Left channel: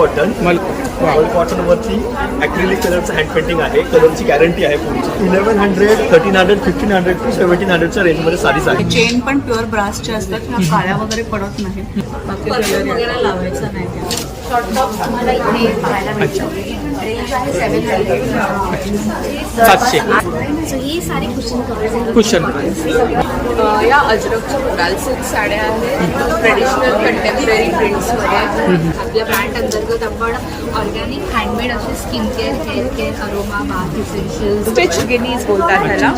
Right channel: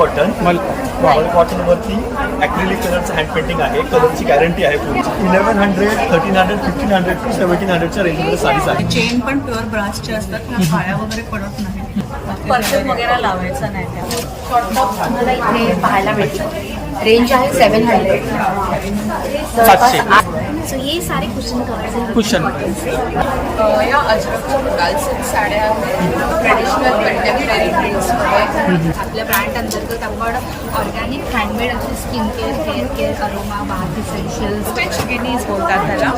Cotton. Mul cotton वरती acrylic कलरचं hand painting आहे. कलरची गॅरंटी आहे पूर्ण. 1100, 1300, 1500 to 1700च्या रेंजमध्ये साडीज आहे. चेन पण प्युअर ब्रासचे असतात किंवा काळ्या वगैरे पडत नाही. परफ्यूम वगैरे लावायचा नाही त्या. शॉर्ट टॉप तुम्हाला इथे पाहायला भेटतं. रेंज आहे 700. 700. सो ही सारी कुशन कव्हर्स आहेत. कुशन या अजरकच्या मोडाल सिल्क साड्या आहेत. ट्रेडिशनल कंटेम्पररी प्रिंट्समध्ये आपल्या ब्रँड अंतर्गत आपण ऑर्गॅनिक हँडमेड असे skin care, hair care, aroma, bath essentials, stitch गिनीज बोलतात त्याला,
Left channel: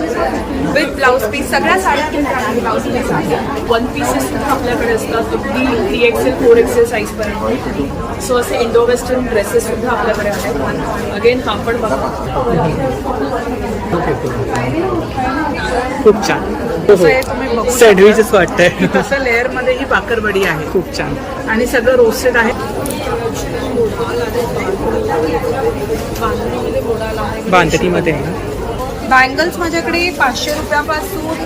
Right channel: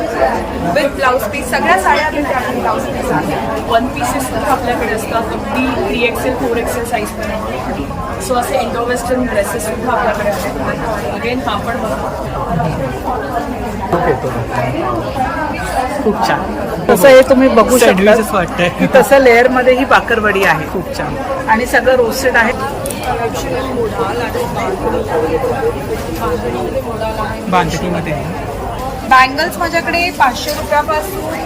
विथ ब्लाऊज पीस. सगळ्या साड्या आपल्या ब्लाऊज पीस आहे. वन पीसेस सुद्धा आपल्याकडे असतात अगदी 3XL 4XL साईज पर्यंत. सो असे इंडो वेस्टर्न ड्रेसेस सुद्धा आपल्याकडे आहेत. अगेन हा पण बघा, खूप छान. तसं हे तुम्ही बघू सँडविचच वाटतंय. तसं लेअर मध्ये ही बाकरवडी आहे. खूप छान. आणि सगळं रोस्टेड आहे. बांधणीमध्ये आहे. बँगल्स माझ्याकडे 500 रुपयापासून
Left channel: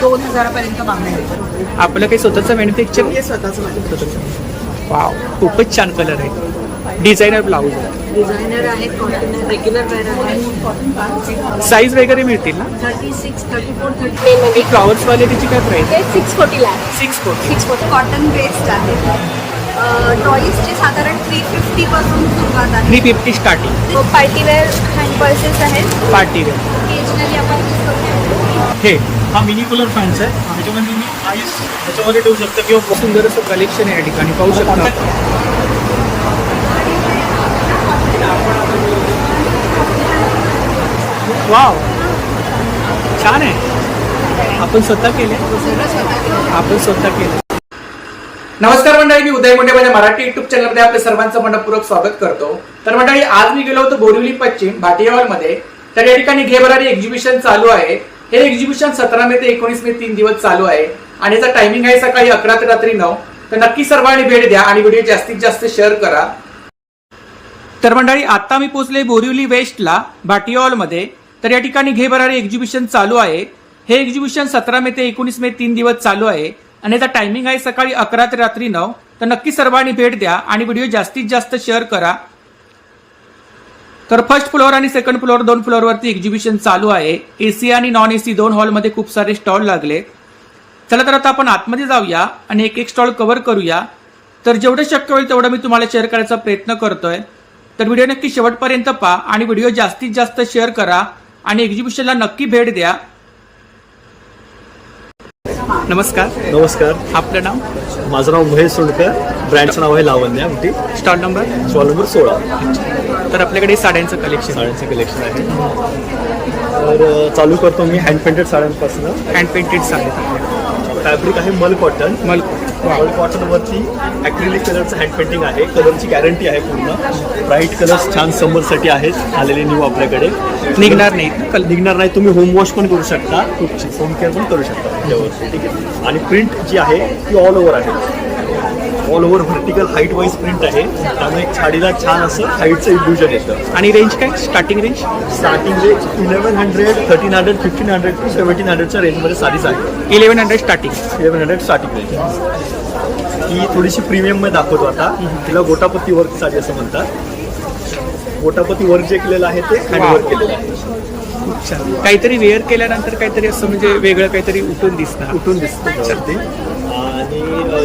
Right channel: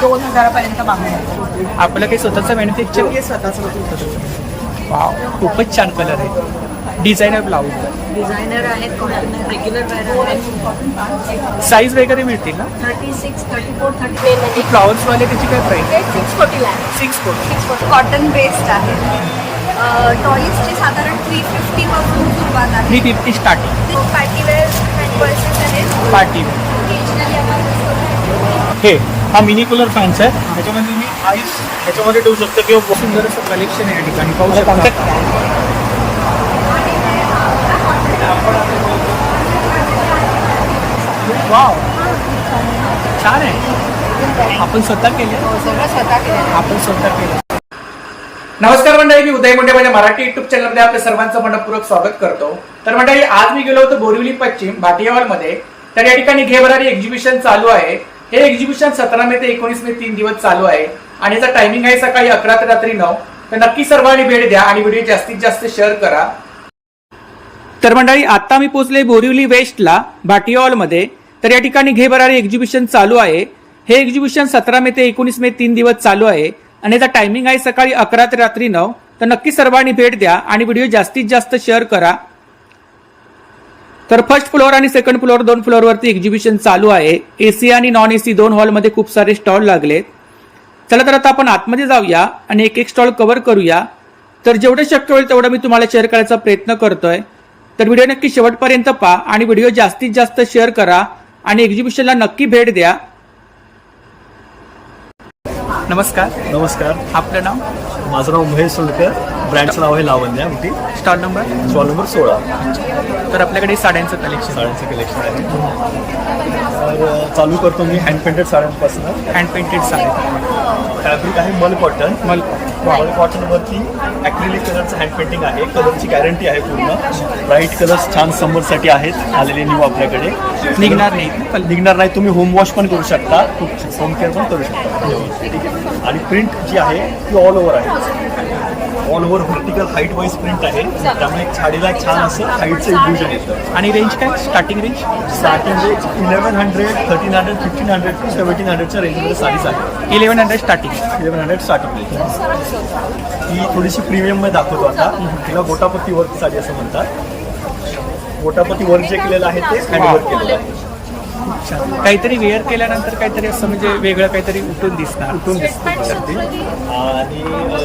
2000 पर्यंत बांगड्या आहेत. आपलं काही स्वतःचं मॅन्युफॅक्चर. हे स्वतःच वाव, खूपच छान कलर आहे. डिझायनर ब्लाऊज आहे. डिझायनर आहेत, कॉटन आहे, रेग्युलर वेअर आहे. साईज वगैरे मिळतील ना? 36, 34, 39. फ्लॉवर्स वाले त्याची काय प्राइस? 640 आहे. 640. कॉटन बेस्ड आहेत. टॉईजची साधारण 350 पासून सुरुवात आहे. 350 स्टार्टिंग. पार्टीवेअर पर्सेस आहेत. Party wear. ओकेजनली आपण यूज करू शकतो. हे हा मिनी कूलर फॅन्स आहे. त्याच्यामध्ये तुम्ही आईस त्याच्यामध्ये ठेवू शकता किंवा सुंदर असं कलेक्शन आहे या ठिकाणी पाहू शकता. वाव, छान आहे. आपण स्वतः केले. सगळं स्वतः केलं. आपण स्वतः केले. नमस्कार मंडळी, मी उदय मुंडे माझ्या मराठी युट्यूब चॅनलमध्ये आपल्या सर्वांचं मनपूर्वक स्वागत करतो. तर मंडळी, आज मी गेलो होतो बोरिवली पश्चिम भाटियावाल मध्ये. तर या ठिकाणी घे भरारी एक्झिबिशन चालू आहे. हे एक्झिबिशन 17 मे ते 19 मे 3 दिवस चालू आहे आणि याचा टायमिंग आहे सकाळी 11 ते रात्री 9. तर नक्की सर्वांनी भेट द्या आणि व्हिडिओ जास्तीत जास्त शेअर करा. तर मंडळी, आता मी पोहोचले बोरिवली वेस्टला भाटियावाल मध्ये. तर या ठिकाणी घे भरारी एक्झिबिशन चालू आहे. हे एक्झिबिशन 17 मे ते 19 मे 3 दिवस चालू आहे आणि याचा टायमिंग आहे सकाळी 11 ते रात्री 9. तर नक्की सर्वांनी भेट द्या आणि व्हिडिओ जास्तीत जास्त शेअर करा. तर फर्स्ट फ्लोअर आणि सेकंड फ्लोअर 2 फ्लोअरवरती एक्झिबिशन चालू आहे. एसी आणि नॉन एसी 2 हॉलमध्ये खूप सारे स्टॉल लागले. चला तर आता आपण आतमध्ये जाऊया आणि एक एक स्टॉल कव्हर करूया. तर जेवढं शक्य होईल तेवढं मी तुम्हाला शेअर करायचा प्रयत्न करतोय. तर व्हिडिओ नक्की शेवटपर्यंत पहा आणि व्हिडिओ जास्तीत जास्त शेअर करा आणि एक्झिबिशनला नक्की भेट द्या. नमस्कार. नमस्कार. आपलं नाव? माझं नाव महेश सोंडकर. ब्रँडचं नाव आहे लावण्या मोठी. Stall number? Stall number 16. तर आपल्याकडे साड्यांचं कलेक्शन. साड्यांचं कलेक्शन आहे. तर चालू करतो मी हँड पेंटेड साड्यांपासून. हँड पेंटेड साड्या. फॅब्रिक आहे मल cotton. Mul cotton. Mul cotton वरती ॲक्रिलिक कलरचं हँड पेंटिंग आहे. कलरची गॅरंटी आहे पूर्ण. ब्राईट कलर्स छान समरसाठी आहेत आलेले न्यू आपल्याकडे. निघणार नाहीत ना? निघणार नाही. तुम्ही होम वॉश पण करू शकता. खूप होम केअर पण करू शकता त्याच्यावरती. ठीक आहे. आणि प्रिंट जी आहे ती ऑल ओव्हर आहे. All over vertical height wise print आहे. त्यामुळे साडीला छान असं हाईटचं इल्युजन येतं. आणि रेंज काय? Starting range? Starting range 1100, 1300, 1500 to 1700च्या रेंजमध्ये साडीज आहे. 1100 स्टार्टिंग. 1100 स्टार्टिंग रेंज आहे. ही थोडीशी प्रीमियम मध्ये दाखवतो आता. तिला गोटापत्ती वर्क साडी असं म्हणतात. गोटापत्ती वर्क जे केलेलं आहे ते हँडवर्क केलेलं आहे. खूप छान. काहीतरी वेअर केल्यानंतर काहीतरी असं म्हणजे वेगळं काहीतरी उठून दिसणार. उठून दिसतं त्याच्यावरती. आणि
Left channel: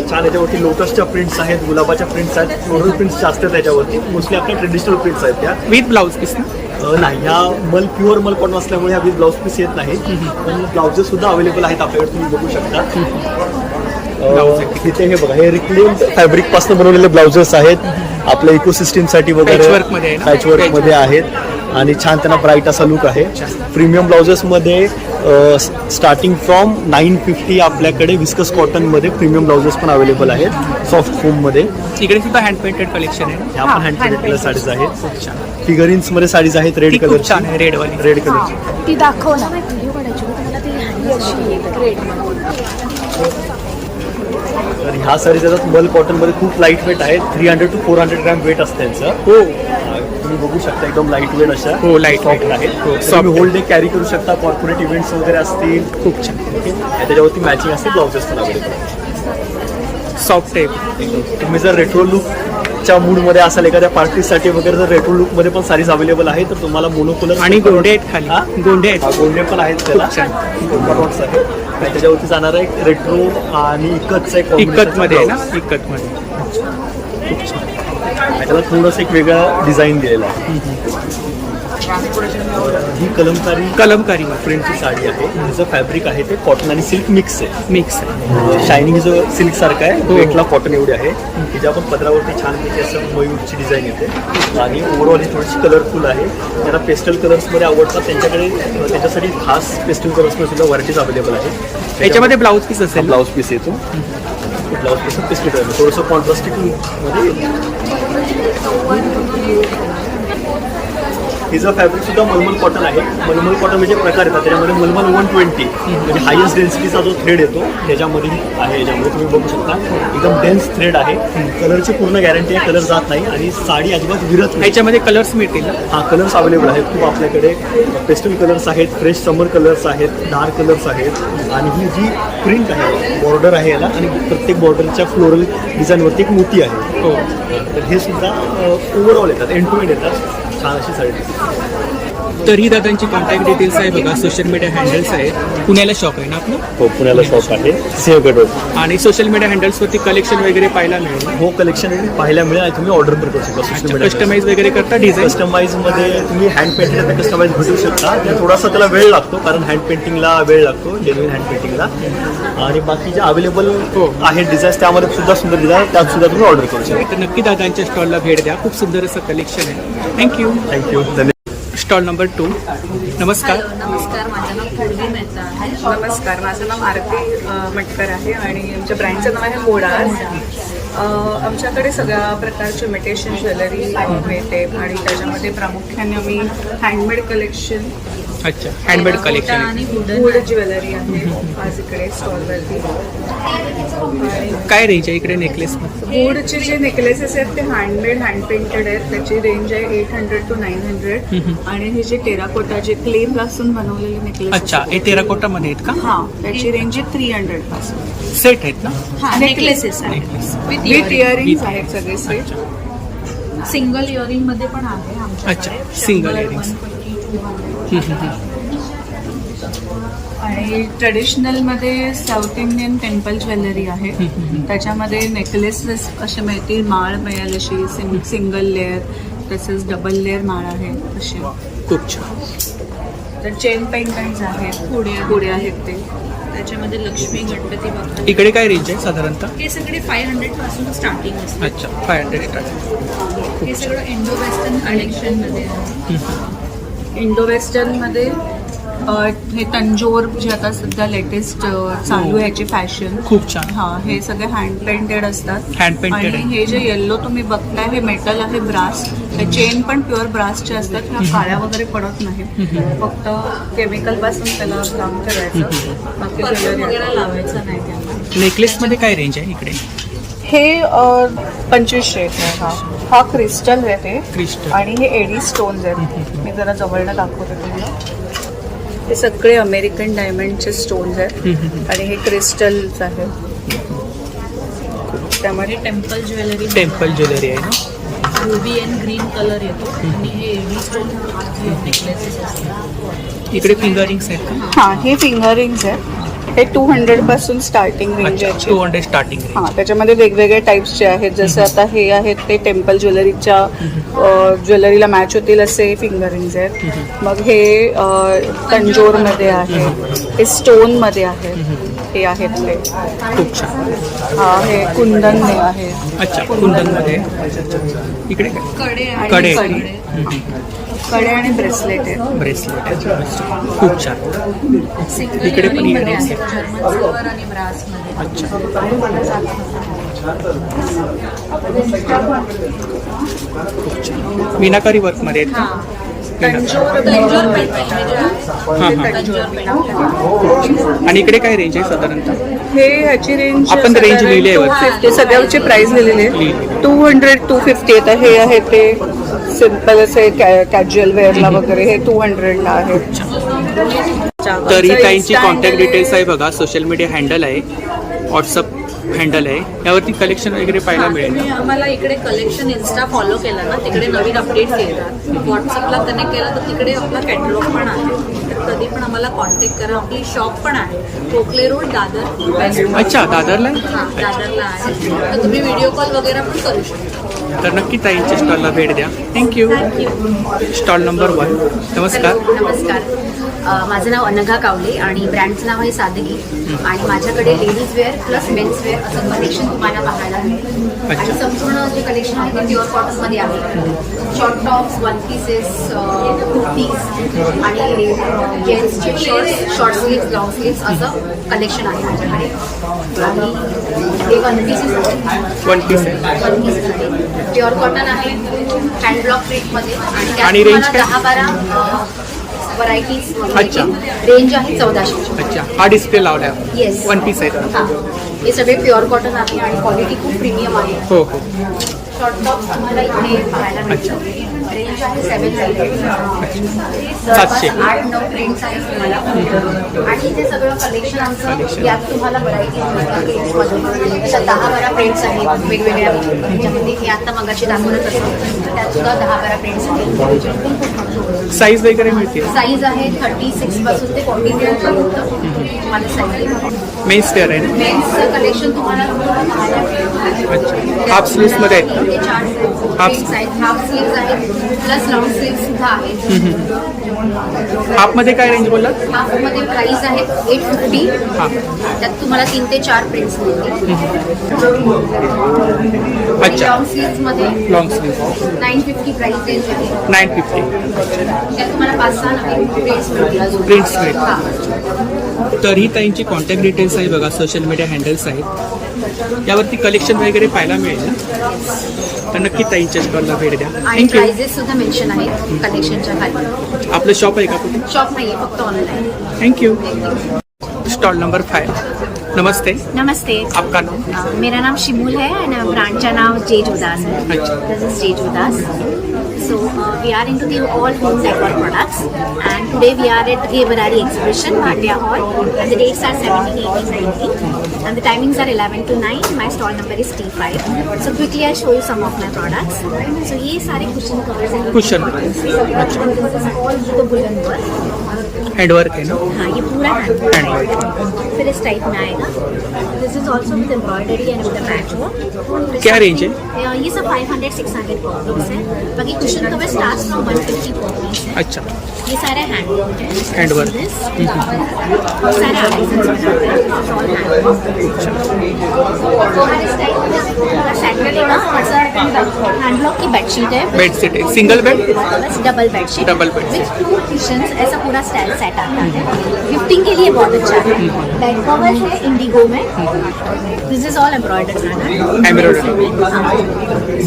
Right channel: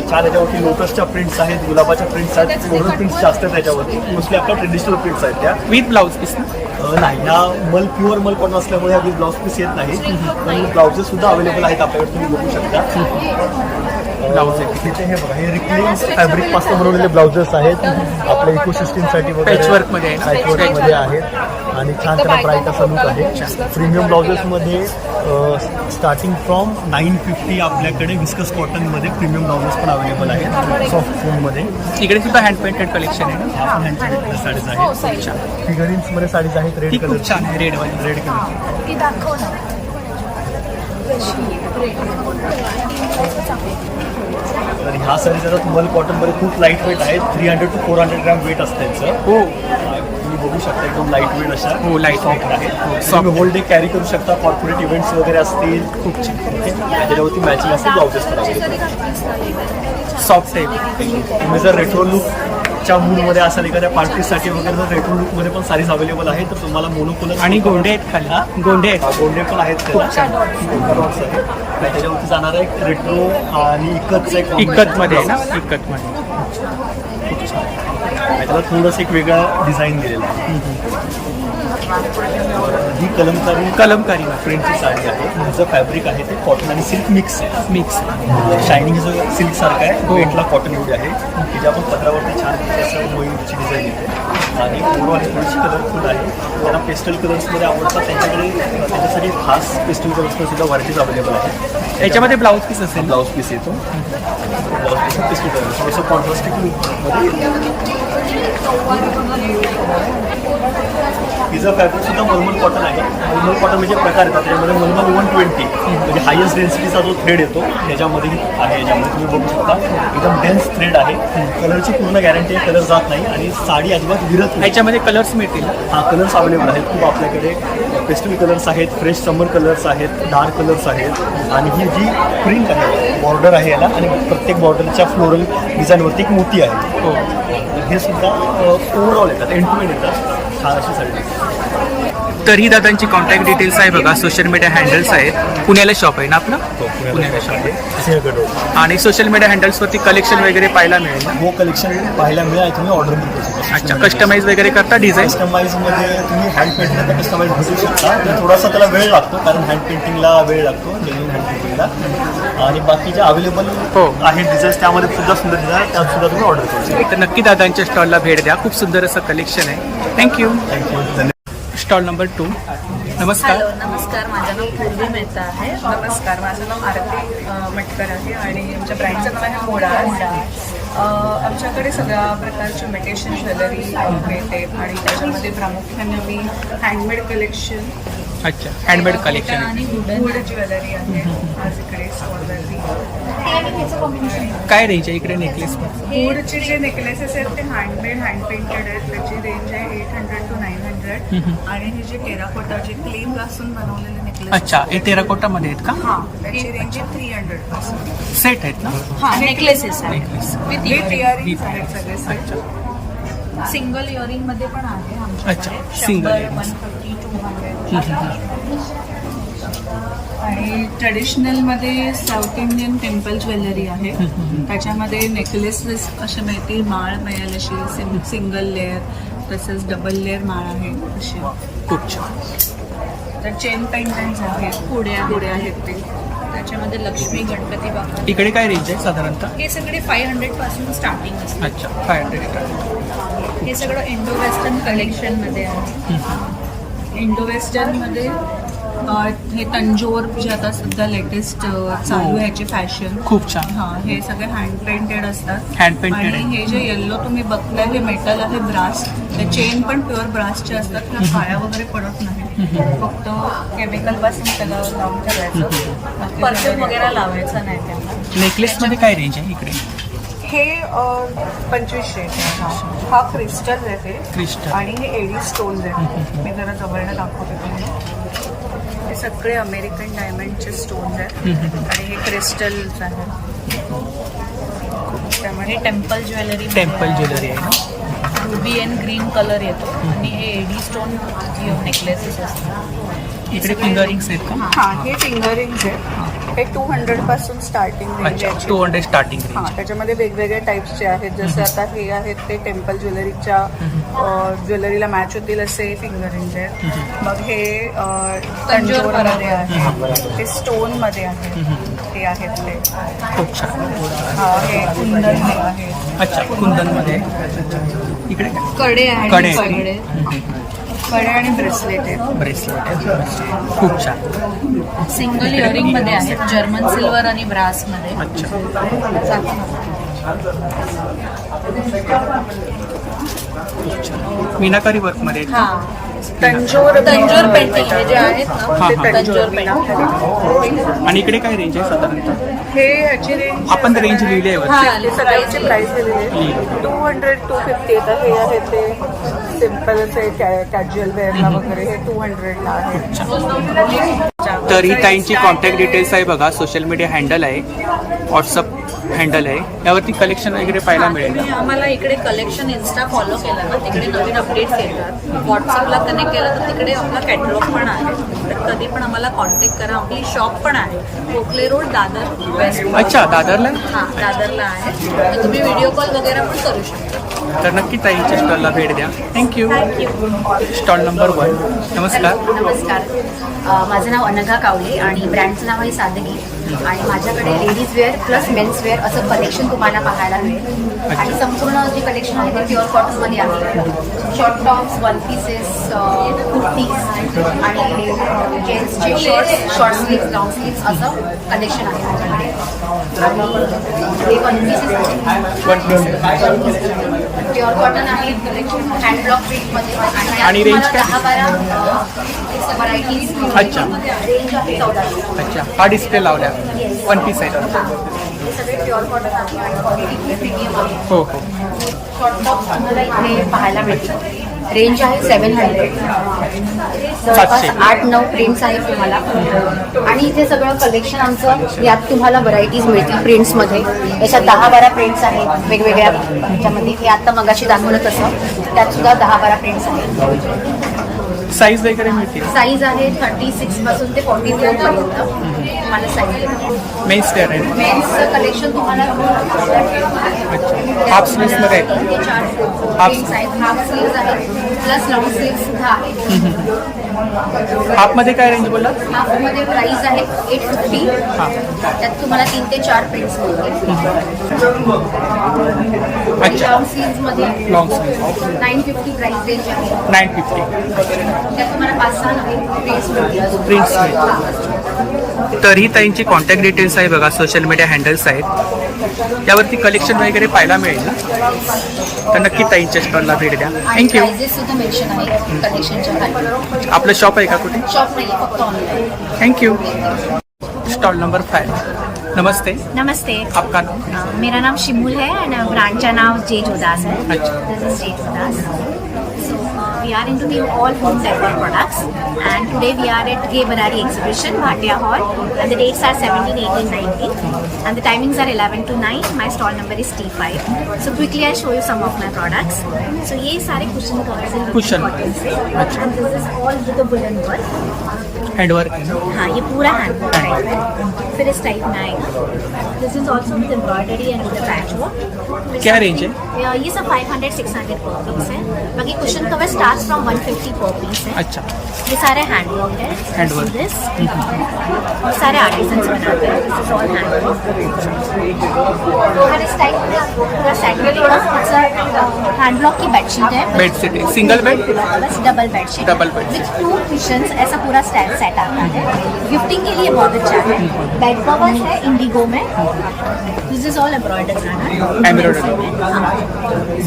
छान याच्यावरती लोटसच्या प्रिंट्स आहेत, गुलाबाच्या प्रिंट्स आहेत, फ्लोरल प्रिंट्स जास्त आहेत त्याच्यावरती. मोस्टली आपल्या ट्रेडिशनल प्रिंट्स आहेत त्या. विथ ब्लाऊज पीस ना? नाही, ह्या प्युअर मल कॉटन असल्यामुळे ह्या विथ ब्लाऊज पीस येत नाही. पण ब्लाउजेस सुद्धा अवेलेबल आहेत आपल्याकडे, तुम्ही बघू शकता. ब्लाउज आहे तिथे. हे बघा, हे रिक्लेम फॅब्रिक पासून बनवलेले ब्लाउजेस आहेत. आपल्या इकोसिस्टमसाठी पॅचवर्क मध्ये आहे ना? पॅचवर्क मध्ये आहेत आणि छान त्यांना ब्राईट असा लुक आहे. प्रीमियम ब्लाउजेसमध्ये स्टार्टिंग फ्रॉम 950 आपल्याकडे विस्कस कॉटनमध्ये प्रीमियम ब्लाउजेस पण अवेलेबल आहेत सॉफ्ट फोममध्ये. इकडे सुद्धा हँड पेंटेड कलेक्शन आहे. ह्या पण हँड पेंटेड साडीज आहेत. खूप छान. फिगरिन्स मध्ये साडीज आहेत. रेड कलर छान आहे. रेड वाली. रेड कलरची ती दाखव ना. तर ह्या साडीज जातात मल कॉटन मध्ये. खूप लाईट वेट आहेत. 300 to 400 ग्रॅम वेट असतं त्यांचं. हो, तुम्ही बघू शकता एकदम लाईट वेट अशा. हो, लाईट वेट आहे. तुम्ही होल डे कॅरी करू शकता. कॉर्पोरेट इव्हेंट्स वगैरे असतील. खूप छान. त्याच्यावरती मॅचिंग असते ब्लाउजेस पण अवेलेबल आहेत. सॉफ्ट टाईप एकदम. तुम्ही जर रेट्रो लुक आजच्या मूड मध्ये असेल एखाद्या पार्टीसाठी वगैरे जर रेट्रो लुक मध्ये पण साडीज अवेलेबल आहे तर तुम्हाला मोनोकुलर आणि गोंडे आहेत खाली, गोंडे आहेत. गोंडे पण आहेत खूप छान. कटवर्क्स आहे आणि त्याच्यावरती जाणार आहे एक रेट्रो आणि इकतचा एक इकत मध्ये आहे ना, इकत मध्ये. खूप छान. आणि त्याला थोडंसं एक वेगळा डिझाईन दिलेला आहे. ही कलमकारी मध्ये प्रिंटची साडी आहे. हिचं फॅब्रिक आहे ते कॉटन आणि सिल्क मिक्स आहे. मिक्स आहे. शायनिंग जो सिल्क सारखं आहे हो. वेटला कॉटन एवढी आहे की ज्या आपण पदरावरती छानपैकी असं मयूरची डिझाईन येते आणि ओव्हरऑल ही थोडीशी कलरफुल आहे. त्यांना पेस्टल कलर्समध्ये आवडतात त्यांच्याकडे त्यांच्यासाठी खास पेस्टल कलर्समध्ये सुद्धा व्हरायटीज अवेलेबल आहे. त्याच्यामध्ये ब्लाऊज पीस असेल. ब्लाऊज पीस येतो. ब्लाऊज पीस पेस्टल कलर थोडंसं कॉन्ट्रास्टिक मध्ये येतो. हिचं फॅब्रिक सुद्धा मलमल कॉटन आहे. मलमल कॉटन म्हणजे प्रकार येतात त्याच्यामध्ये मलमल 120 म्हणजे हायेस्ट डेन्सिटीचा जो थ्रेड येतो त्याच्यामध्ये आहे. याच्यामध्ये तुम्ही बघू शकता एकदम डेन्स थ्रेड आहे. कलरची पूर्ण गॅरंटी आहे, कलर जात नाही आणि साडी अजिबात विरत नाही. ह्याच्यामध्ये कलर्स मिळतील ना. हा कलर्स अवेलेबल आहेत खूप आपल्याकडे. पेस्टल कलर्स आहेत, फ्रेश समर कलर्स आहेत, डार्क कलर्स आहेत आणि ही जी प्रिंट आहे बॉर्डर आहे याला आणि प्रत्येक बॉर्डरच्या फ्लोरल डिझाईनवरती एक मोती आहे. हो. तर हे सुद्धा ओव्हरऑल येतात, एंड टू एंड येतात. छान अशी साडी दिसते. तरी दादांची कॉन्टॅक्ट डिटेल्स आहे बघा, सोशल मीडिया हँडल्स आहेत. पुण्याला शॉप आहे ना आपलं. हो पुण्याला शॉप आहे सिंहगडवर. आणि सोशल मीडिया हँडल्सवरती कलेक्शन वगैरे पाहायला मिळेल ना. हो कलेक्शन पाहायला मिळेल आणि तुम्ही ऑर्डर पण करू शकता. अच्छा, कस्टमाइज वगैरे करता डिझाईन. कस्टमाइज मध्ये तुम्ही हँड पेंटिंग कस्टमाइज भेटू शकता. त्या थोडासा त्याला वेळ लागतो कारण हँड पेंटिंगला वेळ लागतो, जेन्युइन हँड पेंटिंगला. आणि बाकी ज्या अवेलेबल हो. आहेत डिझाईन्स त्यामध्ये सुद्धा सुंदर डिझाईन आहेत, त्यात सुद्धा तुम्ही ऑर्डर करू शकता. तर नक्की दादांच्या स्टॉलला भेट द्या, खूप सुंदर असं कलेक्शन आहे. थँक्यू. थँक्यू. धन्यवाद. Stall number 2. नमस्कार. हॅलो नमस्कार, माझं नाव पूर्वी मेहता आहे. नमस्कार, माझं नाव आरती मटकर आहे आणि आमच्या ब्रँडचं नाव आहे मोडाज. आमच्याकडे सगळ्या प्रकारची इमिटेशन ज्वेलरी मिळते आणि त्याच्यामध्ये प्रामुख्याने आम्ही हँडमेड कलेक्शन, अच्छा, हँडमेड कलेक्शन आणि वूड वुडन ज्वेलरी आहे आज इकडे स्टॉलवरती. काय रेंज आहे इकडे नेकलेसमध्ये. वूडचे जे नेकलेसेस आहेत ते हँडमेड हँड पेंटेड आहेत. त्याची रेंज आहे 800 to 900 आणि हे जे टेराकोटा जे क्ले पासून बनवलेले नेकलेस. अच्छा, हे टेराकोटामध्ये आहेत का. हा, त्याची रेंज आहे 300 पासून. सेट आहेत ना. हा नेकलेसेस आहे नेकलेस. विथ इयरिंग्स आहेत सगळे सेट. अच्छा. सिंगल इयरिंग मध्ये पण आहे आमच्याकडे. अच्छा, single earrings. 150, 200. आणि ट्रेडिशनल मध्ये साऊथ इंडियन टेम्पल ज्वेलरी आहे. त्याच्यामध्ये नेकलेसेस असे मिळतील, माळ मिळेल अशी सिंगल लेअर, तसेच डबल लेअर माळ आहे अशी. खूप छान. तर चेन पेंडंट्स आहेत, पुढे आहेत ते. त्याच्यामध्ये लक्ष्मी, गणपती बाप्पा. इकडे काय रेंज आहे साधारणतः. हे सगळे 500 पासून स्टार्टिंग असते. अच्छा, 500 स्टार्ट. हे सगळं इंडो वेस्टर्न कलेक्शन मध्ये आहे. इंडो वेस्टर्न मध्ये हे तंजोर जे आता सध्या लेटेस्ट चालू आहे ह्याची फॅशन. खूप छान. हा, हे सगळे हँड पेंटेड असतात. हँड पेंटेड आणि आहे. हे जे येल्लो तुम्ही बघताय हे मेटल आहे, ब्रास. हे चेन पण प्युअर ब्रासचे असतात. ह्या काळ्या वगैरे पडत नाही, फक्त केमिकल पासून त्याला काम करायचं. बाकी परफ्यूम jewelry वगैरे लावायचं नाही त्यांना. नेकलेस मध्ये काय रेंज आहे इकडे. हे 2500 आहे. हा क्रिस्टल आहे ते. क्रिस्टल. आणि हे एडी स्टोन्स आहेत. मी जरा जवळनं दाखवते तुम्हाला. हे सगळे अमेरिकन डायमंडचे स्टोन्स आहेत आणि हे क्रिस्टल्स आहेत. त्यामध्ये टेम्पल ज्वेलरी. टेम्पल ज्वेलरी आहे ना. रुबी अँड ग्रीन कलर येतो आणि हे एडी स्टोन नेकलेसेस असतात. इकडे फिंगर रिंग्स आहेत का. हा, हे फिंगर रिंग्स आहेत. हे 200 पासून स्टार्टिंग रेंज अच्छा, आहे. 200 स्टार्टिंग हा, रेंज. त्याच्यामध्ये वेगवेगळे टाइप्सचे आहेत. जसे आता हे आहेत ते टेम्पल ज्वेलरीच्या ज्वेलरीला मॅच होतील असे फिंगर रिंग्स आहेत. मग हे तंजोर मध्ये आहे, हे स्टोन मध्ये आहे, हे आहेत ते. खूप छान. हा, हे कुंदन आहे. अच्छा, कुंदन मध्ये. इकडे काय कडे आहे. कडे कडे. कडे आणि ब्रेसलेट आहेत. ब्रेसलेट आहे. खूप छान. सिंगल इकडे पण इयरिंग मध्ये earrings आहे, जर्मन सिल्वर आणि ब्रास मध्ये. अच्छा. खूप छान. मीनाकारी वर्क मध्ये आहेत हा, का. तंजोर तंजोर पेंटिंग जे आहेत हा, ना, हा. तंजोर पेंटिंग. आणि इकडे काय रेंज आहे साधारणतः. हे ह्याची रेंज आपण रेंज लिहिली आहे वरती. ते सगळ्याची प्राइस लिहिलेली आहे. लिहिली. 200 250 येतं. हे आहे ते सिम्पल असे कॅज्युअल वेअरला वगैरे हे 200 ला आहे. खूप छान. तर ही ताईंची कॉन्टॅक्ट डिटेल्स आहे बघा, सोशल मीडिया हँडल आहे, व्हॉट्सअप हँडल आहे, यावरती कलेक्शन वगैरे पाहायला मिळेल तुम्ही ना? आम्हाला इकडे कलेक्शन इन्स्टा फॉलो केला ना, तिकडे नवीन अपडेट येतात. व्हॉट्सअपला कनेक्ट केलं तर तिकडे आपला कॅटलॉग पण आहे, तर कधी पण आम्हाला कॉन्टॅक्ट करा. आपली शॉप पण आहे कोकले रोड, दादर वेस्ट. अच्छा, दादरला आहे? हा, दादरला आहे. तर तुम्ही व्हिडिओ कॉल वगैरे पण करू शकता. तर नक्की ताईंच्या स्टॉलला भेट द्या. थँक्यू. थँक्यू. Stall number 1. नमस्कार. हॅलो, नमस्कार. माझं नाव अनघा कावले आणि ब्रँडचं नाव आहे सादगी. आणि माझ्याकडे ladies wear plus men's wear असं कलेक्शन तुम्हाला पाहायला मिळेल. अच्छा. आणि संपूर्ण जे कलेक्शन आहे ते प्युअर कॉटनमध्ये आहे. Short tops, one pieces, kurtis आणि जेंट्सचे shirts, short sleeves, long sleeves असं कलेक्शन आहे माझ्याकडे. आणि हे वन पीसेस आहे. वन पीस आहे. वन पीसेस आहे, प्युअर कॉटन आहे, हँड ब्लॉक प्रिंटमध्ये. आणि range काय? 10-12 व्हरायटीज. अच्छा. रेंज आहे 1400. अच्छा, हा डिस्प्ले लावला येस. वन पीस आहे. हां. हे सगळे प्युअर कॉटन आहे आणि क्वालिटी खूप प्रीमियम आहे. हो हो. शॉर्ट टॉप तुम्हाला इथे पाहायला मिळतं. रेंज आहे 700. 700. 8-9 प्रिंट्स आहेत तुम्हाला. आणि इथे सगळं कलेक्शन आमचं, यात तुम्हाला व्हरायटीज मिळतील प्रिंट्समध्ये. याच्यात 10-12 प्रिंट्स आहेत वेगवेगळ्या, ज्यामध्ये हे आता मगाशी दाखवलं तसं त्यात सुद्धा 10-12 प्रिंट्स आहेत. साईज वगैरे मिळतील. साईज आहे 36 पासून ते 44 पर्यंत तुम्हाला साईज. मेन्स वेअर आहे ना? मेन्सचं कलेक्शन तुम्हाला पाहायला मिळेल. अच्छा. हाफ स्लीव्स मध्ये आहेत तीन का? ते 4 हाफ- प्रिंट्स आहेत. हाफ स्लीव्स आहेत प्लस लॉंग स्लीव्स सुद्धा आहेत. हाफ मध्ये काय रेंज बोललात? हाफ मध्ये प्राइस आहे 850. हा. त्यात तुम्हाला 3 ते 4 प्रिंट्स मिळतील. अच्छा. लॉंग स्लीव्स मध्ये लॉंग स्लीव्स 950 प्राइस रेंज आहे. 950. त्यात तुम्हाला 5-6 नवीन प्रिंट्स मिळतील अजून. Prints मिळतील. हां. तर ही ताईंची कॉन्टॅक्ट डिटेल्स आहे बघा, सोशल मीडिया हँडल्स आहेत, यावरती कलेक्शन वगैरे पाहायला मिळेल ना? तर नक्की ताईंच्या स्टॉलला भेट द्या. आणि थँक्यू. प्राइजेस सुद्धा मेन्शन आहे कलेक्शनच्या खाली. आपलं शॉप आहे का कुठे? शॉप नाहीये, फक्त ऑनलाईन. Thank stall number 5. नमस्ते, नमस्ते. आपका नाम? मेरा नाम शिमूल है एंड ब्रांड का नाम जे जोदास है. अच्छा. दिस इज जे जोदास. So we are into the all home decor products, and today we are at Gay Barari exhibition, Bhatia Hall, and the dates are 17, 18, 19, and the timings are 11 to 9. My stall number is T5. So quickly I'll show you some of my products. So ये सारे cushion covers हैं Cushion cotton से, अच्छा. and this is all with the woolen work. Handwork है ना? हाँ, ये पूरा handwork type है. फिर इस टाइप में आएगा. दिस इज ऑल्सो विद एम्ब्रॉयडरी एंड विद पैच वर्क. क्या रेंज है? ये सब 500-600 पर पीस है. बाकी cushion cover start from 150 per piece है. अच्छा. ये सारे हैंडवर्क है. हैंडवर्क. सारे आर्टिजन्स बनाते हैं. दिस इज ऑल हैंडवर्क. और इस टाइप में आपको पूरा सेट मिलेगा. हैंडब्लॉक की बेडशीट है. बेडशीट है. Single bed? Double bedsheet. Double bedsheet. With 2 cushions. ऐसा पूरा सेट आता है. गिफ्टिंग के लिए बहुत अच्छा है. बेड कवर्स है इंडिगो में. This is all embroidered runner. Embroidered. हाँ.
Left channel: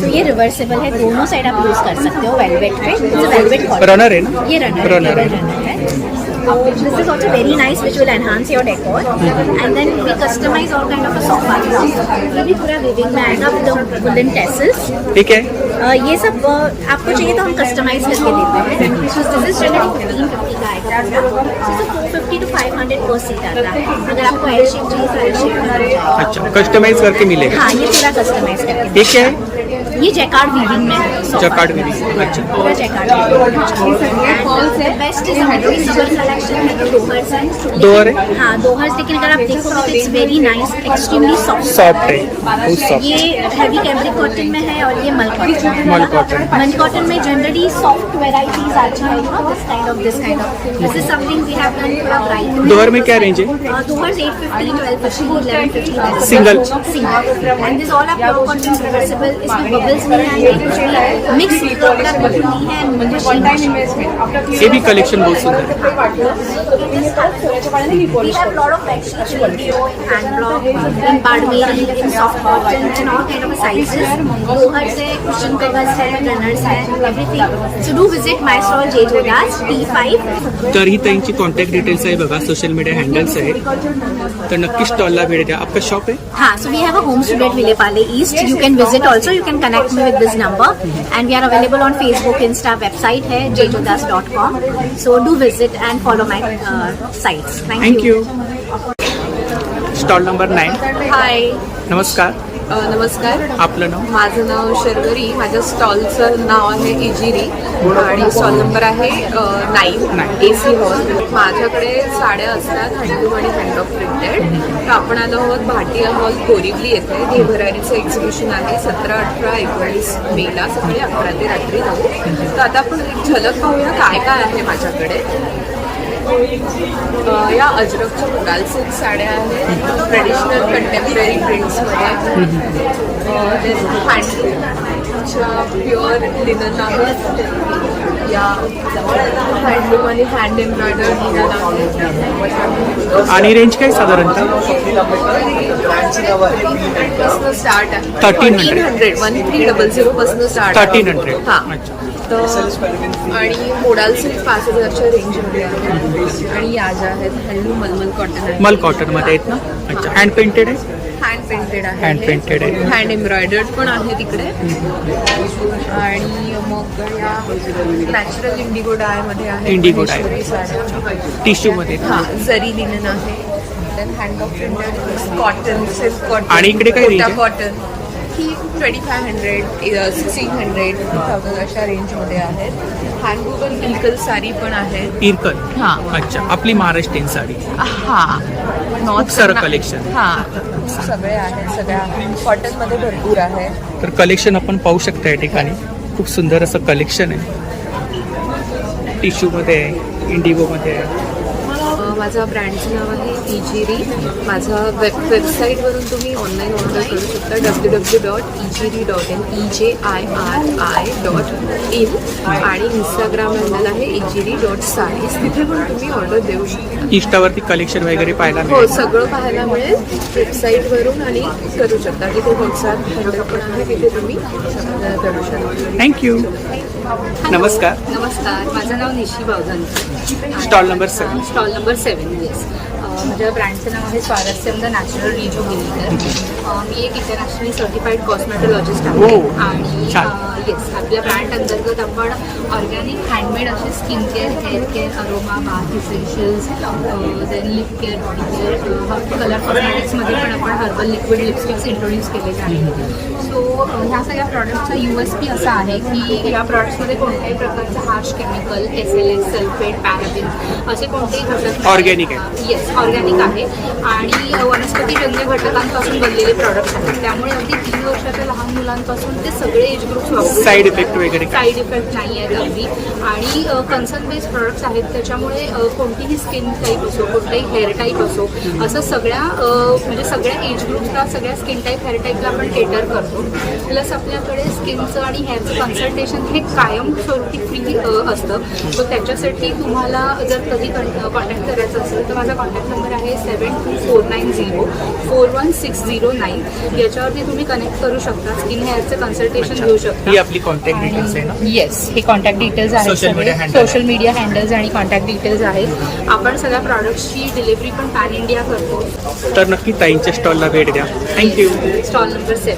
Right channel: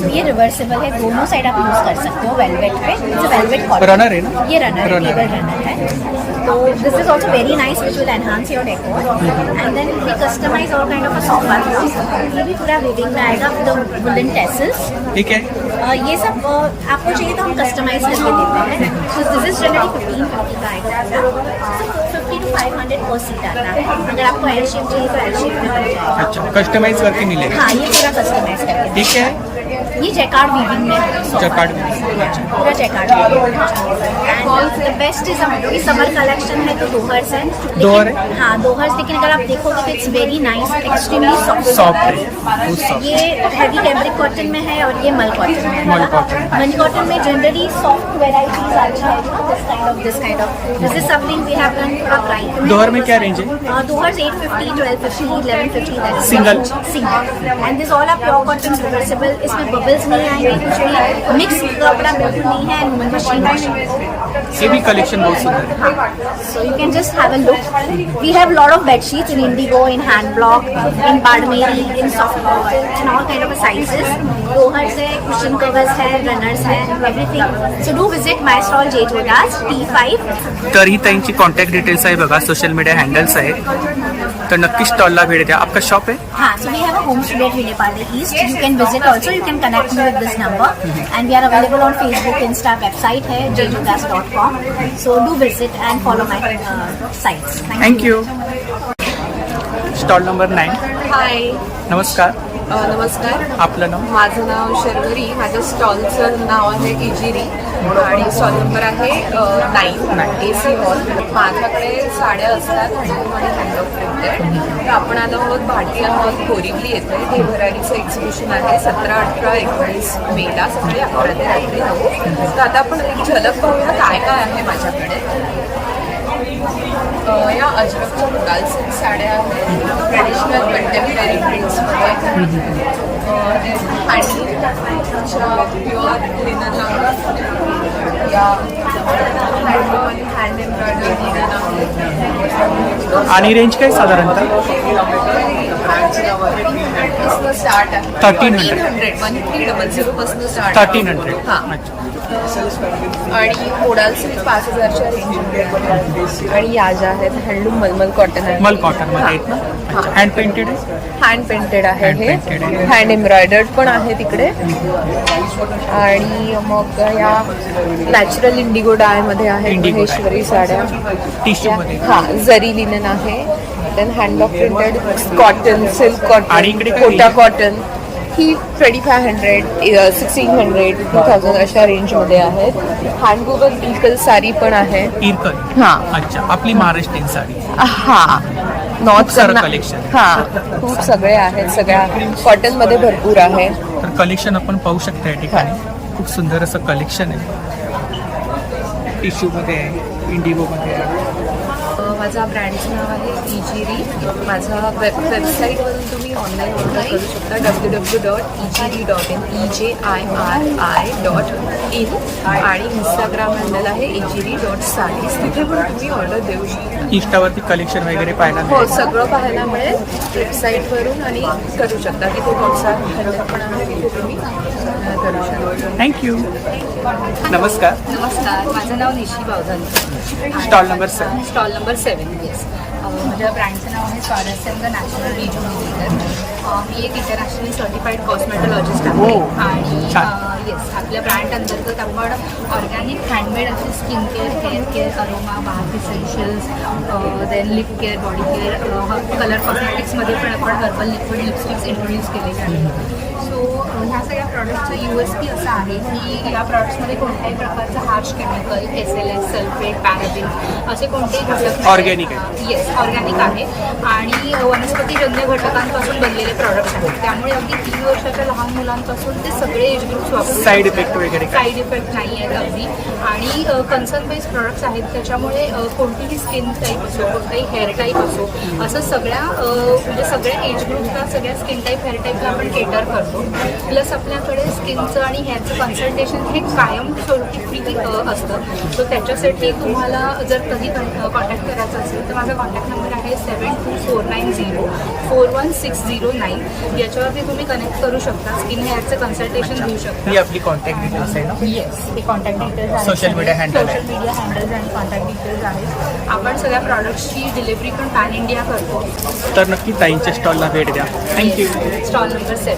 सो ये रिवर्सेबल है. दोनों साइड आप यूज कर सकते हो. वेलवेट पे. It's a velvet cotton. Runner है ना? ये रनर है. Runner टेबल है. रनर है. So this is also very nice, which will enhance your decor. And then we customize all kind of a sofa throws. ये भी पूरा weaving में आएगा with the woolen tassels. ठीक है. ये सब आपको चाहिए तो हम कस्टमाइज करके देते हैं. So this is generally 1550 का आएगा पूरा. So 450 to 500 पर सीट आता है. अगर आपको एल शेप चाहिए तो एल शेप में बन जाएगा. अच्छा, कस्टमाइज करके मिलेगा. हाँ, ये पूरा कस्टमाइज करके. ठीक है. ये जैकार्ड वीविंग में है. sofa. Jacquard weaving. Yeah, पूरा jacquard and the best is summer collection है तो दोहर्स है. दोहर लेकिन- हाँ, दोहर्स. लेकिन अगर आप देखोगे तो it's very nice, extremely soft. Soft है, बहुत सॉफ्ट. ये हैवी कैम्ब्रिक कॉटन में है और ये मल कॉटन में है. मल कॉटन. मल कॉटन में जनरली सॉफ्ट वेराइटीज आती है. You know this kind of this is something we have done थोड़ा ब्राइट में. दोहर में क्या रेंज है? दोहर्स 850, 1250, 1150. that is Single. Single. And this all are pure cotton reversible. इसमें बबल्स नहीं आएंगे, कुछ भी. मिक्स कपड़ा बिल्कुल नहीं है. Machine washing. ये भी कलेक्शन बहुत सुंदर है. You can just have a look. We have lot of bed sheets in indigo, in hand block, in badmeri, in soft cotton, and all kind of sizes. Lohars है, cushion covers है, runners है, everything. So do visit my stall J Jodas T5. तर ही ताईंची contact details आहे बघा, social media handles आहेत, तर नक्की स्टॉलला भेट द्या. आपका शॉप है? हाँ, so we have a home studio at Vilepale East. You can visit also. You can connect me with this number. And we are available on Facebook, Insta, website है jjodas.com. So do visit and follow my sites. Thank you. Stall number 9. हाय नमस्कार, नमस्कार. आपलं नाव? माझं नाव शर्वरी. माझ्या स्टॉलचं नाव आहे इजिरी आणि stall number आहे 9 AC hall. माझ्याकडे साड्या असतात हँडलूम आणि हँड ऑफ प्रिंटेड. तर आपण आलो आहोत भाटिया हॉल बोरिवली येथे. हे भरारीचं एक्झिबिशन आहे 17, 18, 19 मेला सकाळी 11 ते रात्री 9. तर आता आपण एक झलक पाहूया काय काय आहे माझ्याकडे. या अजरकच्या मोडाल सिल्क साड्या आहेत ट्रेडिशनल कंटेम्पररी प्रिंट्समध्ये. हँडलूमच्या प्युअर लिनन आहेत. या हँडलूम आणि हँड एम्ब्रॉयडरी लिनन आहेत. आणि रेंज काय साधारणतः? 1300 पासून स्टार्ट आहे. 1300 1300 पासून स्टार्ट. 1300. हा. अच्छा. आणि मोडाल सिल्क 5000च्या रेंजमध्ये आहे. आणि या ज्या आहेत हँडलूम मलमल कॉटन आहे. मल कॉटन मध्ये आहेत ना? अच्छा. हँड पेंटेड आहे? हँड पेंटेड आहे. हँड पेंटेड आहे. हँड एम्ब्रॉयडर्ड पण आहे तिकडे. आणि मग या नॅचरल इंडिगो डाय मध्ये आहे. इंडिगो डाय. महेश्वरी साड्या टिश्यू मध्ये. हा जरी लिनन आहे. Then hand of printed cotton silk cotton. आणि इकडे काय range आहे? कॉटन ही 2500, 1600, 2000 अशा रेंजमध्ये आहेत. हँडवूवन इल्कल साडी पण आहे. इरकल. हा. अच्छा. आपली महाराष्ट्रीयन साडी. हा खूप सारं collection आहे. हा खूप सगळे आहेत. सगळ्या कॉटन मध्ये भरपूर आहे. तर कलेक्शन आपण पाहू शकता या ठिकाणी. खूप सुंदर असं कलेक्शन आहे. टिश्यू मध्ये आहे, इंडिगो मध्ये आहे. माझ्या ब्रँडचं नाव आहे इजिरी. माझा वेबसाईटवरून तुम्ही ऑनलाईन ऑर्डर करू शकता www.ejiri.in EJIRI.in. आणि इंस्टाग्राम हँडल आहे ejiri.sarees. तिथे पण तुम्ही ऑर्डर देऊ शकता. इंस्टावरती कलेक्शन वगैरे पाहायला हो मिळेल. सगळं पाहायला मिळेल वेबसाईटवरून आणि करू शकता. तिथे व्हॉट्सॲप हँडल पण आहे. तिथे तुम्ही करू शकता. थँक्यू. नमस्कार. नमस्कार. माझं नाव Nishi Bavdhankar. Stall number 7. Stall number 7. Yes. माझ्या ब्रँडचं नाव आहे स्वारस्य द नॅचरल रिज्युमिनेटर. मी एक इंटरनॅशनली सर्टिफाईड कॉस्मेटॉलॉजिस्ट आहे. Oh, आणि छान. येस आपल्या ब्रँड अंतर्गत आपण ऑर्गॅनिक हँडमेड असे skin care, hair care, aroma, bath essentials, then lip care, body care, colour कॉस्मेटिक्समध्ये पण आपण हर्बल लिक्विड लिप्स इंट्रोड्यूस केलेले आहे. सो ह्या सगळ्या प्रॉडक्टचं USP असं आहे की या प्रॉडक्ट्समध्ये कोणत्याही प्रकारचं harsh chemical, SLS, sulphate, parabens असे कोणतेही घटक Organic आहे. येस ऑर्गॅनिक आहे. आणि वनस्पतीजन्य घटकांपासून बनलेले प्रॉडक्ट्स आहेत. त्यामुळे अगदी 3 वर्षाच्या लहान मुलांपासून ते सगळे एज ग्रुप्स वापरू Side effect वगैरे काय? साईड इफेक्ट नाही आहेत अगदी. आणि कन्सर्न बेस्ड प्रॉडक्ट्स आहेत. त्याच्यामुळे कोणतीही स्किन टाईप असो, कोणताही हेअर टाईप असो, असं सगळ्या म्हणजे सगळ्या एज ग्रुप्सला, सगळ्या स्किन टाईप, हेअर टाईपला आपण केटर करतो. प्लस आपल्याकडे स्किनचं आणि हेअरचं कन्सल्टेशन हे कायम स्वरूपी फ्री असतं. सो त्याच्यासाठी तुम्हाला जर कधी कॉन्टॅक्ट करायचं असेल तर माझा कॉन्टॅक्ट नंबर आहे 7249041609. याच्यावरती तुम्ही कनेक्ट करू शकता. स्किन हेअरचं कन्सल्टेशन घेऊ शकता. ही आपली कॉन्टॅक्ट डिटेल्स आहे ना? येस ही कॉन्टॅक्ट डिटेल्स आहेत. Social media handle आहे. सोशल मीडिया हँडल्स आणि कॉन्टॅक्ट डिटेल्स आहेत. आपण सगळ्या प्रॉडक्ट्सची डिलिव्हरी पण पॅन इंडिया करतो. तर नक्की ताईंच्या स्टॉलला भेट द्या. Thank you. Stall number 7.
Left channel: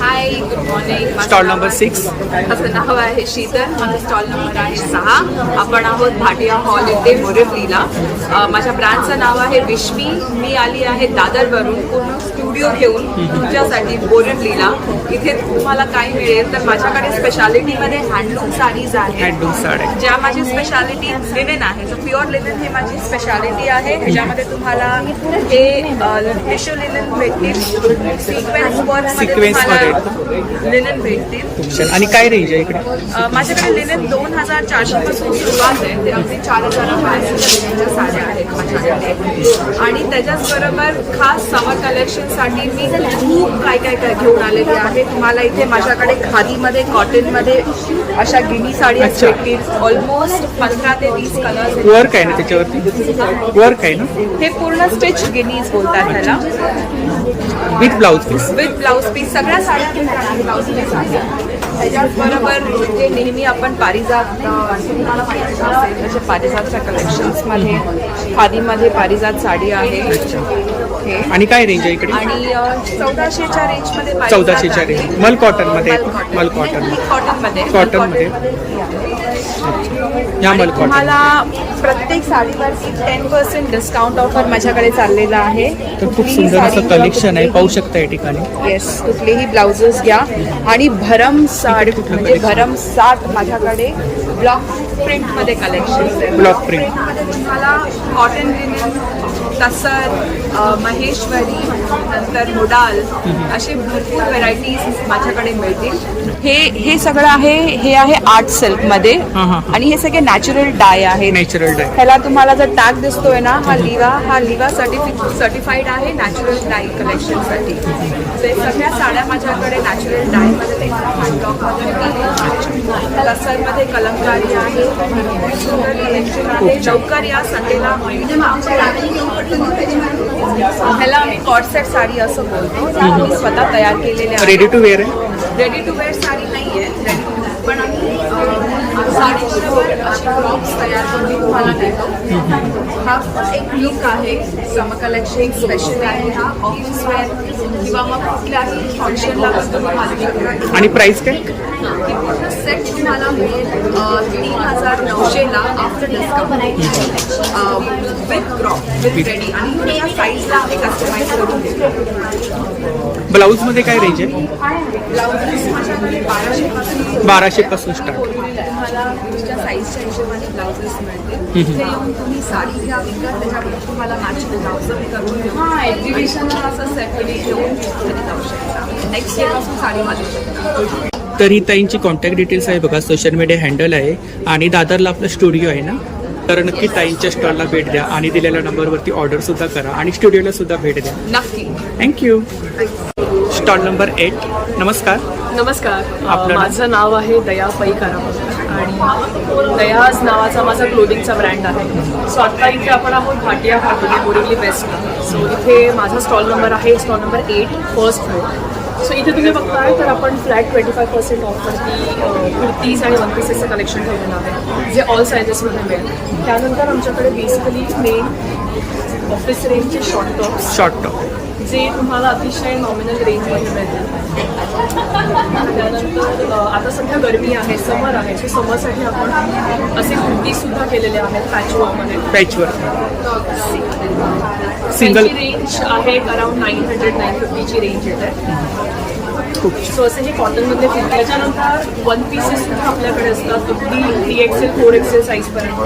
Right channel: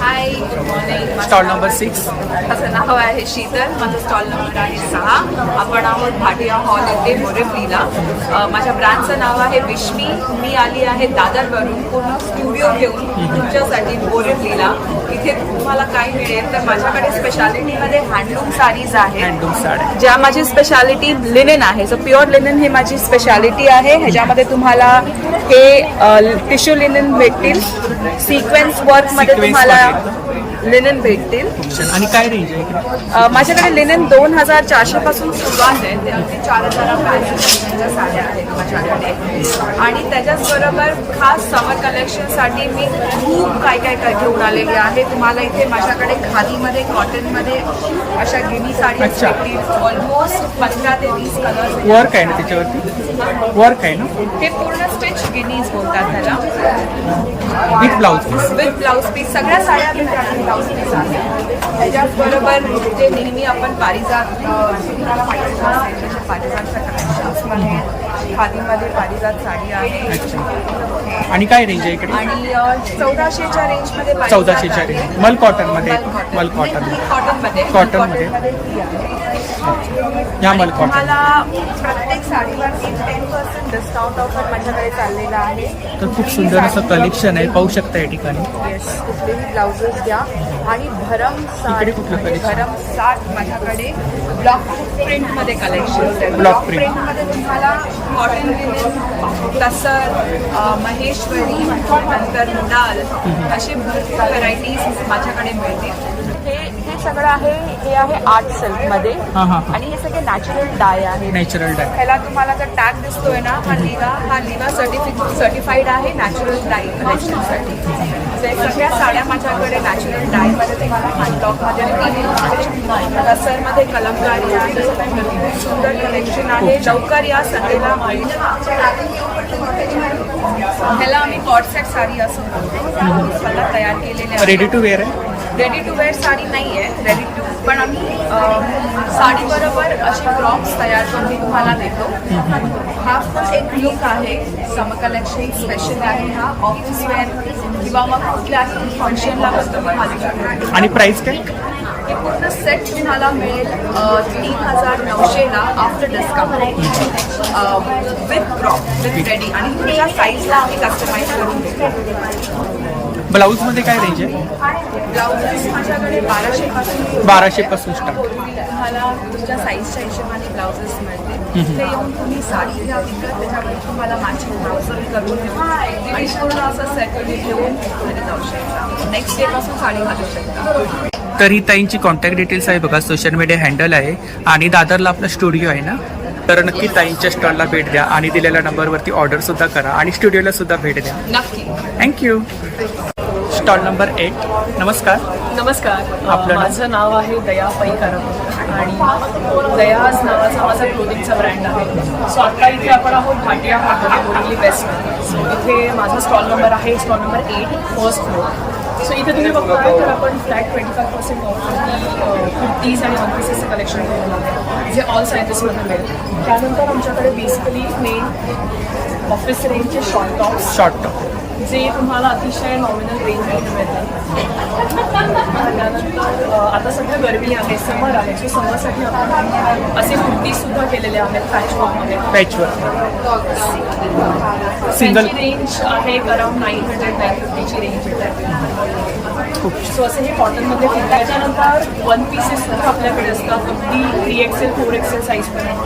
Hi good morning. Stall number 6. माझं नाव आहे शीतल. माझा स्टॉल नंबर आहे 6. आपण आहोत भाटिया हॉल येथे बोरिवलीला. माझ्या ब्रँडचं नाव आहे विश्मी. मी आली आहे दादरवरून पूर्ण स्टुडिओ घेऊन तुमच्यासाठी बोरिवलीला. इथे तुम्हाला काय मिळेल तर माझ्याकडे स्पेशालिटीमध्ये हँडलूम साडीज आहे. हँडलूम साड्या. ज्या माझी स्पेशालिटी लिनेन आहे. सो प्युअर लिनेन ही माझी स्पेशालिटी आहे. ह्याच्यामध्ये तुम्हाला हे टिश्यू लिनेन भेटतील. सिक्वेन्स वर्क Sequence मध्ये लिनेन भेटतील. खूप छान. आणि काय रेंज आहे इकडे? माझ्याकडे लिनेन 2400 पासून सुरुवात आहे ते अगदी 4000 पर्यंतच्या लिनेनच्या साड्या आहेत माझ्याकडे. आणि त्याच्याचबरोबर खास समर कलेक्शनसाठी मी खूप काय काय घेऊन आलेली आहे. तुम्हाला इथे माझ्याकडे खादीमध्ये, कॉटनमध्ये अशा गिनी साडी अच्छा. भेटतील. ऑलमोस्ट 15 ते 20 कलर्स. वर्क आहे ना त्याच्यावरती? वर्क आहे ना? हे पूर्ण स्टिच गिनीज बोलतात त्याला. With blouse piece. With blouse piece. सगळ्या साड्या विथ ब्लाउज पीस आहे. ह्याच्याचबरोबर जे नेहमी आपण पारिजात तुम्हाला माहिती असेल म्हणजे पारिजातच्या कलेक्शन्समध्ये खादीमध्ये पारिजात साडी आहे हे. आणि काय रेंज आहे इकडे? आणि 1400च्या रेंजमध्ये पारिजात 1400च्या आहे. रेंज मल कॉटन मध्ये मल कॉटन कॉटनमध्ये कॉटनमध्ये. ह्या मल कॉटन तुम्हाला प्रत्येक साडीवरती 10% डिस्काउंट ऑफर माझ्याकडे चाललेला आहे. तर खूप सुंदर असं कलेक्शन आहे, पाहू शकता या ठिकाणी. येस, कुठलेही ब्लाउजेस घ्या आणि इकडे कुठलं collection? भरमसाठ माझ्याकडे ब्लॉक प्रिंट मध्ये कलेक्शन आहे. Block print. मध्ये तुम्हाला कॉटन लिनन, तसर, महेश्वरी, नंतर मोडाल असे भरपूर व्हरायटीज माझ्याकडे मिळतील. हे सगळं आहे, हे आहे आर्ट सिल्क मध्ये हा. आणि हे सगळे नॅचरल डाय आहे. Natural dye. ह्याला तुम्हाला जर टॅग दिसतोय ना, हा लिवा सर्टिफाईड आहे नॅचरल डाय कलेक्शन साठी. ते सगळ्या साड्या माझ्याकडे नॅचरल डाय मध्ये तुम्हाला हँडलॉक मध्ये मिळतील. तसर मध्ये कलमकारी आहे, भरपूर सुंदर कलेक्शन आहे. लवकर या संडेला. ह्याला आम्ही कॉट सेट साडी असं बोलतो, स्वतः तयार केलेले. रेडी टू वेअर आहे. रेडी टू वेअर साडी नाही आहे, रेडी टू, पण आम्ही साडी बरोबर अशी क्रॉप्स तयार करून मी तुम्हाला देतो. हा फुल एक लुक आहे, समर कलेक्शन स्पेशल आहे. हा ऑफिस वेअर किंवा मग कुठल्याही फंक्शनला पण तुम्ही घालू शकता. आणि प्राइस काय? हे पूर्ण सेट तुम्हाला मिळेल 3900ला after discount with crop with ready. आणि तुमच्या साईजला आम्ही कस्टमाइज करून देतो. ब्लाऊज मध्ये काय रेंज आहे? ब्लाउजेस माझ्याकडे 1200 पासून 1200 पासून स्टार्ट. तुम्हाला तुमच्या साईजच्या हिशोबाने ब्लाउजेस मिळतील. इथे येऊन तुम्ही साडी घ्या विकत, त्याच्यामध्ये तुम्हाला मॅचिंग ब्लाउज मी करून देऊ आणि पूर्ण असं सेट तुम्ही घेऊन घरी जाऊ शकता. नेक्स्ट डे पासून साडी घालू शकता. तर ही ताईंची कॉन्टॅक्ट डिटेल्स आहे बघा, सोशल मीडिया हँडल आहे आणि दादरला आपला स्टुडिओ आहे ना, तर नक्की ताईंच्या स्टॉलला भेट द्या आणि दिलेल्या नंबरवरती ऑर्डर सुद्धा करा आणि स्टुडिओला सुद्धा भेट द्या. नक्की. थँक्यू. Stall number 8. नमस्कार. नमस्कार. आपलं नाव? माझं नाव आहे दया पै कारापूरकर आणि दयाज नावाचा माझा क्लोदिंगचा ब्रँड आहे. सो आत्ता इथे आपण आहोत भाटिया हॉलमध्ये, बोरिवली वेस्टला. सो इथे माझा स्टॉल नंबर आहे stall number 8, first floor. So इथे तुम्ही बघताय तर आपण फ्लॅट 25% ऑफरची कुर्तीज आणि वन पीसेसचं कलेक्शन ठेवलेलं आहे, जे ऑल सायझेसमध्ये मिळेल. त्यानंतर आमच्याकडे बेसिकली मेन ऑफिस रेंजचे शॉर्ट टॉप जे तुम्हाला अतिशय नॉमिनल रेंजमध्ये मिळतील. त्यानंतर आता सध्या गरमी आहे, समर आहे, सो समरसाठी आपण असे कुर्तीज सुद्धा केलेले आहेत पॅचवर्कमध्ये. सिंगल रेंज आहे अराउंड 900-950ची रेंज येते. सो असे हे कॉटनमधले फिल्ड. त्याच्यानंतर वन पीसेस सुद्धा आपल्याकडे असतात, अगदी 3XL 4XL साईजपर्यंत.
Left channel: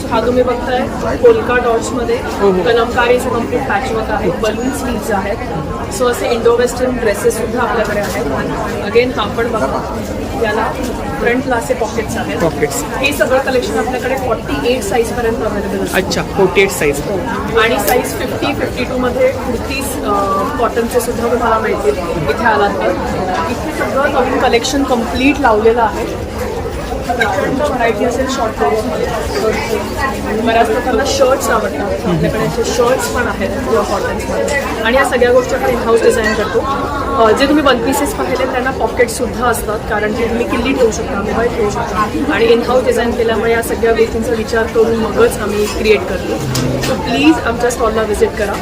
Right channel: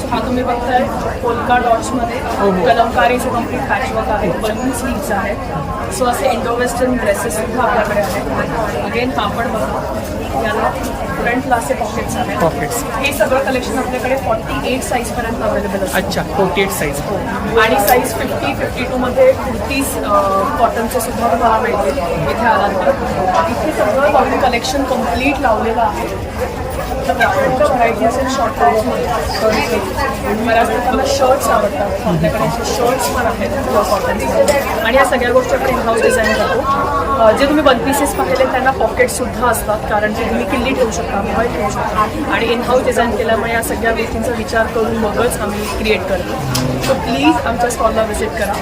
सो हा तुम्ही बघताय पोल्का डॉट्समध्ये कलमकारीचं कम्प्लीट पॅचवर्क आहे, बलून स्लीव्स आहेत. सो असे इंडो वेस्टर्न ड्रेसेस सुद्धा आपल्याकडे आहेत. अगेन हा पण बघा, याला फ्रंटला असे पॉकेट्स आहेत. हे सगळं कलेक्शन आपल्याकडे 48 साईजपर्यंत अवेलेबल असतं. अच्छा, 48 साईज. हो, आणि साईज 50-52 मध्ये कुर्तीज कॉटनचे सुद्धा तुम्हाला मिळतील इथे आलात तर. इथे सगळं नवीन कलेक्शन कम्प्लीट लावलेलं आहे. प्रचंड व्हरायटी असेल शॉर्ट टॉप्समध्ये. बऱ्याच लोकांना शर्ट्स आवडतात, तर आपल्याकडे असे शर्ट्स पण आहेत प्युअर कॉटन्समध्ये. आणि या सगळ्या गोष्टी आपण इनहाऊस डिझाईन करतो. जे तुम्ही वन पीसेस पाहिले त्यांना पॉकेट्स सुद्धा असतात, कारण की तुम्ही किल्ली ठेवू शकता, मोबाईल ठेवू शकता. आणि इनहाऊस डिझाईन केल्यामुळे या सगळ्या गोष्टींचा विचार करून मगच आम्ही क्रिएट करतो. सो प्लीज आमच्या स्टॉलला व्हिजिट करा,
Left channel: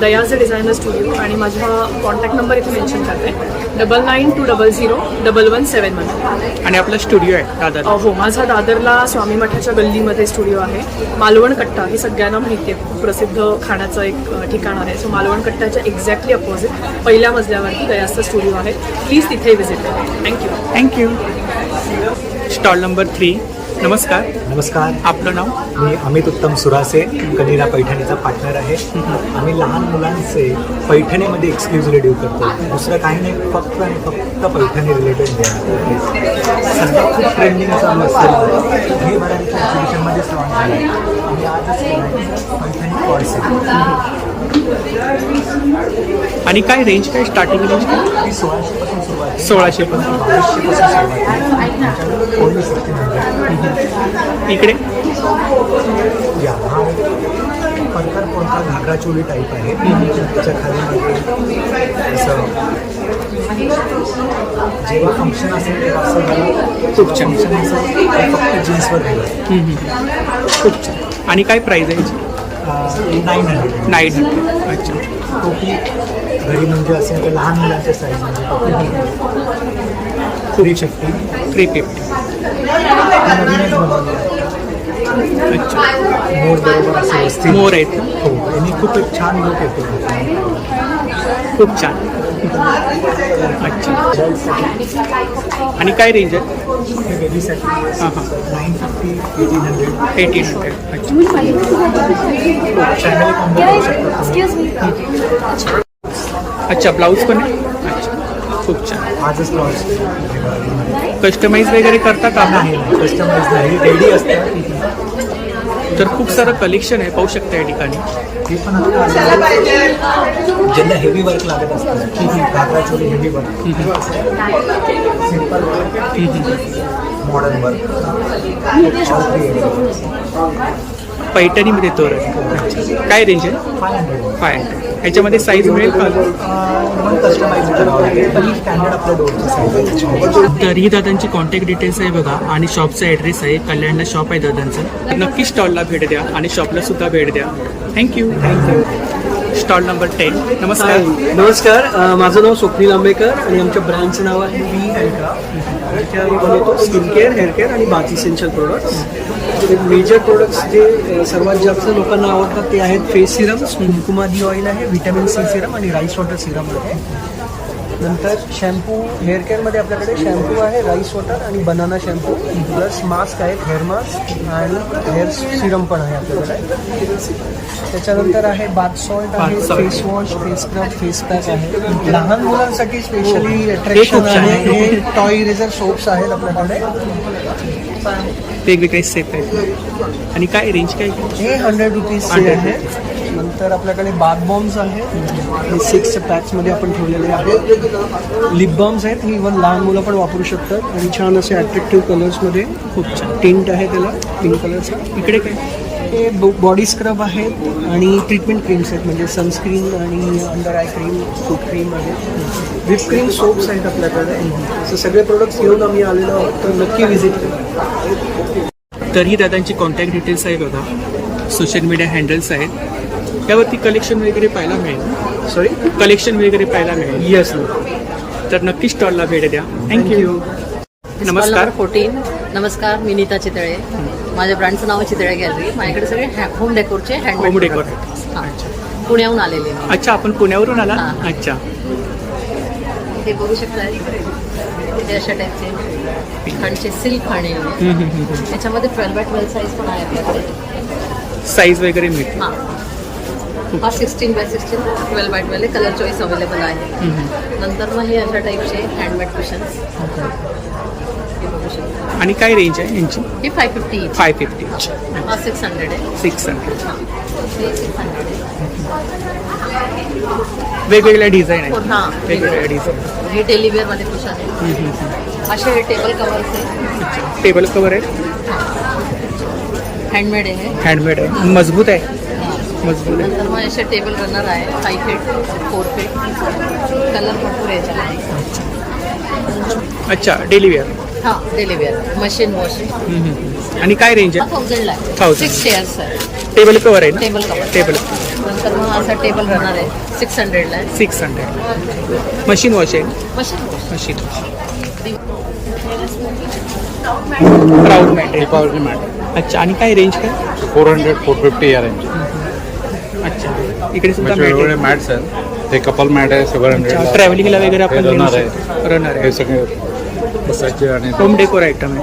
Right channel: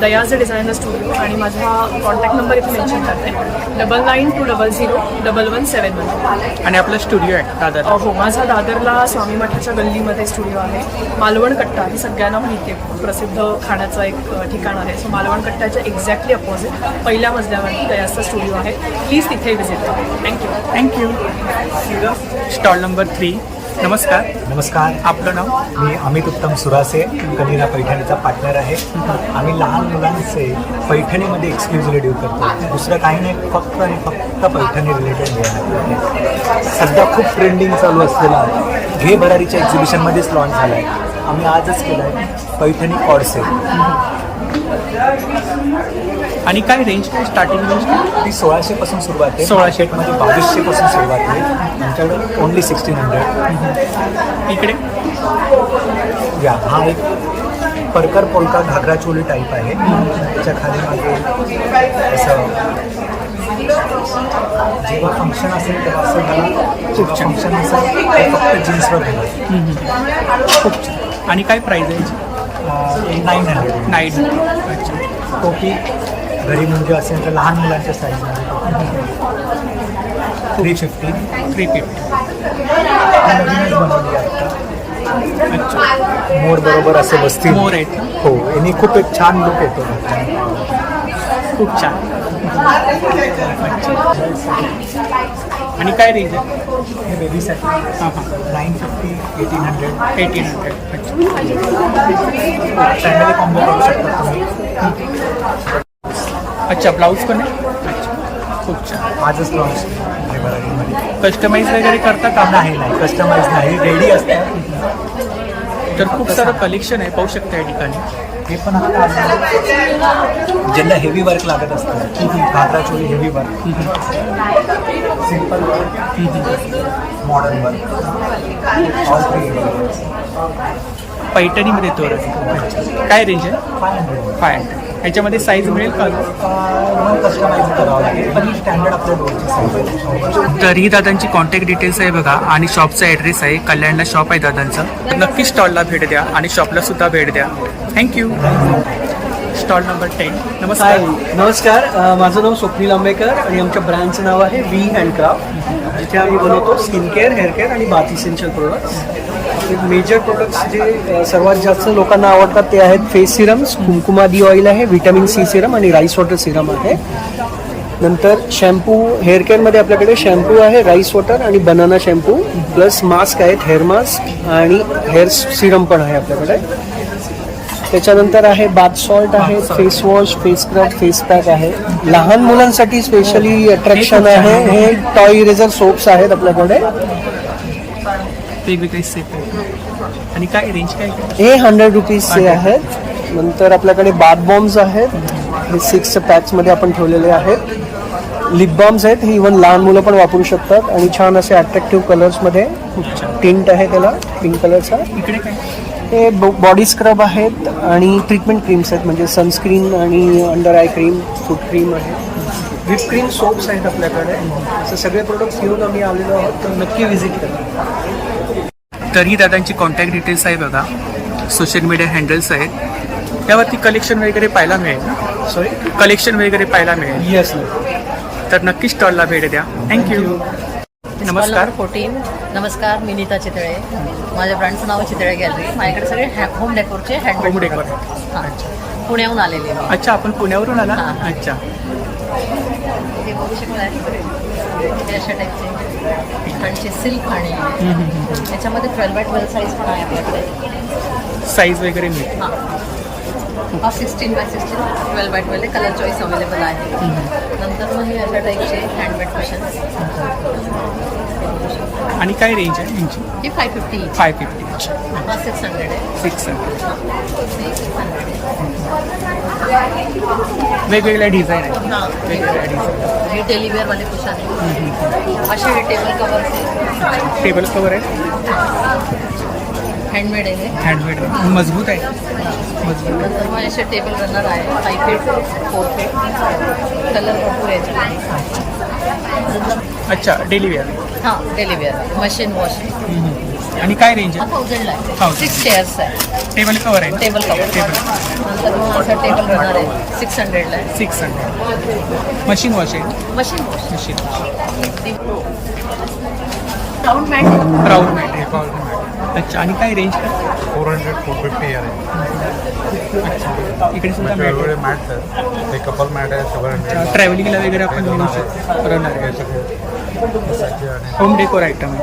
दयाज डिझायनर स्टुडिओ. आणि माझा कॉन्टॅक्ट नंबर इथे मेन्शन करते, 9920011711. आणि आपला स्टुडिओ आहे दादर. हो, माझा दादरला स्वामी मठाच्या गल्लीमध्ये स्टुडिओ आहे. मालवण कट्टा हे सगळ्यांना माहिती आहे, खूप प्रसिद्ध खाण्याचं एक ठिकाण आहे. सो मालवण कट्ट्याच्या एक्झॅक्टली अपोजिट पहिल्या मजल्यावरती दयाचा स्टुडिओ आहे. प्लीज तिथे व्हिजिट करा. थँक्यू. Stall number 3. नमस्कार. नमस्कार. आपलं नाव? मी अमित उत्तम सुरासे, कनिरा पैठणीचा पार्टनर आहे. आम्ही लहान मुलांचे पैठणीमध्ये एक्सक्लुझिव्ह डील करतो. दुसरं काही नाही, फक्त आणि फक्त पैठणी रिलेटेड मिळणार आहे. सध्या खूप ट्रेंडिंग चालू असलेलं घे भरारीच्या एक्झिबिशनमध्येच लॉन्च झालं. आम्ही आजच केलं पैठणी कॉर्सेट. आणि काय रेंज काय स्टार्टिंग रेंज काय? ती 1600 पासून सुरुवात आहे. 1600 पण ती 2200 पासून सुरुवात आहे. आमच्याकडे ओनली 1600. इकडे या हा एक परकर कोणता घागरा चोली टाईप आहे. त्याच्या खाली मागे असं जेव्हा फंक्शन असेल तेव्हा असं घाला, जेव्हा फंक्शन असेल ते फक्त जीन्सवर घाला. खूप छान. आणि काय प्राईज आहे 900. नाईट? अच्छा. टोपी घरी म्हणजे असेल तर लहान मुलांच्या साईजमध्ये टोपी 350. 350. ती नवीनच बनवली आहे आता. अच्छा. मोर बरोबर असेल असतील. मोर आहेत का? हो, आणि खूप छान लुक येतो. खूप छान. अच्छा. आणि काय रेंज आहे? हे बेबीसाठी हां हां. 950, 1800. 1800. अच्छा. फॅमिली कॉम्बो करू शकता तुम्ही. अच्छा, ब्लाऊज पण आहे? अच्छा, खूप छान. आजच लॉन्च मध्ये. कस्टमाइज वगैरे करता का? नाही कस्टमाइज नाही, रेडी असतात. तर खूप सारं कलेक्शन आहे, पाहू शकता या ठिकाणी. हे पण आता आलेलं ज्यांना हेवी वर्क लागत असतं, ghagra choli heavy work, simple work, modern work, all 3 available. पैठणीमध्ये तोरण. अच्छा. काय रेंज आहे? 500. 500. ह्याच्यामध्ये साईज मिळेल का? मग कस्टमाइज करावं लागेल, पण ही स्टँडर्ड आपल्या डोरची साईज आहे त्याच्यामध्ये. तर ही दादांची कॉन्टॅक्ट डिटेल्स आहे बघा, आणि शॉपचा ॲड्रेस आहे, कल्याणला शॉप आहे दादांचं. तर नक्की स्टॉलला भेट द्या आणि शॉपला सुद्धा भेट द्या. थँक्यू. Stall number 10. नमस्कार. नमस्कार. माझं नाव स्वप्नील आंबेकर आणि आमच्या ब्रँडचं नाव आहे वी हँडक्राफ्ट. इथे आम्ही बनवतो स्किन केअर, हेअर केअर आणि बाथ इसेन्शियल प्रोडक्ट्स. आपले मेजर प्रोडक्ट्स जे सर्वात जास्त लोकांना आवडतात ते आहेत फेस सिरम्स, कुंकुमादी ऑइल आहे, व्हिटॅमिन सी सिरम आणि राईस वॉटर सिरम आहे. नंतर शॅम्पू, हेअर केअरमध्ये आपल्याकडे शॅम्पू आहे, राईस वॉटर आणि बनाना शॅम्पू, प्लस मास्क आहेत, हेअर मास्क आणि हेअर सिरम पण आहे आपल्याकडे. त्याच्यानंतर आहे बाथ सॉल्ट आहे, face wash, face scrub, face pack आहे. लहान मुलांसाठी स्पेशली अट्रॅक्शन आहे, हे टॉय इरेझर सोप्स आहेत आपल्याकडे. वेगवेगळे सेप आहेत. आणि काय रेंज काय? हे 100 रुपीजचे आहेत. नंतर आपल्याकडे बाथ बॉम्ब्स आहेत, हे 6 पॅक्समध्ये आपण ठेवलेले आहेत. लिप बाम्स आहेत, ही इव्हन लहान मुलं पण वापरू शकतात आणि छान असे अट्रॅक्टिव्ह कलर्समध्ये. खूप छान. टिंट आहे त्याला, पिंक कलरचा. इकडे काय? हे बॉडी स्क्रब आहेत आणि ट्रीटमेंट क्रीम्स आहेत, म्हणजे सनस्क्रीन आणि अंडर आय क्रीम, फूट क्रीम आहे, व्हिप क्रीम सोप्स आहेत आपल्याकडे. असं सगळे प्रोडक्ट्स घेऊन आम्ही आलेलो आहोत, तर नक्की व्हिजिट करा. तर ही दादांची कॉन्टॅक्ट डिटेल्स आहे बघा, सोशल मीडिया हँडल्स आहेत, त्यावरती कलेक्शन वगैरे पाहायला मिळेल ना? सॉरी, कलेक्शन वगैरे पाहायला मिळेल. येस. तर नक्की स्टॉलला भेट द्या. थँक्यू. नमस्कार. 14. नमस्कार, मी नीता चितळे. माझ्या ब्रँडचं नाव आहे चितळे गॅलरी. माझ्याकडे सगळे होम डेकोरचे हँडमेड होम डेकोर. पुण्याहून आलेले मी. अच्छा, आपण पुण्यावरून आला? हां, हां. अच्छा. हे बघू शकताय, हे अशा टाईपचे खाणचे सिल्क खाणे. याच्यामध्ये 12x12 साईज पण आहे आपल्याकडे. साईज वगैरे मिळते. हां, हा 16x16, 12x12 colour choice available आहे. नंतर मग हे अशा टाईपचे हँडमेड कुशन्स. हे बघू शकता. आणि काय रेंज आहे यांची? ही 550. 550. हा 600 आहे. 600. हे 600 आहे. वेगवेगळ्या डिझाईन आहेत. हां, वेगवेगळ्या डिझाईन. हे डेली वेअर वाले कुशन आहे. असे हे टेबल कवर्स आहे. अच्छा, टेबल कवर आहे, हँडमेड आहे. हँडमेड आहे, मजबूत आहे. हां. मजबूत आहे. नंतर मग असे टेबल रनर आहे, 5 फीट, 4 फीट. कलर भरपूर याच्यामध्ये. नंतर अच्छा, डेली वेअर. हां, डेली वेअर मशीन वॉश आहे. आणि काय रेंज हा आहे? 1000ला आहे. 1000. 6 चेअर्स आहे. टेबल कवर आहे ना? Table cover. टेबल. नंतर मग असा टेबल रनर आहे, 600ला आहे. 600. मशीन वॉश आहे. Machine wash. Machine round proud mat आहे. अच्छा, आणि काय रेंज काय? 400, 450 या रेंज. अच्छा, इकडे सुद्धा मॅट वेगवेगळे आहे. मॅट्स आहेत. ते कपल मॅट आहे 700. अच्छा, ट्रॅव्हलिंगला वगैरे आपण हे घेऊ runner शकतो. रनर हे आहे. सगळे त्याचे आणि होम डेकोर आयटम आहे.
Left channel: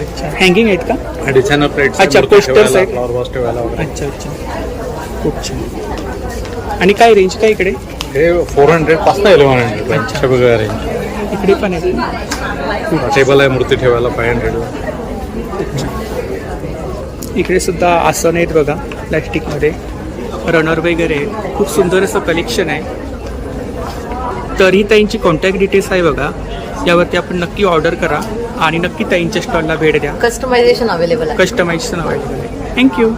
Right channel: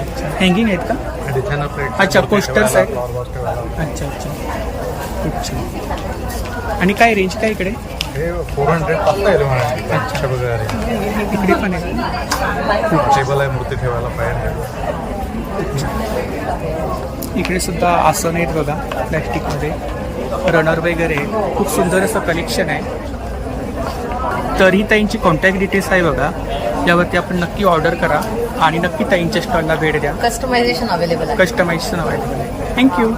अच्छा, हँगिंग आहेत का? Designer plates. अच्छा, posters आहेत. आहेत. अच्छा अच्छा, खूप छान. आणि काय रेंज काय इकडे? हे 400 पासून 1100. अच्छा. वेगवेगळ्या रेंज. इकडे पण आहे का? टेबल आहे मूर्ती ठेवायला 500. खूप छान. इकडे सुद्धा आसन आहेत बघा, प्लॅस्टिकमध्ये, रनर वगैरे आहे. खूप सुंदर असं कलेक्शन आहे. तरी ताईंची कॉन्टॅक्ट डिटेल्स आहे बघा, यावरती आपण नक्की ऑर्डर करा आणि नक्की ताईंच्या स्टॉलला भेट द्या. कस्टमायझेशन अवेलेबल आहे. कस्टमायझेशन अवेलेबल आहे. थँक्यू.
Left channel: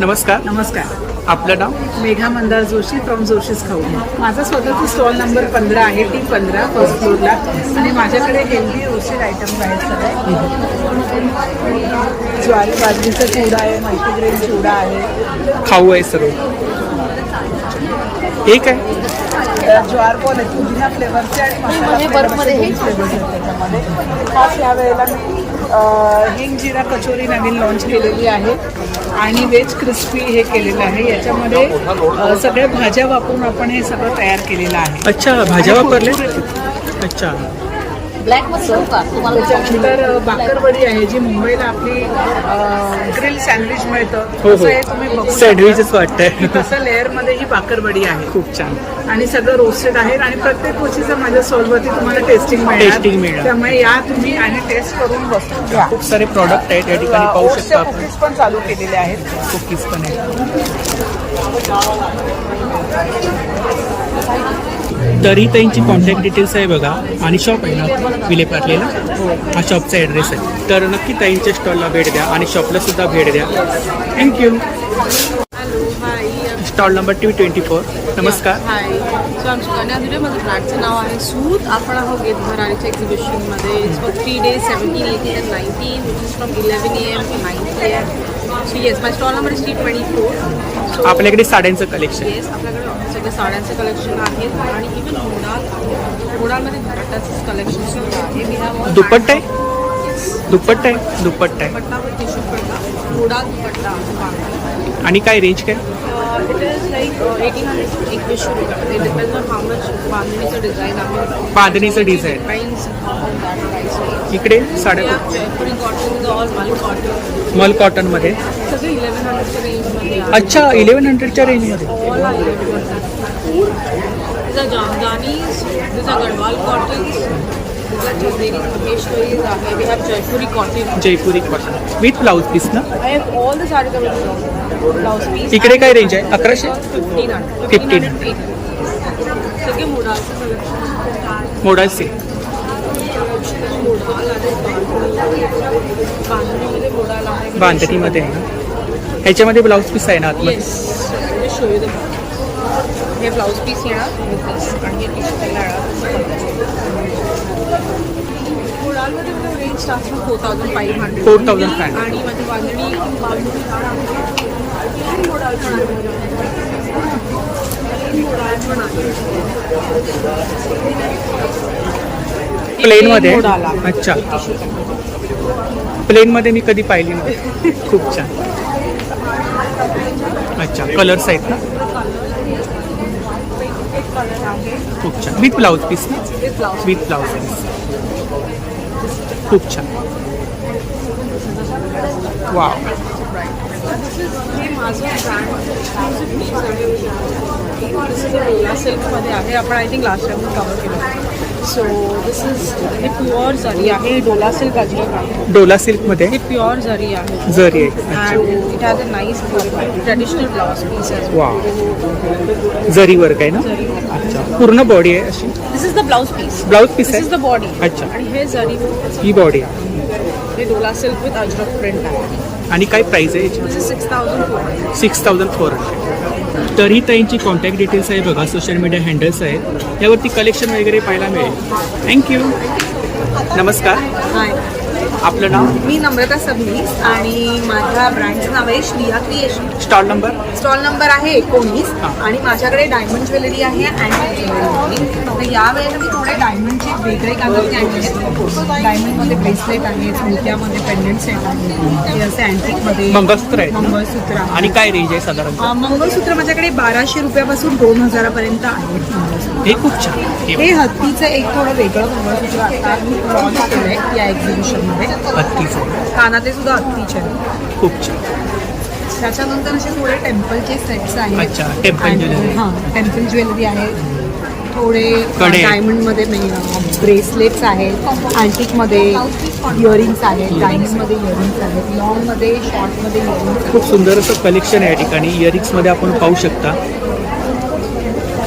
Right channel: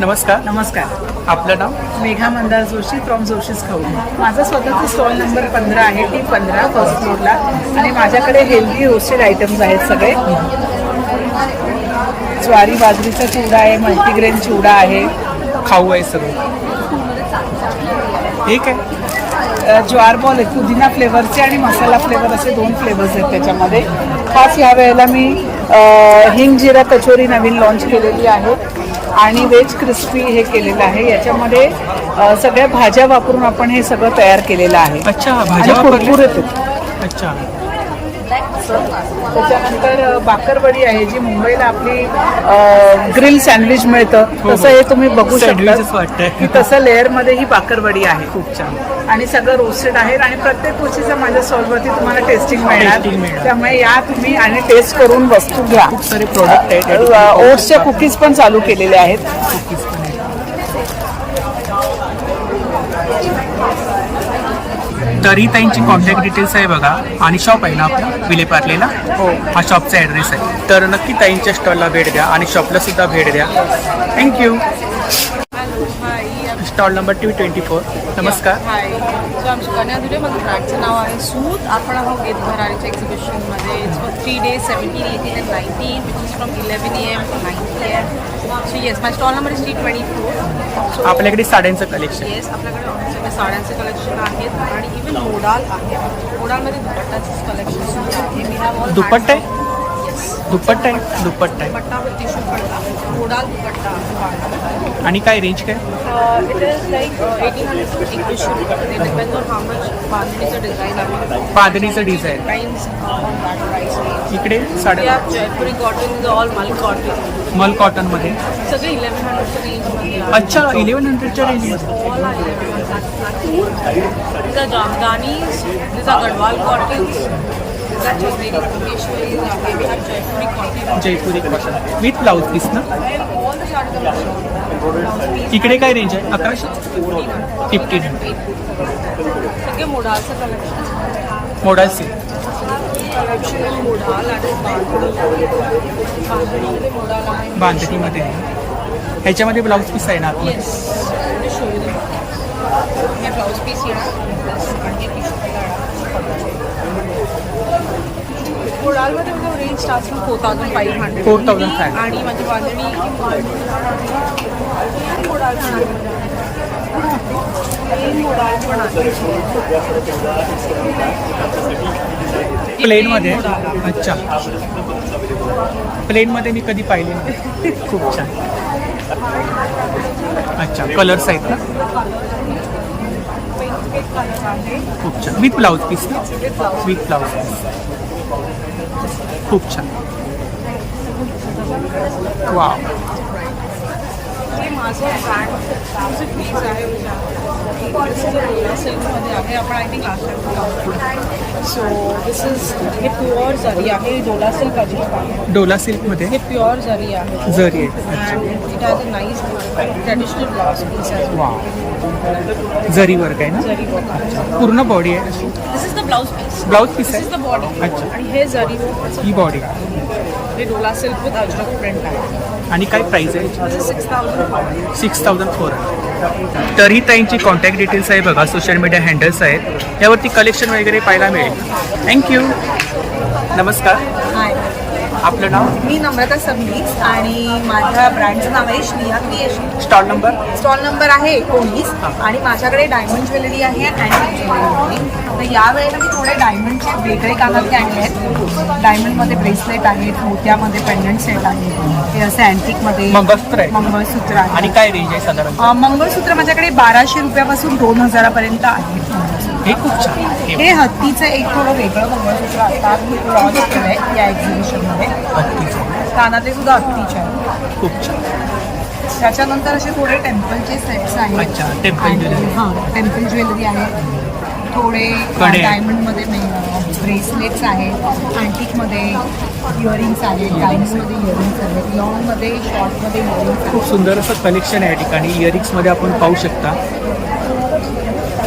नमस्कार. नमस्कार. आपलं नाव? मेघा मंदार जोशी फ्रॉम जोशीस खाऊ. माझा स्वतःचा स्टॉल नंबर 15 आहे, T15 फर्स्ट फ्लोअरला. आणि माझ्याकडे हेल्दी रोस्टेड आयटम्स आहेत सगळे. ज्वारी बाजरीचा चिवडा आहे, मल्टीग्रेन चिवडा आहे, खाऊ आहे सर्व. हे काय? ज्वार बॉल आहेत, पुदिना फ्लेवरचे आणि मसाला फ्लेवर असे 2 फ्लेवर्स आहेत त्याच्यामध्ये. खास या वेळेला मी हिंग जिरा कचोरी नवीन लॉन्च केलेली आहे आणि व्हेज क्रिस्पी हे केलेलं आहे. याच्यामध्ये सगळ्या भाज्या वापरून आपण हे सगळं तयार केलेलं आहे. अच्छा, भाज्या आणि वापरल्या? कुरकुरीत आहेत. अच्छा. त्याच्यानंतर बाकरवडी आहे, जी मुंबईला आपली ग्रिल सँडविच मिळतं. हो. तसं हे तुम्ही बघू सँडविचच वाटतंय. तसं लेअर मध्ये ही बाकरवडी आहे. खूप छान. आणि सगळं रोस्टेड आहे आणि प्रत्येक गोष्टीचं माझ्या स्टॉलवरती तुम्हाला टेस्टिंग मिळणार. त्यामुळे या तुम्ही आणि टेस्ट करून वस्तू घ्या. खूप सारे प्रोडक्ट आहेत या ठिकाणी पाहू ओट्सच्या शकता. कुकीज पण चालू केलेले आहेत. कुकीज पण आहेत. तरी ताईंची कॉन्टॅक्ट डिटेल्स आहे बघा. आणि शॉप आहे ना आपलं विलेपार्लेला. हा शॉपचा ॲड्रेस आहे. तर नक्की ताईंच्या स्टॉलला भेट द्या आणि शॉपला सुद्धा भेट द्या. Thank you. Hello, hi. Stall number T24. नमस्कार. हाय. सो आमची कन्या दुरे, माझं ब्रँडचं नाव आहे सूत. आपण आहोत गेट भरारीच्या एक्झिबिशनमध्ये. It's for 3 days, 17, 18 and 19, which is from 11 AM to 9 PM. So yes, my stall number is T24. So आपल्याकडे साड्यांचं कलेक्शन. येस, आपल्याकडे सगळे साड्यांचे कलेक्शन आहेत आणि इव्हन मोडाल आहे. मोडालमध्ये दुपट्टाचं कलेक्शन सुद्धा आहे. वी हॅव ऑल दुपट्टा आहे? दुपट्टा आहे. दुपट्टा आहे. दुपट्टावर टिश्यू पडला मोडाल दुपट्टा आहे बांधणी. आणि काय रेंज काय? इट इज लाईक 1800 to 2100 रुपयामध्ये. डिपेंड्स ऑन हाऊ मच बांधणीचं डिझाईन आहे. बांधणीचं design depends on that price range. इकडे साड्या Jaipuri cotton with all mul cotton. Mul cotton मध्ये सगळे 1100च्या रेंजमध्ये आहे. अच्छा, 1100च्या रेंजमध्ये. All are 1100. This are Jamdanis, this are Gadwal cottons, this are Chanderi Bhubaneswaris आहे. We have Jaipuri cotton. Jaipuri cotton with blouse piece ना. I have all the sari collection. Blouse piece इकडे काय रेंज आहे? 1100. 1500. सगळे मोडालचं collection. Modal silk. Collection modal आणि बांधणीमध्ये मोडाल आहे. बांधणीमध्ये आहे ना. ह्याच्यामध्ये ब्लाउज पीस आहे ना आतमध्ये. येस, शो यू द हे ब्लाउज पीस येणार विथ दिस आणि हे टिश्यू पल्ला येणार. तसं कलर मोडालमध्ये माझं रेंज स्टार्ट फ्रॉम 4500. 4500. आणि माझी बांधणी पण आहे. प्लेन मोडाल पण आहे माझ्याकडे. प्लेन मोडाल पण आहे. प्लेन मध्ये. अच्छा, प्लेन मध्ये मी कधी पाहिली नव्हती. खूप छान. अच्छा, कलर्स आहेत ना. कलर आहे. खूप छान. विथ ब्लाउज पीस ना. With blouse. With blouse piece. खूप छान. वाव. हे माझं ब्रँडचं एक्सक्लुझिव्ह पीस आहे. डोला सिल्कमध्ये आहे. आपण I think last time cover केलं. सो दिस इज हे प्युअर जरी आहे. डोला सिल्क अजरक आहे. डोला सिल्क मध्ये हे प्युअर जरी आहे. जरी आहे. And it has a nice beautiful traditional blouse piece आहे. वाव. जरी वर्क आहे ना. जरी वर्क. अच्छा, पूर्ण बॉडी आहे अशी. This is the blouse piece. Blouse piece this is the आहे. बॉडी. अच्छा. आणि हे जरी वर्क त्याचं ही बॉडी. हे dola silk with ajrak print आहे. आणि काय प्राइस आहे याची? This is 6400. 6400. तरी ताईंची कॉन्टॅक्ट डिटेल्स आहे बघा. सोशल मीडिया हँडल्स आहेत. यावरती कलेक्शन वगैरे पाहायला मिळेल. थँक्यू. नमस्कार. हाय, आपलं नाव? मी नम्रता सबनीस आणि माझ्या ब्रँडचं नाव आहे Shriya creation. Stall number? Stall number आहे 19. हां. आणि माझ्याकडे डायमंड ज्वेलरी आहे, अँटिक ज्वेलरी आहे. तर यावेळेला मी थोडे डायमंडचे वेगळे कानातले आणले आहेत. डायमंडमध्ये ब्रेसलेट आहेत, मोत्यामध्ये पेंडंट सेट आहेत, हे असे अँटिकमध्ये मंगळसूत्र आहेत ना? मंगळसूत्र आहे. आणि काय रेंज आहे साधारण? मंगळसूत्र माझ्याकडे 1200 रुपयापासून 2000 पर्यंत आहेत मंगळसूत्र. हे खूप छान. हे हत्तीचं एक थोडं वेगळं मंगळसूत्र आता मी लॉन्च केलंय या एक्झिबिशनमध्ये. हत्तीचं. कानातले सुद्धा हत्तीचे आहेत. खूप छान. त्याच्यानंतर असे थोडे टेम्पलचे सेट्स आहेत. अच्छा, टेम्पल ज्वेलरी. हां, टेम्पल ज्वेलरी आहे. थोडे कडे. डायमंडमध्ये ब्रेसलेट्स आहेत, अँटिकमध्ये इयरिंग्स आहेत, डायमंडमध्ये इयरिंग्स आहेत, लॉंगमध्ये शॉर्टमध्ये इयरिंग्स आहेत. खूप सुंदर असं कलेक्शन आहे या ठिकाणी. इयरिंग्स मध्ये आपण पाहू शकता.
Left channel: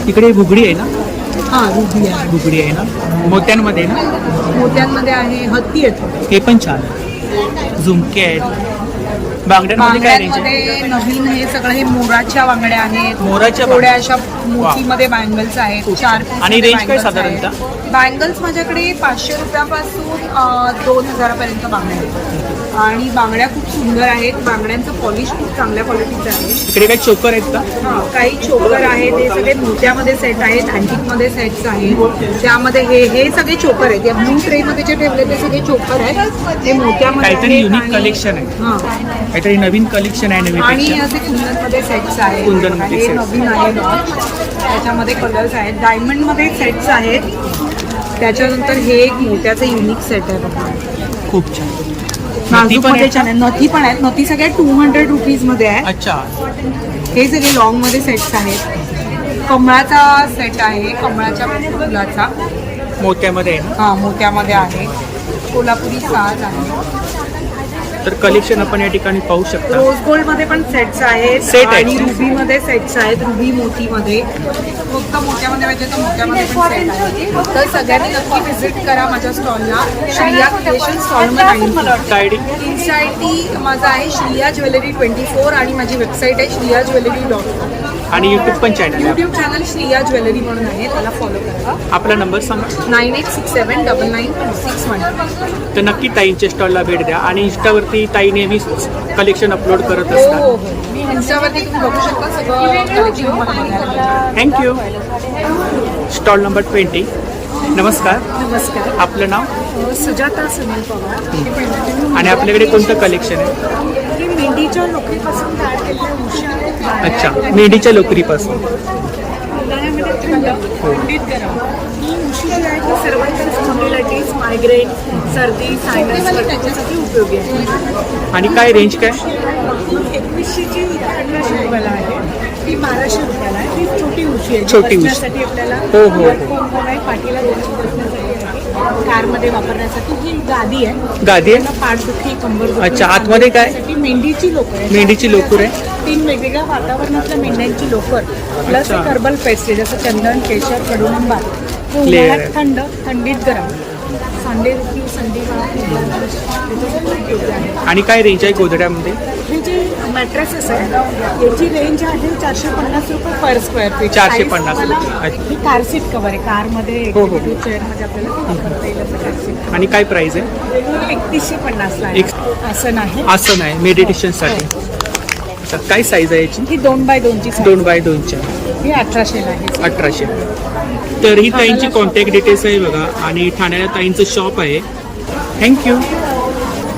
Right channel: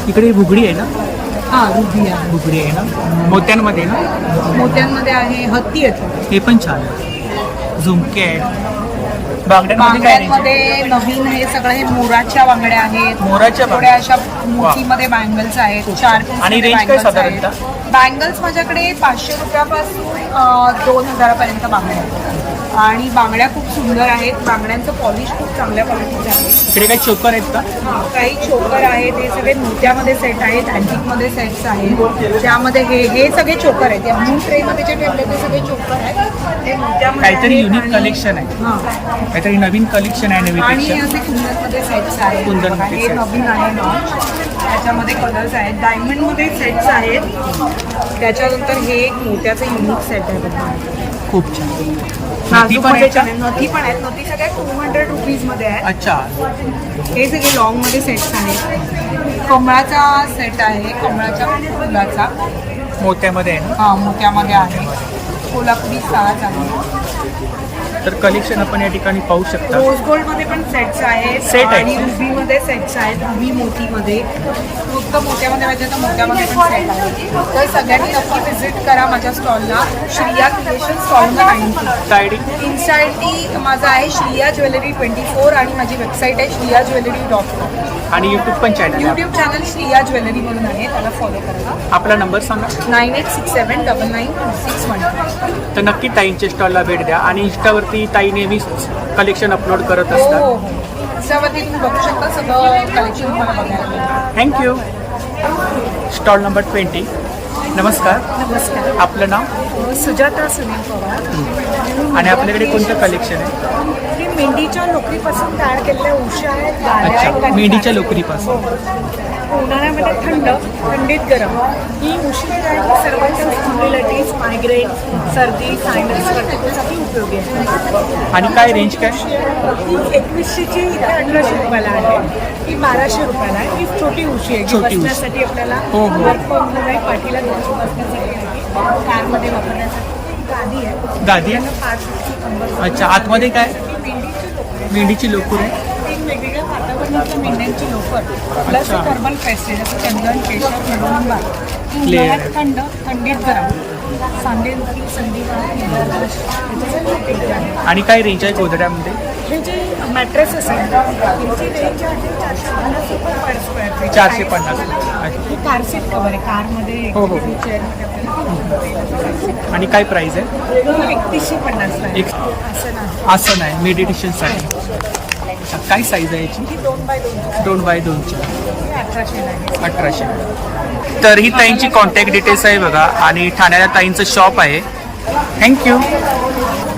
इकडे भुगडी आहे ना. हां, रुबी आहे. भुगडी आहे ना. मोत्यांमध्ये ना. मोत्यांमध्ये आहे, हत्ती येतो. हे पण छान. झुमके आहेत. बांगड्यांमध्ये काय रेंज आहे? बांगड्यांमध्ये नवीन हे सगळं हे मोराच्या बांगड्या आहेत. मोराच्या थोड्या बांगड्या. अशा मोतीमध्ये बँगल्स आहेत. खूप 4 छान. आणि range काय साधारणतः? बँगल्स माझ्याकडे 500 रुपयापासून 2000 पर्यंत बांगड्या आहेत. आणि बांगड्या खूप सुंदर आहेत. बांगड्यांचं पॉलिश खूप चांगल्या क्वालिटीचं आहे. इकडे काही चोकर आहेत का? काही चोकर आहेत. हे सगळे मोत्यामध्ये सेट आहेत. अँटिकमध्ये सेट्स आहेत. त्यामध्ये हे सगळे चोकर आहेत. या ब्लू ट्रे मध्ये जे ठेवले ते सगळे चोकर आहेत. ते मोत्यामध्ये काहीतरी आहेत युनिक आणि- कलेक्शन आहे. हां. काहीतरी नवीन कलेक्शन आहे आणि नवीपेक्षा. असे कुंदनमध्ये सेट्स आहेत. कुंदनमध्ये हे sets. नवीन आहे लॉन्च. त्याच्यामध्ये कलर्स आहेत. डायमंडमध्ये सेट्स आहेत. त्याच्यानंतर हे एक मोत्याचं युनिक सेट आहे बघा. खूप छान. नथी पण आहेत का? नथी पण आहेत. नथी सगळे 200 रुपीज मध्ये आहे. अच्छा. हे सगळे लॉंग मध्ये सेट्स आहेत. कमळाचा सेट आहे. कमळाच्या फुलाचा मोत्यामध्ये आहे ना? हा मोत्यामध्ये आहे. कोल्हापुरी साज आहे. तर कलेक्शन आपण या ठिकाणी पाहू शकता. रोज गोल्ड मध्ये पण सेट्स आहेत. Set आहेत. आणि रुबी मध्ये सेट्स आहेत. रुबी मोतीमध्ये. फक्त मोत्यामध्ये पाहिजे तर मोत्यामध्ये पण सेट आहे. तर सगळ्यांनी नक्की व्हिजिट करा माझ्या स्टॉलला. Shriya creation stall number 90. सायडी इन्स्टा ID माझा आहे श्रिया ज्वेलरी 24 आणि माझी वेबसाईट आहे श्रियाज्वेलरी.com. आणि युट्यूब पण चॅनल आहे. युट्यूब चॅनल श्रिया ज्वेलरी म्हणून आहे. त्याला फॉलो करा. आपला नंबर सांगा. 9867992612. तर नक्की ताईंच्या स्टॉलला भेट द्या. आणि इंस्टावरती ताई नेहमी कलेक्शन अपलोड करत हो हो असतात. हो. इन्स्टावरती तुम्ही बघू शकता. सगळं कलेक्शन तुम्हाला बघायला मिळेल. थँक्यू. Stall number 20. नमस्कार. नमस्कार. आपलं नाव? सुजाता सुनील पवार. आणि आपल्याकडे कोणतं कलेक्शन आहे? ही मेंढीच्या लोकरीपासून तयार केलेल्या उशी आहेत. गाड्या अच्छा, आहेत. मेंढीच्या लोकरीपासून. उन्हाळ्यामध्ये थंड, थंडीत गरम. ही उशी जी आहे ती सर्वायकल स्पॉन्डिलायटिस, मायग्रेन, सर्दी, सायनस, व्हर्टिगोसाठी उपयोगी आहे. आणि काय रेंज काय? 2100ची इथे 1800 रुपयाला आहे. ती 1200 रुपयाला आहे. ही छोटी उशी आहे. जी छोटी उशी. बसण्यासाठी आपल्याला हो, हो, हो. वर्क फ्रॉम होम आहे. पाठीला दोनची बसण्यासाठी आहे. कारमध्ये वापरण्यासाठी ही गादी आहे. गादी आहे? पाठदुखी, कंबरदुखी. अच्छा, आतमध्ये काय? ती मेंढीची लोकर आहे. मेंढीची लोकर आहे. 3 वेगवेगळ्या वातावरणातल्या मेंढ्यांची लोकर प्लस अच्छा. हर्बल पेस्ट जसं चंदन, केशर, कडुलिंबा. Layer आहे. थंड, थंडीत गरम. सांधेदुखी, संधिवात, निद्रानाश याच्यासाठी उपयोगी आहे. आणि काय रेंज आहे गोधड्यामध्ये? हे जे मॅट्रेसेस आहे याची रेंज आहे 450 रुपये पर स्क्वेअर फीट. 450 रुपये. अच्छा. हे कार सीट कवर आहे. कारमध्ये हो, हो. चेअरमध्ये आपल्याला आणि काय प्राइस आहे? 3150 ला आहे. असं नाही. आसन आहे मेडिटेशनसाठी. तर काय साईज आहे याची? ही 2x2 ची 2x2 ही 1800 आहे. 1800. तर ही ताईंची कॉन्टॅक्ट डिटेल्स आहे बघा. आणि ठाण्याला ताईंचं शॉप आहे. थँक्यू.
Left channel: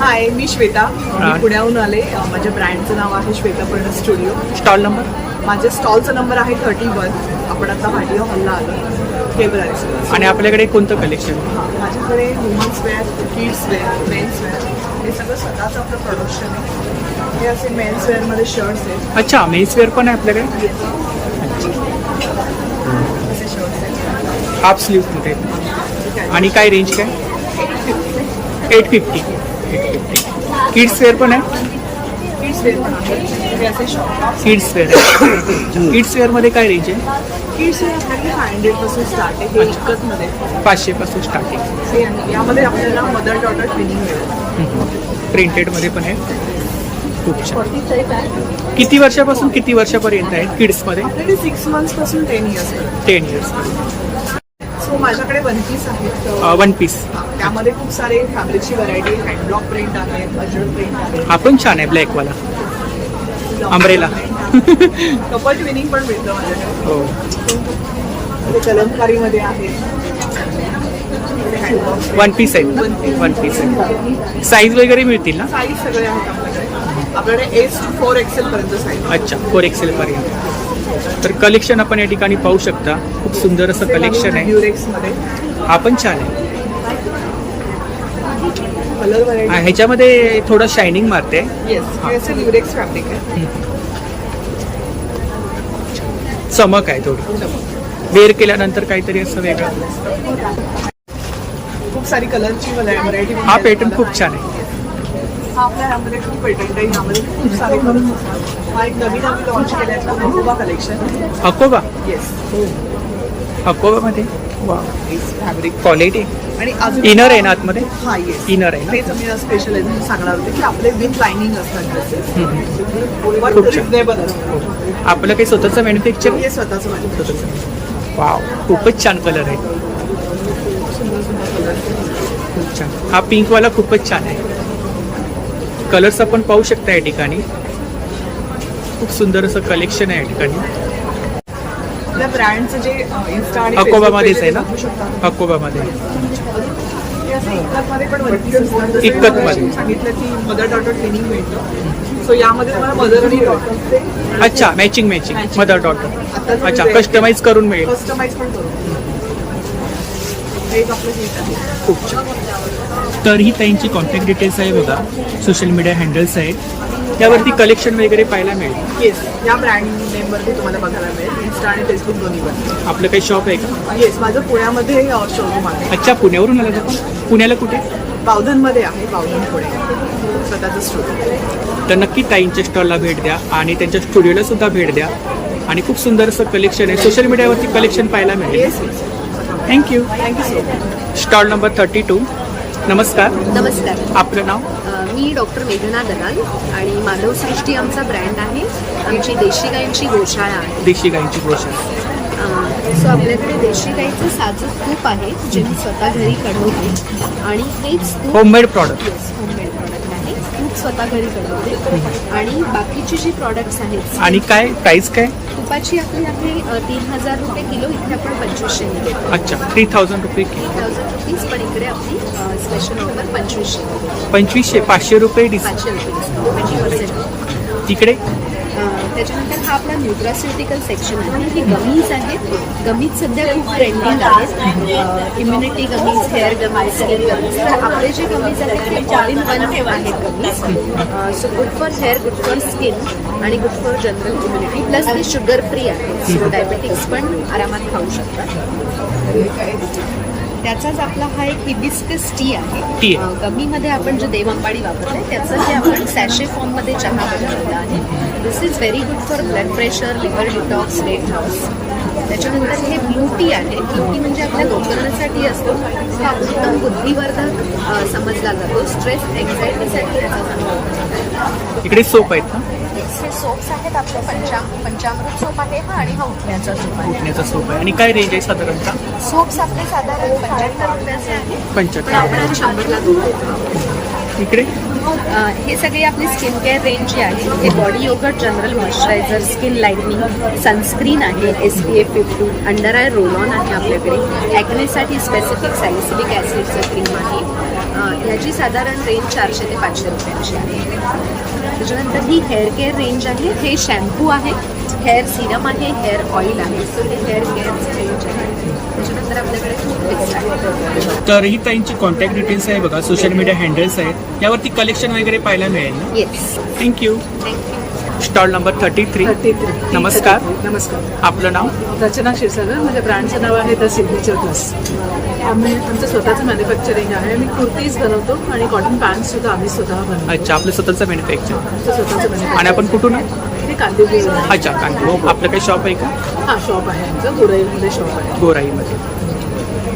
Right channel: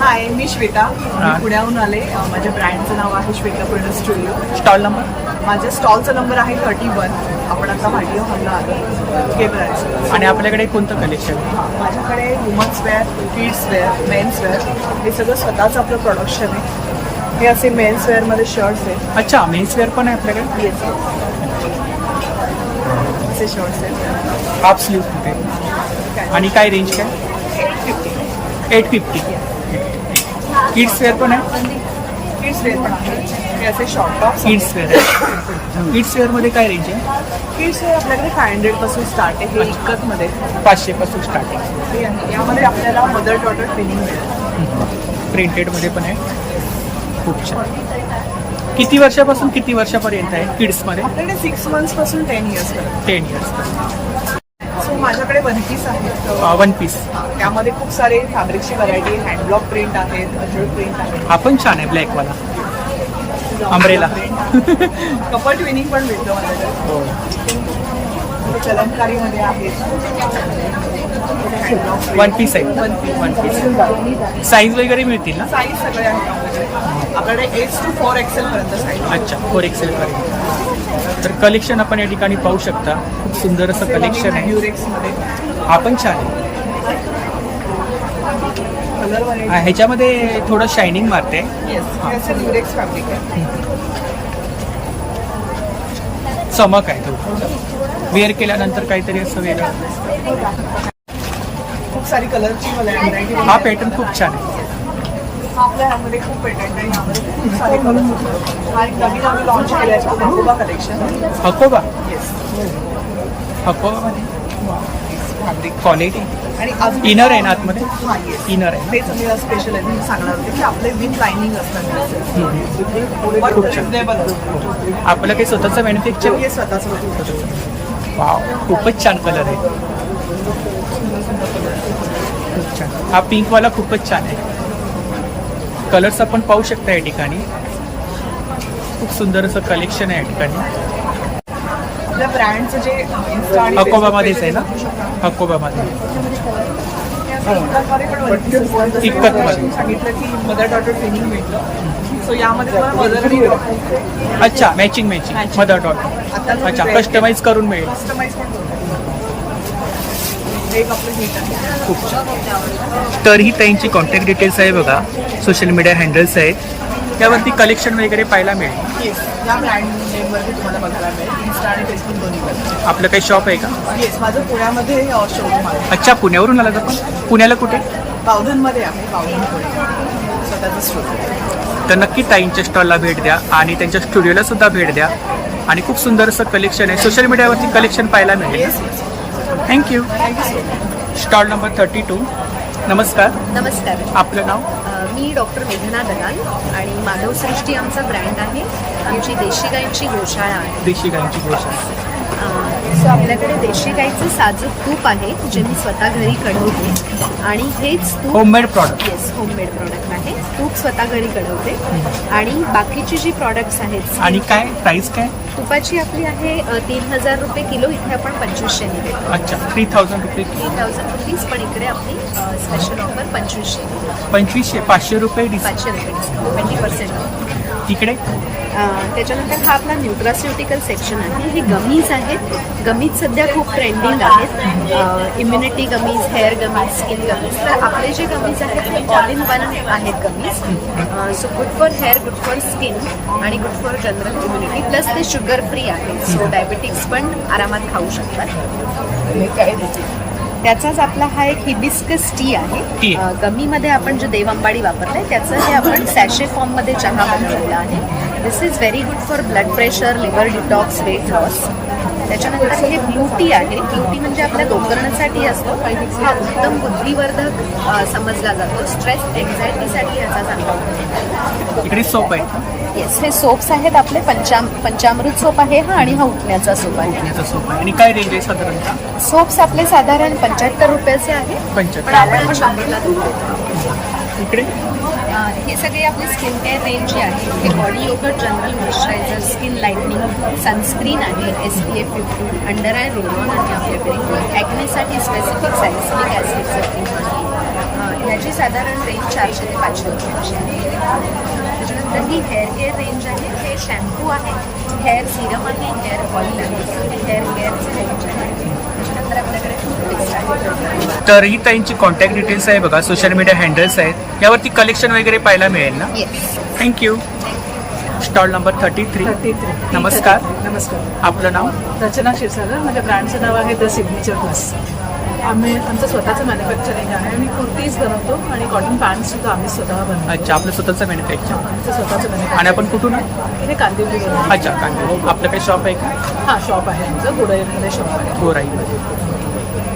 हाय, मी श्वेता. हा. मी पुण्याहून आले. माझ्या ब्रँडचं नाव आहे श्वेतापूर्ण स्टुडिओ. Stall number? माझ्या स्टॉलचा नंबर आहे 31. आपण आता भाटिया हॉलला आलो. केबल आणि आपल्याकडे कोणतं कलेक्शन? हां, माझ्याकडे women's wear, kids wear, men's wear हे सगळं स्वतःचं आपलं प्रोडक्शन आहे. हे असे मेन्स वेअरमध्ये शर्ट्स आहेत. अच्छा, मेन्स वेअर पण आहे आपल्याकडे. असे शर्ट्स आहेत. हाफ स्लीव्ह मध्ये. आणि काय रेंज काय? 850. किड्स वेअर पण आहे. किड्स वेअर पण आहे. हे असे शॉर्ट टॉप्स. किड्स वेअर आहे. किड्स वेअर मध्ये काय रेंज आहे? किड्स वेअर आपल्याकडे 500 पासून स्टार्ट आहे. हे इकतमध्ये 500 पासून स्टार्टिंग. हे आहे. यामध्ये आपल्याला मदर डॉटर ट्विनिंग मिळेल. प्रिंटेड मध्ये पण आहे. खूप छान. किती वर्षापासून किती वर्षापर्यंत आहेत किड्स मध्ये? आपल्याकडे 6 मंथ्स पासून 10 इयर्स पर्यंत. 10 इयर्स पर्यंत. सो माझ्याकडे वन पीस आहेत. One piece. त्यामध्ये खूप सारे फॅब्रिकची व्हरायटी, हँडब्लॉक प्रिंट आहेत, अजळ प्रिंट आहे. हा पण छान आहे ब्लॅकवाला अंब्रेला. कपल ट्विनिंग पण मिळतं माझ्याकडे. हो. ते कलमकारीमध्ये आहेत. वन पीस आहे. वन पीस आहे. साईज वगैरे मिळतील ना? साईज सगळे आहेत आपल्याकडे. आपल्याकडे S to 4XL पर्यंत साईज. अच्छा, 4XL पर्यंत. तर कलेक्शन आपण या ठिकाणी पाहू शकता. खूप सुंदर असं कलेक्शन आहे. ड्युरेक्स मध्ये हा पण छान आहे. Colour variety. ह्याच्यामध्ये थोडं शायनिंग मारते. येस, हे असं ड्युरेक्स फॅब्रिक आहे. चमक आहे थोडी. वेअर केल्यानंतर काहीतरी असं वेगळं. खूप सारी कलरची व्हरायटी. हा पॅटर्न खूप छान आहे. हा आपल्या ह्यामध्ये खूप पेटंट आहे. ह्यामध्ये खूप सारे कलर्स असतात. हा एक नवीन आम्ही लॉन्च केला आहे हकोबा कलेक्शन. हकोबा? येस. हकोबा मध्ये फॅब्रिक क्वालिटी आणि अजून इनर आहे ना आतमध्ये? हा येस इनर आहे ना? तेच मी स्पेशल सांगणार होते की आपले विथ लाइनिंग असतात खूप पण छान. रिजनेबल असतात. हो. आपलं काही स्वतःचं मॅन्युफॅक्चर हे स्वतःचं मॅन्युफॅक्चर. वाव, खूपच छान कलर आहे. सुंदर सुंदर कलर. खूप छान. हा पिंक वाला खूपच छान आहे. कलर्स आपण पाहू शकता या ठिकाणी. खूप सुंदर असं कलेक्शन आहे या ठिकाणी. आपल्या ब्रँडचं जे इन्स्टा आणि अकोबामध्येच आहे ना? बघू शकता. अकोबामध्ये. हे असं इक्कतमध्ये पण वन पीस असतात. जसं मी इक्कतमध्ये. मगाशी सांगितलं की मदर डॉटर ट्रेनिंग मिळतं. सो यामध्ये तुम्हाला मदर आणि डॉटरचे अच्छा, मॅचिंग मदर डॉटर. आता जो अच्छा, मी wear कस्टमाइज करून मिळेल. कस्टमाइज पण करू. हे एक आपलं हिट आहे. खूप छान. तर ही त्यांची कॉन्टॅक्ट डिटेल्स आहे बघा, सोशल मीडिया हँडल्स आहेत, त्यावरती कलेक्शन वगैरे पाहायला मिळेल. येस, या ब्रँड नेमवरती तुम्हाला बघायला मिळेल, इन्स्टा आणि फेसबुक दोन्हीवर. आपलं काही शॉप आहे का? येस, माझं पुण्यामध्ये शोरूम आहे. अच्छा, पुण्यावरून आला आपण? पुण्याला कुठे? बावधनमध्ये आहे, बावधन पुणे स्वतःचं स्टुडिओ. तर नक्की ताईंच्या स्टॉलला भेट द्या आणि त्यांच्या स्टुडिओला सुद्धा भेट द्या. आणि खूप सुंदर असं कलेक्शन आहे, सोशल मीडियावरती कलेक्शन पाहायला मिळेल. Yes yes, thank you. Thank you so much. Stall number 32. नमस्कार, नमस्कार. आपलं नाव? मी डॉक्टर मेघना दलाल आणि माधव सृष्टी आमचा ब्रँड आहे. आमची देशी गायींची गोशाळा आहे. देशी गाईंची गोशाळा. सो आपल्याकडे देशी गाईचं साजूक तूप आहे जे मी स्वतः घरी कढवते आणि हेच तूप homemade product. Yes, homemade product आहे. तूप स्वतः घरी कढवते आणि बाकीची जी प्रॉडक्ट्स आहेत आणि काय प्राइस काय? तुपाची आपली आहे 3,000 रुपये किलो. इथे आपण 2500 देतो. अच्छा, 3000 रुपये. 3,000 रुपीज, पण इकडे आपली स्पेशल ऑफर 2500 देतो. 2500, 500 रुपये डिस्काउंट. 500 रुपये डिस्काउंट, 20% ऑफ. तिकडे त्याच्यानंतर हा आपला न्यूट्रास्युटिकल सेक्शन आहे. हे गमीज आहेत. गमीज सध्या खूप ट्रेंडिंग आहेत. Immunity gummies, hair gummies, skin gummies. तर आपले जे गमीज आहेत ते ऑल इन वन आहेत gummies. So good for hair, good for skin आणि good for general immunity. Plus ते शुगर फ्री आहेत. सो डायबेटिक्स पण आरामात खाऊ शकतात. त्याचाच आपला हा एक हिबिस्कस टी आहे. गमीमध्ये आपण जे देवआंबाडी वापरलंय त्याचं हे आपण सॅशे फॉर्म मध्ये चहा बनवलेला आहे. This is very good for blood pressure, liver detox, weight loss. त्याच्यानंतर हे ब्लू टी आहे. ब्लू टी म्हणजे आपल्या गोकर्णाचा टी असतो. हा उत्तम बुद्धिवर्धक समजला जातो. स्ट्रेस, एन्झायटीसाठी याचा चांगला उपयोग आहे. इकडे सोप आहेत ना? येस, हे सोप्स आहेत आपले. पंचामृत सोप आहे हा आणि हा उठण्याचा सोप आहे. उठण्याचा सोप आहे. आणि काय रेंज आहे साधारणतः? सोप्स आपले साधारण 75 रुपयाचे आहे. 75. पण आपण आज 100ला दोन देतो. इकडे हे सगळे आपली स्किन केअर रेंज जी आहे. हे body yogurt, general moisturiser, skin lightening, sunscreen आहे, SPF 50, under eye roll on आहे आपल्याकडे. ॲक्नेसाठी स्पेसिफिक सॅलिसिलिक ॲसिडचं क्रीम आहे. याची साधारण रेंज 400 ते 500 रुपयाची आहे. त्याच्यानंतर ही हेअर केअर रेंज आहे. हे शॅम्पू आहे, हेअर सिरम आहे, हेअर ऑइल आहे. तर ते हेअर केअरची रेंज आहे. त्याच्यानंतर आपल्याकडे टूथपेस्ट आहे. तर ही ताईंची कॉन्टॅक्ट डिटेल्स आहे बघा, सोशल मीडिया हँडल्स आहेत, यावरती कलेक्शन वगैरे पाहायला मिळेल ना? Yes, thank you. Stall number 33. 33. नमस्कार, नमस्कार. आपलं नाव? रचना क्षीरसागर. माझ्या ब्रँडचं नाव आहे द सिग्नेचर क्लास. आमचं स्वतःचं मॅन्युफॅक्चरिंग आहे. आम्ही कुर्तीज बनवतो आणि कॉटन पॅन्ट सुद्धा आम्ही स्वतः बनवतो. अच्छा, आपलं स्वतःचं मॅन्युफॅक्चर. आमचं स्वतःचं मॅन्युफॅक्चर. आणि आपण कुठून? हे कांदिवलीवर. अच्छा, कांदिवली. आपलं काही शॉप आहे का? हा, शॉप आहे आमचं. गोराईलमध्ये शॉप आहे. गोराईमध्ये.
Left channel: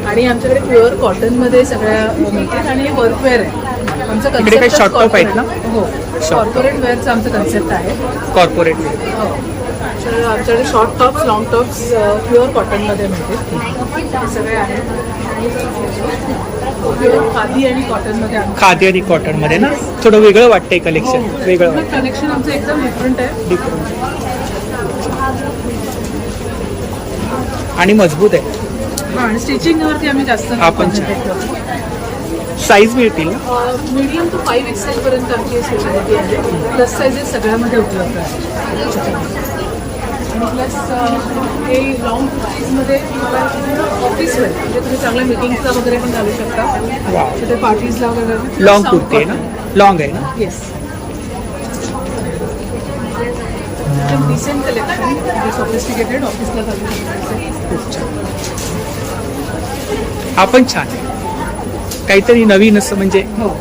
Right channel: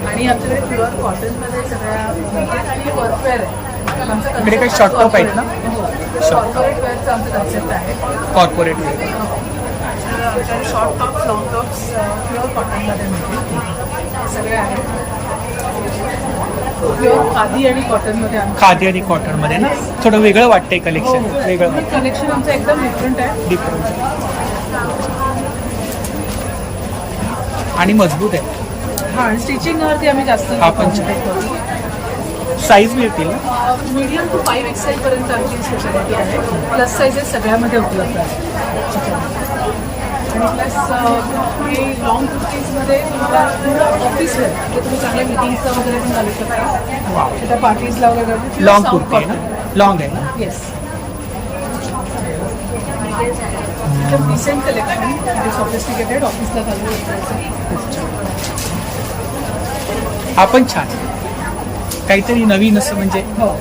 आणि आमच्याकडे प्युअर कॉटनमध्ये सगळ्या मिळतात आणि हे वर्कवेअर आहे. आमचं इकडे काही शॉर्ट टॉप आहेत ना? हो, शॉर्ट टॉप, कॉर्पोरेट वेअरचं आमचं कन्सेप्ट आहे. Corporate wear. सो आमच्याकडे short tops, long tops pure कॉटनमध्ये मिळतील. हे सगळे आहेत प्युअर खादी आणि कॉटनमध्ये. खादी आणि कॉटनमध्ये ना? थोडं वेगळं वाटतंय कलेक्शन. वेगळं वाटतं. कलेक्शन आमचं एकदम डिफरंट आहे. डिफरंट आणि मजबूत आहे. हा, आणि स्टिचिंगवरती आम्ही जास्त कॉन्सन्ट्रेट करतो. साईज मिळतील ना? मीडियम टू 5 XL पर्यंत आमची स्पेशालिटी आहे. प्लस साईजेस सगळ्यामध्ये उपलब्ध आहे. आणि प्लस हे लॉंग कुर्तीजमध्ये तुम्हाला पूर्ण ऑफिस वेअर, म्हणजे तुम्ही चांगल्या मिटिंग्सला वगैरे पण घालू शकता. वाव, छोट्या पार्टीजला वगैरे. लॉंग कुर्ती आहे ना? लॉंग आहे ना? येस. एकदम डिसेंट कलेक्शन, म्हणजे सॉफिस्टिकेटेड ऑफिसला घालू शकता. खूप छान. आपण छान काहीतरी नवीन असं म्हणजे. हो,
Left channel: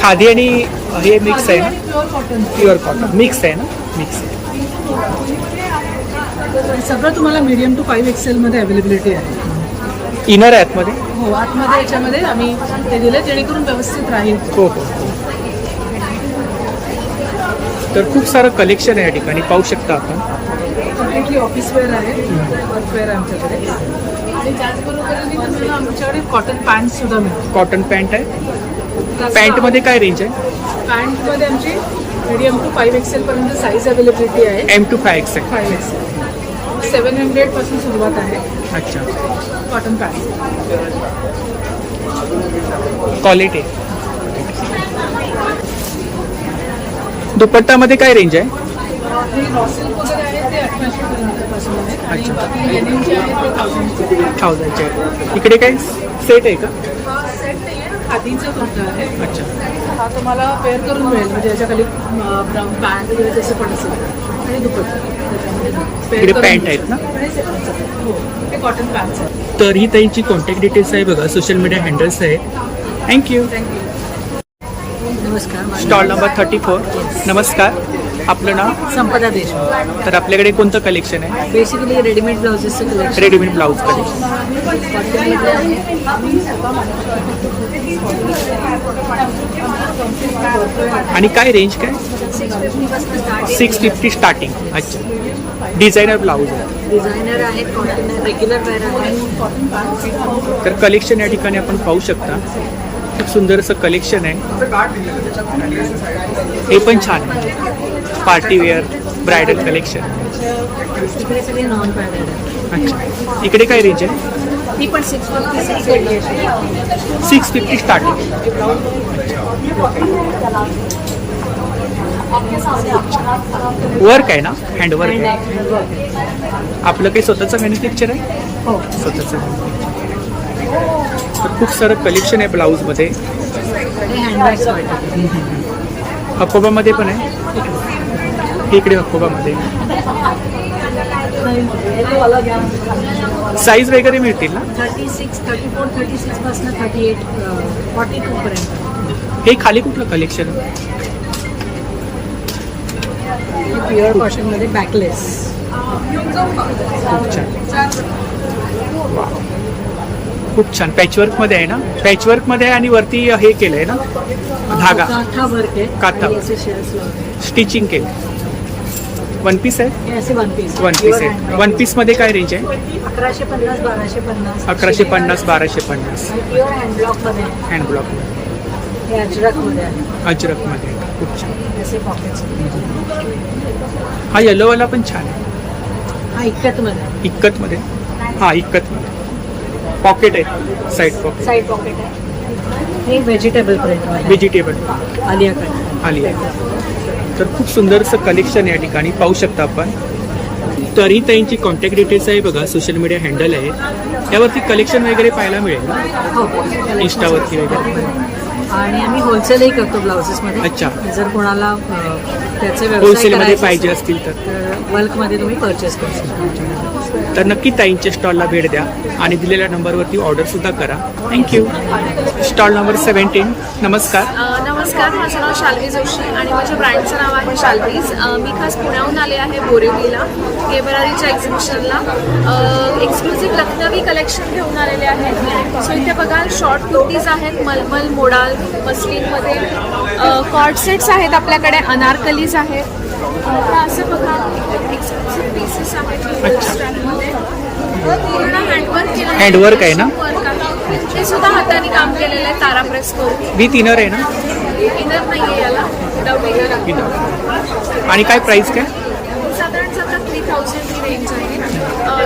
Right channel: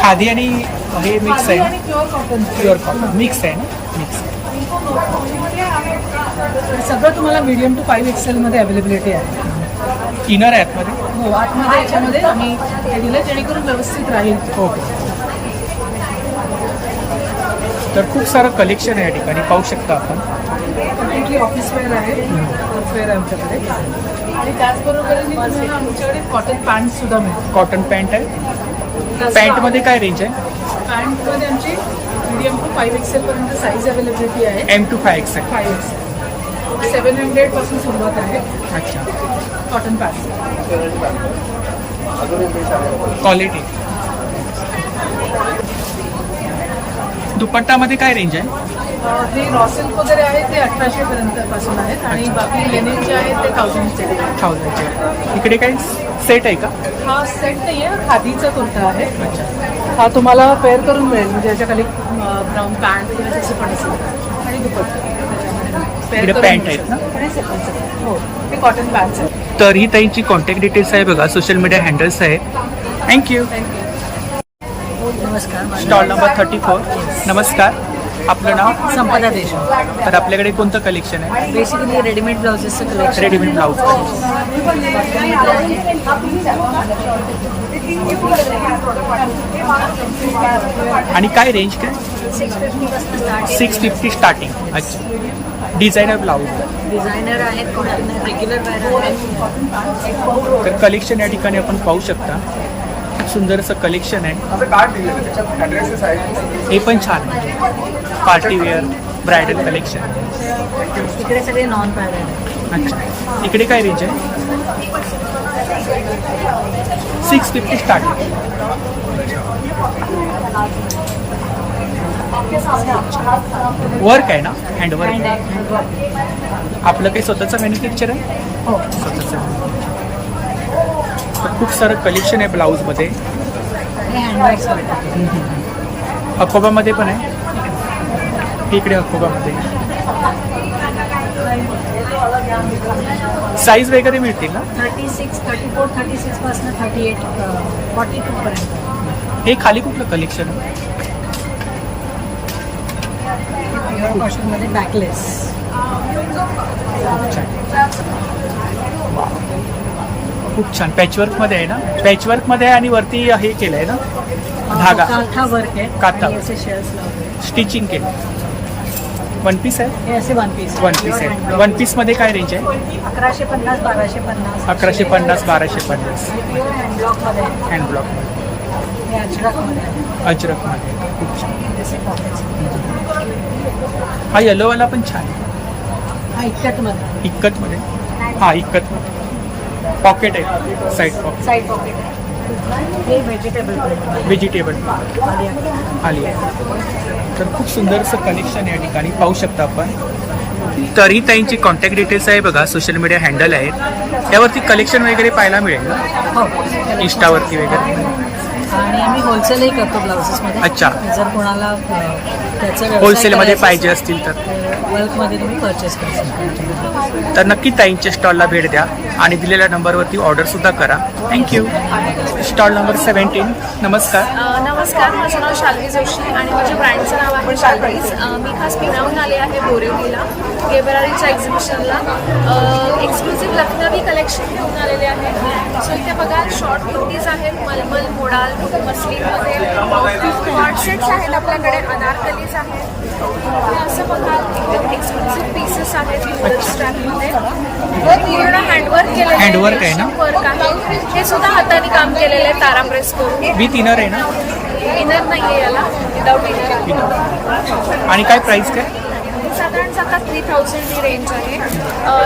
खादी आणि हे मिक्स आहे आणि ना? Pure cotton. Pure cotton mix आहे ना? मिक्स आहे. सगळं तुम्हाला मीडियम टू 5 XL मध्ये अवेलेबिलिटी आहे. इनर आहे आतमध्ये. हो, आतमध्ये याच्यामध्ये आम्ही हे दिले जेणेकरून व्यवस्थित राहील. हो हो. तर खूप सारं कलेक्शन आहे या ठिकाणी पाहू शकता आपण. कम्प्लिटली ऑफिस वेअर आहे, वर्क वेअर आहे आमच्याकडे. आणि त्याचबरोबरीने तुम्हाला आमच्याकडे कॉटन पॅन्ट सुद्धा मिळते. कॉटन पॅन्ट आहे. पॅन्टमध्ये काय रेंज आहे? पॅन्टमध्ये आमची मीडियम टू 5XL पर्यंत साईज अवेलेबिलिटी आहे. M to 5XL. 5XL 700 पासून सुरुवात आहे अच्छा. Cotton pant. क्वालिटी. दुपट्टामध्ये काय रेंज आहे? हे रॉसेल वगैरे आहे ते 1800 पर्यंत पासून आहेत आणि बाकी लेनिन जे आहेत ते 1000चे. इकडे काय सेट आहे का? हा सेट नाही आहे, खादीचा कुर्ता आहे. अच्छा. हा तुम्हाला पेअर करून मिळेल, म्हणजे याच्या खाली ब्राऊन पॅन्ट वगैरे जसं पण असेल आणि दुपट्टा त्याच्यामध्ये इकडे पॅन्ट आहेत ना? हो, ते कॉटन पॅन्ट्स आहेत. तर ही त्यांची कॉन्टॅक्ट डिटेल्स आहे बघा, सोशल मीडिया हँडल्स आहेत. थँक्यू. थँक्यू. नमस्कार. Stall number 34. नमस्कार, आपलं नाव? संपदा देशमुख. तर आपल्याकडे कोणतं कलेक्शन आहे? बेसिकली रेडीमेड ब्लाउजेसचं कलेक्शन. Readymade blouse collection. कॉटनमधले आहे. आणि काय रेंज काय? 650 पासून स्टार्ट. 650 स्टार्टिंग. अच्छा. डिझायनर ब्लाऊज आहे. डिझायनर आहेत, कॉटन आहे, रेग्युलर वेअर आहे. तर कलेक्शन या ठिकाणी आपण पाहू शकता. खूप सुंदर असं कलेक्शन आहे. हे पण छान आहे. Party wear bridal collection. इकडे सगळे नॉन पॅडेड आहे. अच्छा. इकडे काय रेंज आहे? ही पण 650. 650 स्टार्टिंग. वर्क आहे ना? हँडवर्क आहे. हँडवर्क. आपलं काही स्वतःचं मॅन्युफॅक्चर आहे? हो. स्वतःचं. तर खूप सारं कलेक्शन आहे ब्लाऊजमध्ये. हे हँडबॅग्स वाटतं. हकोबामध्ये पण आहे. इकडे हकोबामध्ये साईज वगैरे मिळतील ना? 36, 34, 36 पासून 38, 42 पर्यंत. हे खाली कुठलं कलेक्शन आहे? प्युअर कॉटन मध्ये बॅकलेस. खूप छान. वा, खूप छान. पॅचवर्क मध्ये आहे ना? पॅचवर्क मध्ये आहे आणि वरती हे केलंय ना धागा. काथा वर्क आहे. काथा. आणि असे शेअर्स लावले. स्टिचिंग केलं. वन पीस आहे. हे असे वन पीस. वन पीस आहे. वन पीस मध्ये काय रेंज आहे? 1150, 1250. 1150, 1250. प्युअर हँडब्लॉक मध्ये आहे. हँड ब्लॉक मध्ये. हे अजरक मध्ये आहे. अजरक मध्ये आहे. खूप छान. असे पॉकेट्स. हा येलो वाला पण छान आहे. हा इक्कत मध्ये. इक्कत मध्ये. हा इक्कत मध्ये पॉकेट आहे. Side pocket. साईड पॉकेट आहे. ही व्हेजिटेबल प्रिंट मध्ये. Vegetable Alia cut. आली आहे. तर खूप सुंदरसं कलेक्शन या ठिकाणी पाहू शकता आपण. तरी त्यांची कॉन्टॅक्ट डिटेल्स आहे बघा, सोशल मीडिया हँडल आहेत. यावरती कलेक्शन वगैरे पाहायला मिळेल ना? हो. इंस्टावरती वगैरे. आणि आम्ही होलसेलही करतो ब्लाउजेस मध्ये. अच्छा. जर कोणाला त्याचे होलसेलमध्ये पाहिजे असतील तर बल्कमध्ये तुम्ही परचेस करू शकता. तर नक्की ताईंच्या स्टॉलला भेट द्या आणि दिलेल्या नंबरवरती ऑर्डर सुद्धा करा. थँक्यू. Stall number 17. नमस्कार. नमस्कार, माझं नाव शाल्वी जोशी आणि माझ्या ब्रँडचं नाव आहे शाल्वीज. मी खास पुण्याहून आले आहे बोरिवलीला गेबरारीच्या एक्झिबिशनला. एक्सक्लुझिव्ह लखनवी कलेक्शन घेऊन आलेले आहे. सो इथे बघा शॉर्ट कुर्तीज आहेत, मलमल, मोडाल, मस्लिनमध्ये. कॉर्ड सेट्स आहेत आपल्याकडे, अनारकलीज आहेत. असं बघा एकदम एक्सक्लुझिव्ह पीसेस आहेत स्टॅकमध्ये. पूर्ण हँडवर्क केलेलं आहे. हँडवर्क आहे ना? वर्क आहे. हे सुद्धा हाताने काम केलेलं आहे तारा प्रेस करून. विथ इनर आहे ना? इनर नाहीये याला, विदाउट इनर आहे. आणि काय प्राइस काय? साधारण आता 3000 ही रेंज आहे.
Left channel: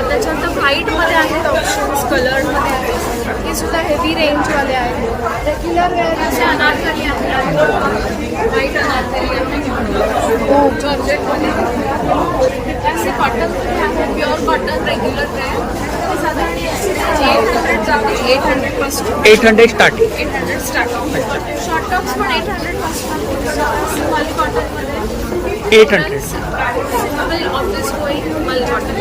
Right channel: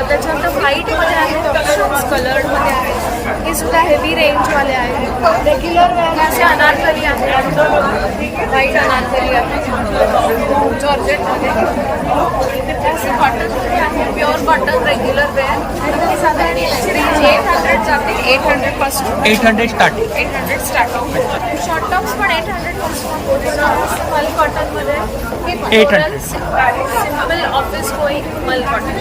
त्याच्यानंतर व्हाईटमध्ये आहेत ऑप्शन्स, कलर्डमध्ये आहेत. हे सुद्धा हेवी रेंजवाले आहेत. रेग्युलर वेअर असे अनारकली आहे, व्हाईट अनारकली आहे, जॉर्जेटमध्ये. असे कॉटनमध्ये आहे, प्युअर कॉटन रेग्युलर वेअर. हे साधारण याची रेंज 800 जाते. 800 पासून 800 स्टार्टिंग. 800 स्टार्टिंग. शॉर्ट टॉप्स पण 800 पासून आहेत. मल कॉटनमध्ये 800. सिम्पल ऑफिस गोईंग मल कॉटन.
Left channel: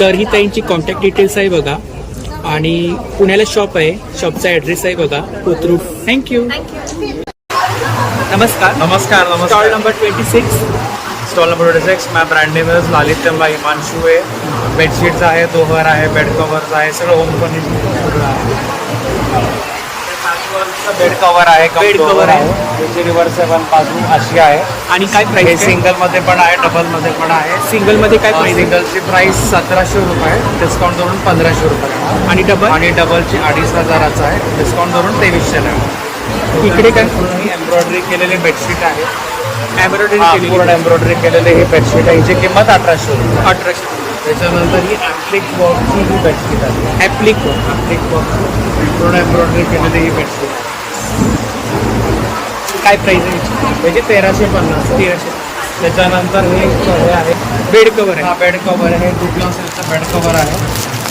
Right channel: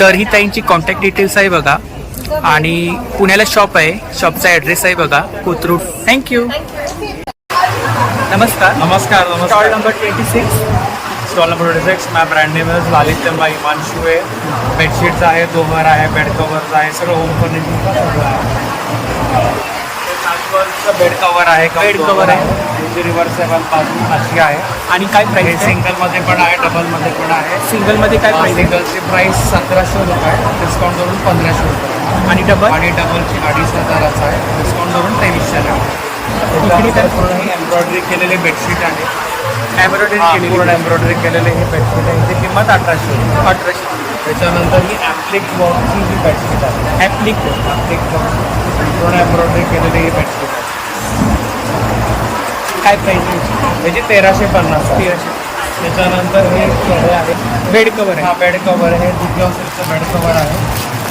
तर ही ताईंची कॉन्टॅक्ट डिटेल्स आहे बघा आणि पुण्याला शॉप आहे. शॉपचा ॲड्रेस आहे बघा, कोथरूड. थँक्यू. नमस्कार. नमस्कार. Stall number 26. Stall number 26. My brand name is Lalitya. My Himanshu है. बेडशीटचं आहे, दोहर आहे, बेड कव्हरचं आहे, सगळं होम फर्निशिंगचं सगळं आहे. बेड कव्हर आहे, बेड कव्हर आहे. रिव्हर्सेबल बाजू अशी आहे. आणि काय प्राइस सिंगल मध्ये पण आहे, डबल मध्ये पण आहे. सिंगल मध्ये काय प्राइस आहे? सिंगलची प्राइस 1700 रुपये, डिस्काउंट करून 1500 रुपये राहणार. आणि डबल आणि डबलची 2500 आहे, डिस्काउंट करून 2300 राहणार. इकडे काय पूर्ण ही एम्ब्रॉयडरी केलेली बेडशीट आहे. एम्ब्रॉयडरी केलेली एम्ब्रॉयडरी केलेली ही बेडशीट आहे. हिची किंमत 1800 रुपये. 1800. त्याच्यानंतर ही ॲप्लिक वर्कची ही बेडशीट आहे. ॲप्लिक वर्कची पूर्ण एम्ब्रॉयडरी केलेली ही बेडशीट आहे. काय प्राइस आहे याची 1350 आहे. 1350. त्याच्यानंतर हे आहे बेड कव्हर हा आहे. बेड कव्हर आहे, दुसऱ्या सेटचं बेड कव्हर आहे.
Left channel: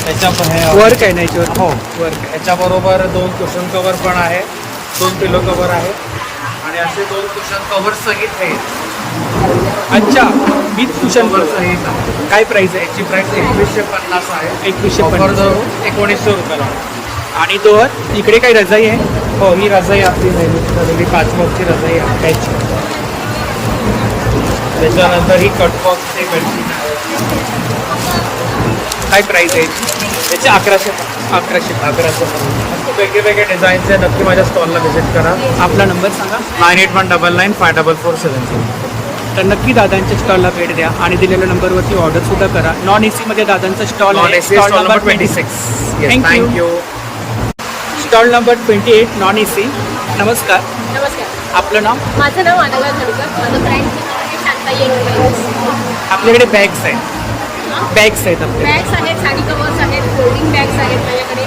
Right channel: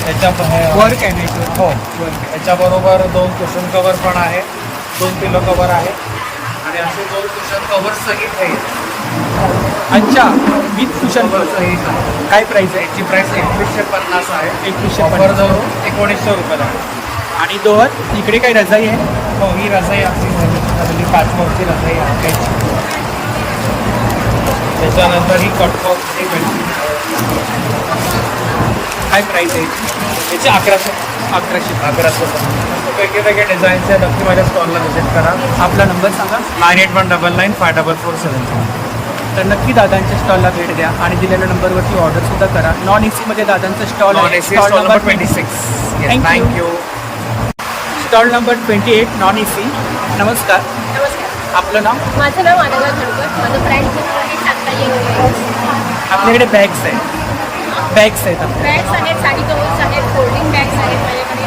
त्याच्या वर्क आहे ना याच्यावर? हो वर्क. याच्याबरोबर 2 कुशन कव्हर पण आहे, 2 पिलो कव्हर आहे आणि असे 2 कुशन कव्हर सहित आहे. अच्छा, विथ कुशन कव्हर कव्हर. सहित आहे. काय प्राइस आहे? याची प्राइस 2150 आहे. 2150. ऑफर धरून 1900 रुपयाला आहे. आणि दोहर इकडे काय रजाई आहे? हो, ही रजाई आपली नेहमीची झालेली पॅचवर्कची रजाई आहे त्याची. त्याच्यानंतर ही कटवर्कची बेडशीट आहे. काय प्राइस आहे? त्याची 1100. 1100. वेगवेगळ्या डिझाईन्स आहे. नक्की माझ्या स्टॉलला व्हिजिट करा. आपला नंबर सांगा. 9819954470. तर नक्की दादांच्या स्टॉलला भेट द्या आणि दिलेल्या नंबरवरती ऑर्डर सुद्धा करा. नॉन एसी मध्ये दादांचा स्टॉल नॉन आहे. AC stall number 26. Thank you. Thank you. Stall number 28 non AC. नमस्कार, नमस्कार, आपलं नाव? माझं नाव अनघा धडकर. माझं ब्रँडचं नाव आहे शांता येऊन. आपल्याकडे बॅग्स आहेत. बॅग्स आहेत आपल्याकडे. बॅग्स आहेत, साडी कवर्स आहेत, फोल्डिंग बॅग्स आहेत माझ्याकडे,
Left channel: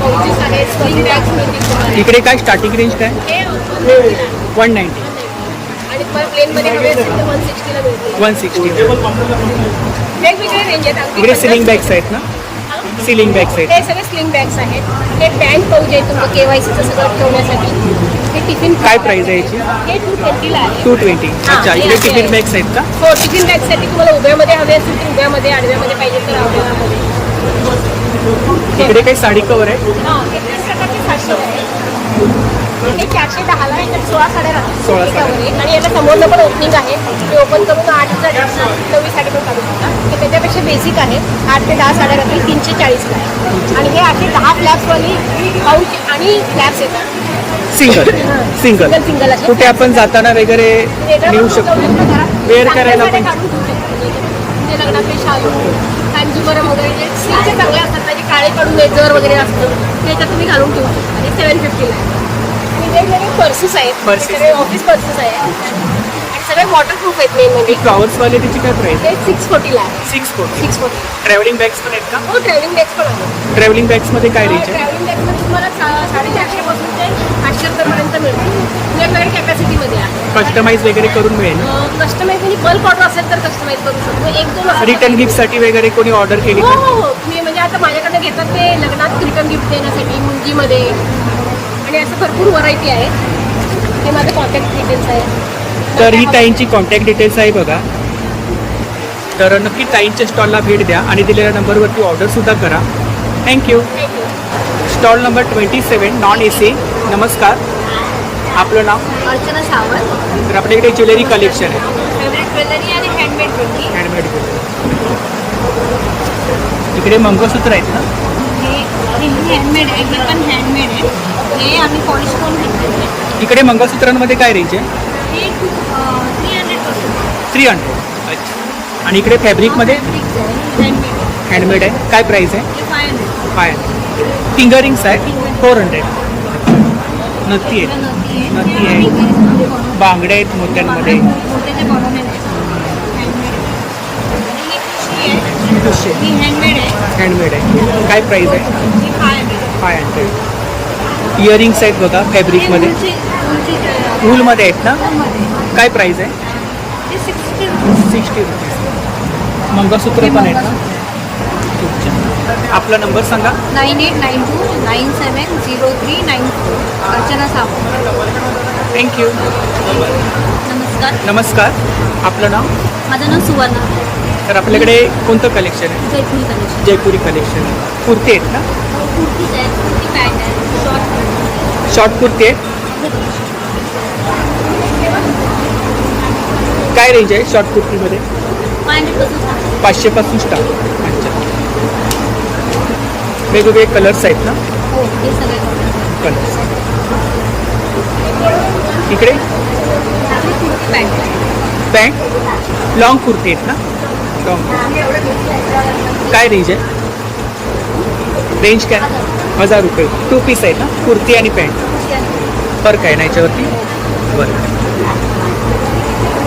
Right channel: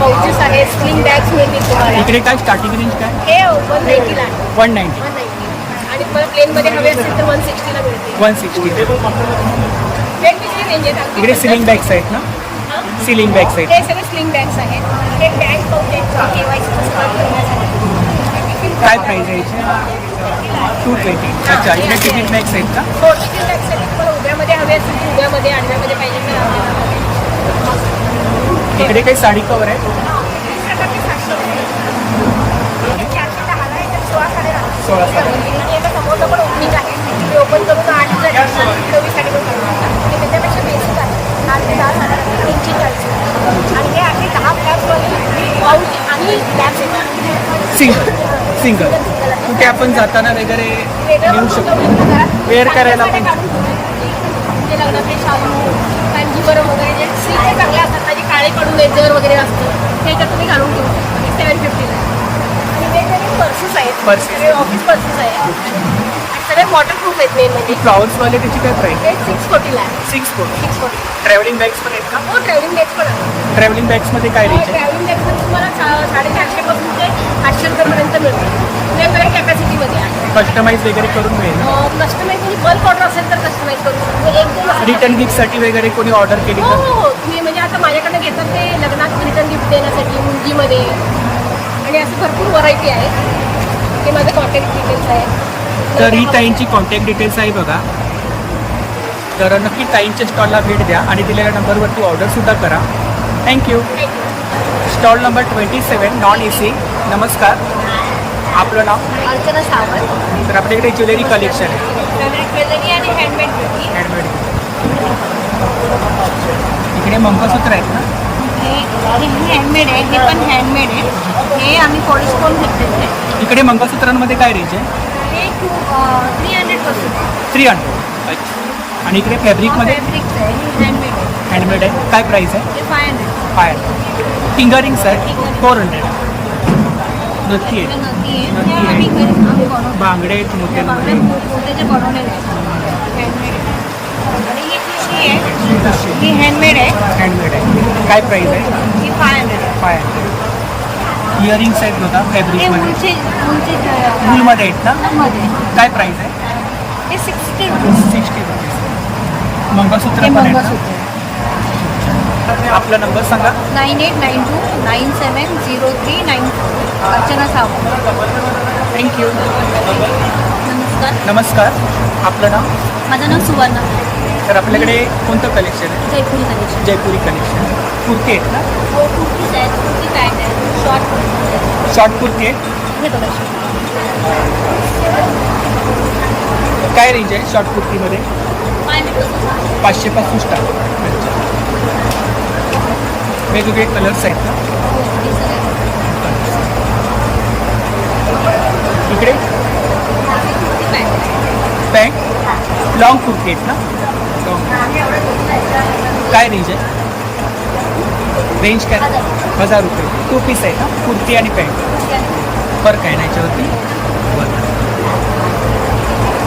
पाउचेस आहेत, स्लिंग बॅग्स मिळतील तुम्हाला. इकडे काय स्टार्टिंग रेंज काय? हे 190 ला आहे. 190. आणि तुम्हाला प्लेनमध्ये हवे असेल तर 160 ला मिळतील. 160. वेगवेगळे रेंज आहेत आमची. इकडे सिलिंग बॅग्स आहेत ना? हां? सिलिंग बॅग्स हे आहेत. सगळे स्लिंग बॅग्स आहेत. हे बँक पाऊच आहे तुमचं केवायसीचं सगळं ठेवण्यासाठी. हे टिफिन काय प्राइस आहे याची? हे 230 ला आहे. 220. अच्छा, इकडे टिफिन बॅग्स आहेत का? हो, टिफिन बॅगसाठी तुम्हाला उभ्यामध्ये हवे असेल तर उभ्यामध्ये, आडव्यामध्ये पाहिजे तर आडव्यामध्ये. इकडे काही साडी कवर आहे? हां, हे 410 आहे. हे 410 ला आहे. 16 साड्या राहतात. 16 साड्या. आणि आता समोरनं पण ओपनिंग आहे. ते ओपन करून 8 साड्या 24 साडी पण पाहू शकता. ते त्याच्यापेक्षा बेसिक आहे. 8 ते 10 साड्या राहतील. 340 मध्ये. आणि हे आपली 10 फ्लॅप्सवाली आणि फ्लॅप्स आहेत. सिंगल सिंगल सिंगल असे कुठे आपण जाताना वगैरे नेऊ शकतो, घरात वेअर करायला पण. काढून ठेवू शकतो. म्हणजे लग्नातले शालू, कांजीवरम वगैरे जे स्त्रीचे चांगले असतात ना, जे काळे पडून लेझर वगैरे असतं, त्याच्यात तुम्ही घालून ठेवू शकता. आणि 750 ला आहे. आणि वेगवेगळे पर्सेस आहेत. Purses. सगळे ऑफिस पर्सेस आहेत. आणि सगळे वॉटरप्रूफ आहेत नेहमी. फ्लॉवर्स वाले त्याची काय प्राइस आहे? हे 640 ला आहे. 640. 640. ट्रॅव्हलिंग बॅग्स पण आहेत का? हो, ट्रॅव्हलिंग बॅग्स पण आहे. ट्रॅव्हलिंग बॅग्स मध्ये काय रेंज आहे? ट्रॅव्हलिंग बॅग्स तुम्हाला 450 पासून ते 800 रुपयापर्यंत मिळतील. वेगवेगळ्या कॅपॅसिटीमध्ये आहे. कस्टमाइज वगैरे करून मिळेल? कस्टमाइज म्हणजे बल्क ऑर्डर असेल तर कस्टमाइज करू शकतो. 1-2 असेल तर रिटर्न गिफ्ट साठी वगैरे कोणी ऑर्डर केली हो तर? हो हो, तुम्ही म्हणजे आता माझ्याकडे घेतात ते लग्नात रिटर्न गिफ्ट देण्यासाठी, मुंजीमध्ये, आणि असं भरपूर व्हरायटी आहे. हे माझे कॉन्टॅक्ट डिटेल्स आहे. तर ही ताईंची कॉन्टॅक्ट डिटेल्स आहे बघा. तर नक्की ताईंच्या स्टॉलला भेट द्या आणि दिलेल्या नंबरवरती ऑर्डर सुद्धा करा. Thank you. Thank you. Stall number 27 non AC. नमस्कार, आपलं नाव? अर्चना सावंत. तर आपल्याकडे ज्वेलरी कलेक्शन आहे. फेवरेट ज्वेलरी आणि हँडमेड ज्वेलरी. Handmade jewellery. इकडे मंगळसूत्र आहेत ना? हे हँडमेड आहे. हे पण हँडमेड आहे. हे आम्ही पॉलिश करून घेतलेलं आहे. इकडे मंगळसूत्रांमध्ये काय रेंज आहे? हे 300%. 300. अच्छा. आणि इकडे फॅब्रिकमध्ये फॅब्रिक आहे. हे हँडमेड आहे. हँडमेड आहे. काय प्राइस आहे? हे 500. 500. फिंगरिंग्स आहे 400. नथी हे आहे, नथी आहे. नथी हे आहे. आम्ही घरी- आम्ही बनवतो. बांगडे आहेत मोत्यांमध्ये. मोत्याचे बनवलेले आहे. हँडमेड आहे. ही कसे? ही हँडमेड आहे. हँडमेड आहे. काय प्राइस आहे? ही 500 आहे. 500. इयरिंग्स आहेत बघा हे फॅब्रिकमध्ये, उंचीचे आहे. वूलमध्ये आहेत ना? मध्ये. काय प्राइस आहे? हे 60 रुपीज. 60 रुपीज. मंगळसूत्र पण आहेत ना? ठीक आहे. आपला नंबर सांगा. 9892 970394. अर्चना सावंत. थँक्यू. नमस्कार, नमस्कार, आपलं नाव? माझं नाव सुवर्णा. तर आपल्याकडे कोणतं कलेक्शन आहे? जयपुरी कलेक्शन. जयपुरी कलेक्शन आहे. कुर्ती आहेत ना? हो, कुर्तीज आहेत, कुर्ती पॅन्ट आहे, शॉर्ट. शॉर्ट कुर्ती आहे. हे बघा. काय रेंज आहे शॉर्ट कुर्तीमध्ये? 500 500 पासून स्टार्ट. अच्छा. वेगवेगळे कलर्स आहेत ना? हो हे सगळं कलर्स. इकडे पॅन्ट लॉंग कुर्ती आहेत ना? लॉंग काय रेंज आहे? रेंज काय? 1000 रुपये. 2 पीस आहे ना? कुर्ती आणि पॅन्ट. फरक आहे ना याच्यावरती? बरं.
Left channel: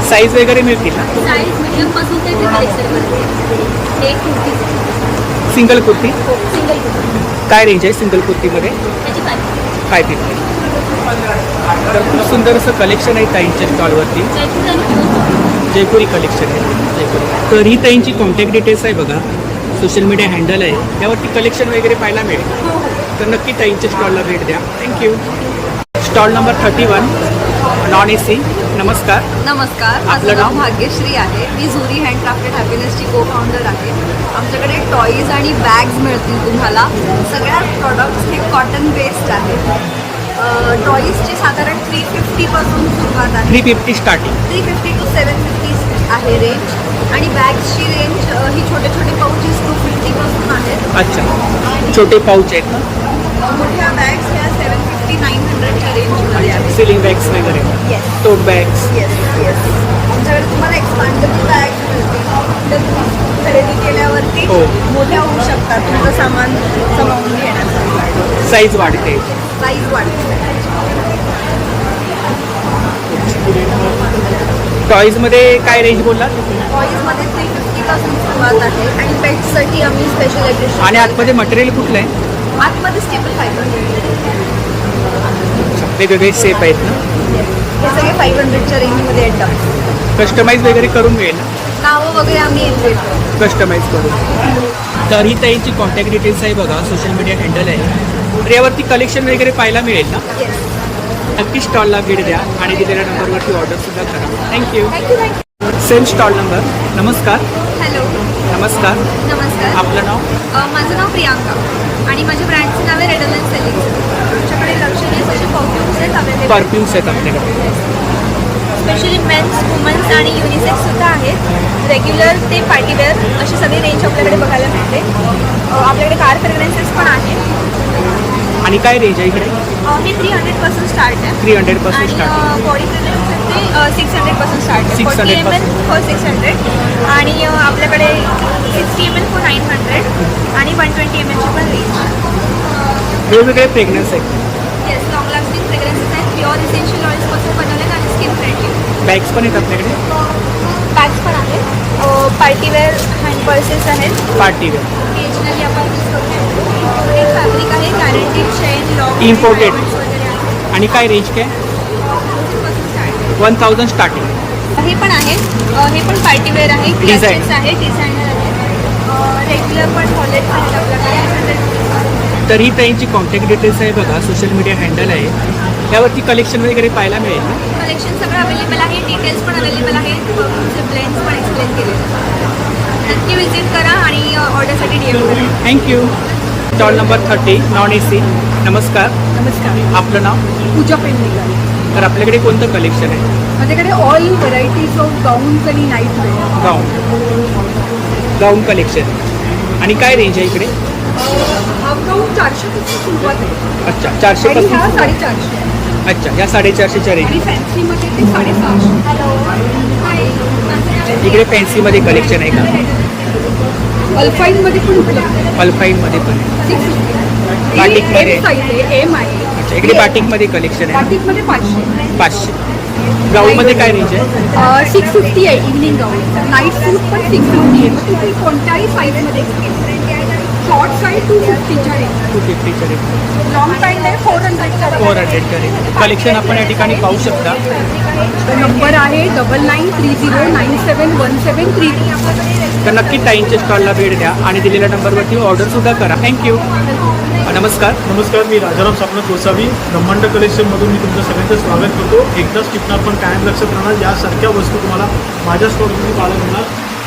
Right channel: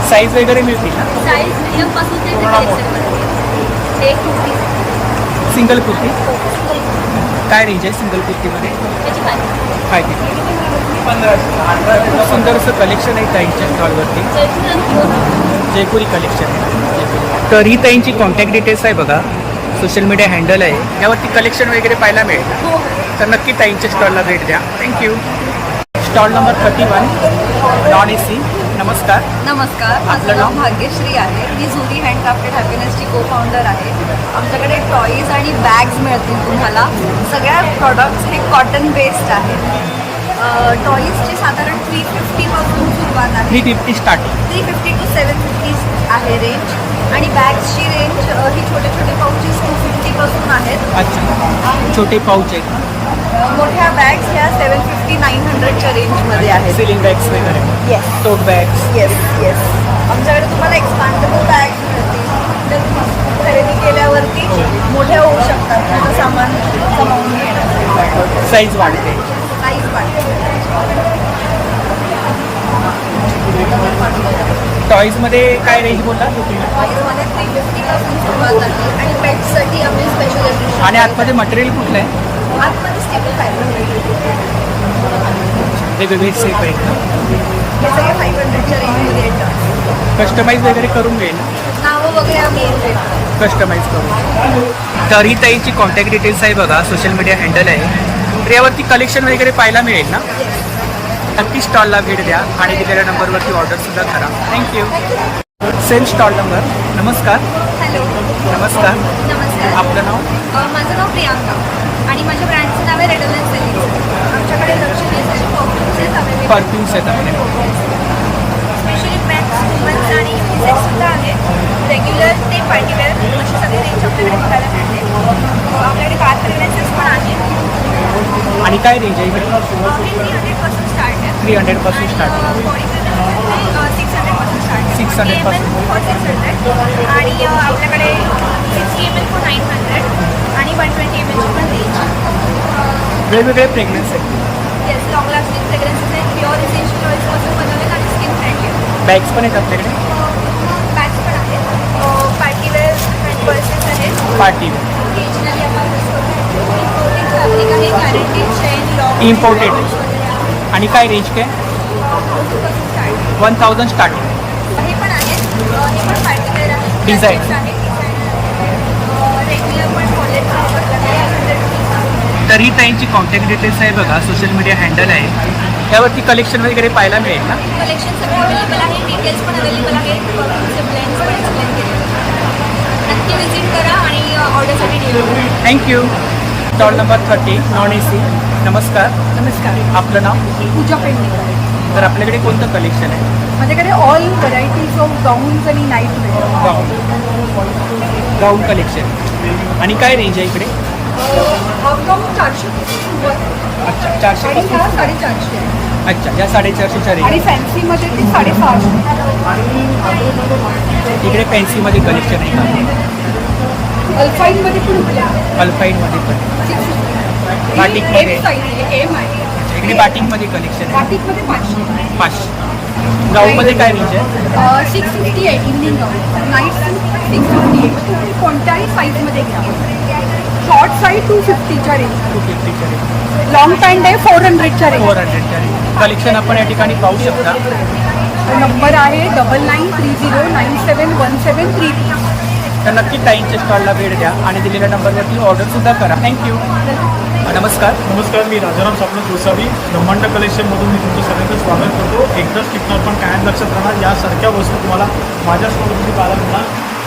साईज वगैरे मिळतील ना? साईज मीडियम पासून ते ट्रिपल एक्सेल पर्यंत. हे कुर्ती सिंगल कुर्ती हो सिंगल कुर्ती काय रेंज आहे सिंगल कुर्तीमध्ये? त्याची 550. तर खूप सुंदर असं कलेक्शन आहे ताईंच्या स्टॉलवरती. जयपूर आणि प्युअर जयपुरी कलेक्शन आहे ना? जयपुरी. तर ही ताईंची कॉन्टॅक्ट डिटेल्स आहे बघा. सोशल मीडिया हँडल आहे, यावरती कलेक्शन वगैरे पाहायला मिळेल ना? तर नक्की ताईंच्या स्टॉलला भेट द्या. Thank you. Stall number 31 non AC. नमस्कार. नमस्कार, आपलं माझं नाव? नाव भाग्यश्री आहे. मी झुरी हँडक्राफ्टेड हॅपीनेसची को फाउंडर आहे. आमच्याकडे टॉईज आणि बॅग्स मिळतील तुम्हाला. सगळ्या प्रॉडक्ट्स हे कॉटन बेस्ड आहेत. टॉईजची साधारण 350 पासून सुरुवात आहे. 350 स्टार्टिंग. 350 to 750 आहे रेंज. आणि बॅग्सची रेंज ही छोटे छोटे पाउचेस 250 पासून आहेत. अच्छा, छोटे पाऊच आहेत ना? मोठ्या बॅग्स ह्या 750-900च्या रेंजमध्ये आहेत. सिलिंग बॅग्स वगैरे, yes tote bags. Yes yes. आमच्याकडे तुम्हाला एक्सपांडेबल बॅग्स मिळतील. त्या तुम्ही खरेदी केल्यावरती हो. मोठ्या होऊ शकतात तुमचं सामान सामावून घेण्यासाठी. साईज वाढते. प्राईस वाढते. टॉईजमध्ये काय रेंज बोलला? टॉईजमध्ये 350 पासून सुरुवात आहे. आणि पेट्ससाठी आम्ही स्पेशल एडिशन. आणि आतमध्ये मटेरियल कुठलं आहे? आतमध्ये स्टेपल फायबर. वेगवेगळे शेप आहेत ना? हे सगळे 500च्या रेंजमध्ये येतात. कस्टमाइज वगैरे करून मिळेल ना? नावं वगैरे आम्ही एन्क्रिएट करतो. कस्टमाइज करून. तर ही ताईची कॉन्टॅक्ट डिटेल्स आहे बघा. सोशल मीडिया हँडल आहे. तर यावरती कलेक्शन वगैरे पाहायला मिळेल ना? येस. नक्की स्टॉलला भेट द्या आणि दिलेल्या नंबरवरती ऑर्डर सुद्धा करा. थँक्यू. Same stall number. नमस्कार. हॅलो. नमस्कार. नमस्कार. आपलं नाव? माझं नाव प्रियांका आणि माझ्या ब्रँडचं नाव आहे रेडल अँड सेलिंग. आमच्याकडे लक्झरीचे परफ्युम्स आहेत अवेलेबल. परफ्युम्स आहेत आपल्याकडे. स्पेशली मेन्स, वुमन्स आणि युनिसेक्स सुद्धा आहेत. रेग्युलर ते पार्टीवेअर अशी सगळी रेंज आपल्याकडे बघायला मिळते. आपल्याकडे कार फ्रेग्रन्सेस पण आहेत. आणि काय रेंज आहे इकडे? हे 300 पासून स्टार्ट आहे. 300 पासून स्टार्टिंग. बॉडी सेवन 600 पासून स्टार्ट. 600 पासून. 600 आणि आपल्याकडे 50 ml for 900 आणि 120 ml पण रेंज. वेगवेगळे फ्रेग्रन्स आहेत. येस, लॉंग लास्टिंग फ्रेग्रन्सेस आहेत. प्युअर इसेन्शियल ऑइल्सपासून बनवले आणि स्किन फ्रेंडली. बॅग्स पण आहेत आपल्याकडे. पॅक्स पण आहेत. पार्टीवेअर हँड पर्सेस आहेत. पार्टीवेअर. ओकेजनली आपण यूज करू शकतो. फॅब्रिक आहे, फॅब्रिकची चेन, लॉक, Imported. वगैरे आहेत. आणि काय रेंज काय? 1000 पासून स्टार्ट आहे. 1000 स्टार्टिंग. हे पण आहेत. हे पण पार्टीवेअर आहे. Designer. Clutches आहे, डिझायनर आहे. रेग्युलर पण वॉलेट्स आहेत आपल्याकडे 100 रुपीजमध्ये. तर ही ताईंची कॉन्टॅक्ट डिटेल्स आहे बघा. सोशल मीडिया हँडल आहे, यावरती कलेक्शन वगैरे पाहायला मिळेल ना? कलेक्शन सगळं अवेलेबल आहे. डिटेल्स पण अवेलेबल आहेत. परफ्युमचे ब्लेंड्स पण एक्सप्लेन केलेले. नक्की विजिट करा आणि ऑर्डरसाठी DM करा. Thank you. Stall number 30 non AC. नमस्कार. नमस्कार. आपलं नाव? पूजा पेडणेकर. तर आपल्याकडे कोणतं कलेक्शन आहे? माझ्याकडे ऑल व्हरायटीज ऑफ गाऊन्स आणि नाईट वेअर. गाऊन कलेक्शन. आणि काय रेंज आहे इकडे? हाफ गाऊन 400 पासून सुरुवात आहे. अच्छा, 400 आणि हा पासून. 450 आहे. अच्छा, या 450च्या आणि रेंज. फॅन्सीमध्ये ती 650. इकडे फॅन्सीमध्ये कलेक्शन आहे का? अल्फाईनमध्ये पण उपलब्ध आहे. अल्फाईनमध्ये पण. 650. बाटिकमध्ये. एम साईज आहे, एम आहे. इकडे बाटिकमध्ये कलेक्शन आहे बाटिकमध्ये 500. 500. गाऊनमध्ये काय रेंज आहे? 650 आहे इव्हनिंग गाऊन. नाईट सूट पण 650 आहे. मग तुम्ही कोणत्याही साईजमध्ये घ्या. शॉर्ट साईज 250च्या आहे. 250च्या रेंज. लॉंग पॅन्ट आहे 400च्या आहे. 400च्या रेंज. कलेक्शन आपण या ठिकाणी पाहू शकता. नंबर आहे 9930971732. तर नक्की ताईंच्या स्टॉलला भेट द्या आणि दिलेल्या नंबरवरती ऑर्डर सुद्धा करा. थँक्यू. नमस्कार. नमस्कार, मी राजाराम सामंत गोसावी. ब्रह्मांड कलेक्शनमधून मी तुमचं सगळ्यांचं स्वागत करतो. एकदाच टिपणार पण कायम लक्षात राहणार, यासारख्या वस्तू तुम्हाला माझ्या स्टोअरमध्ये पाहायला मिळणार.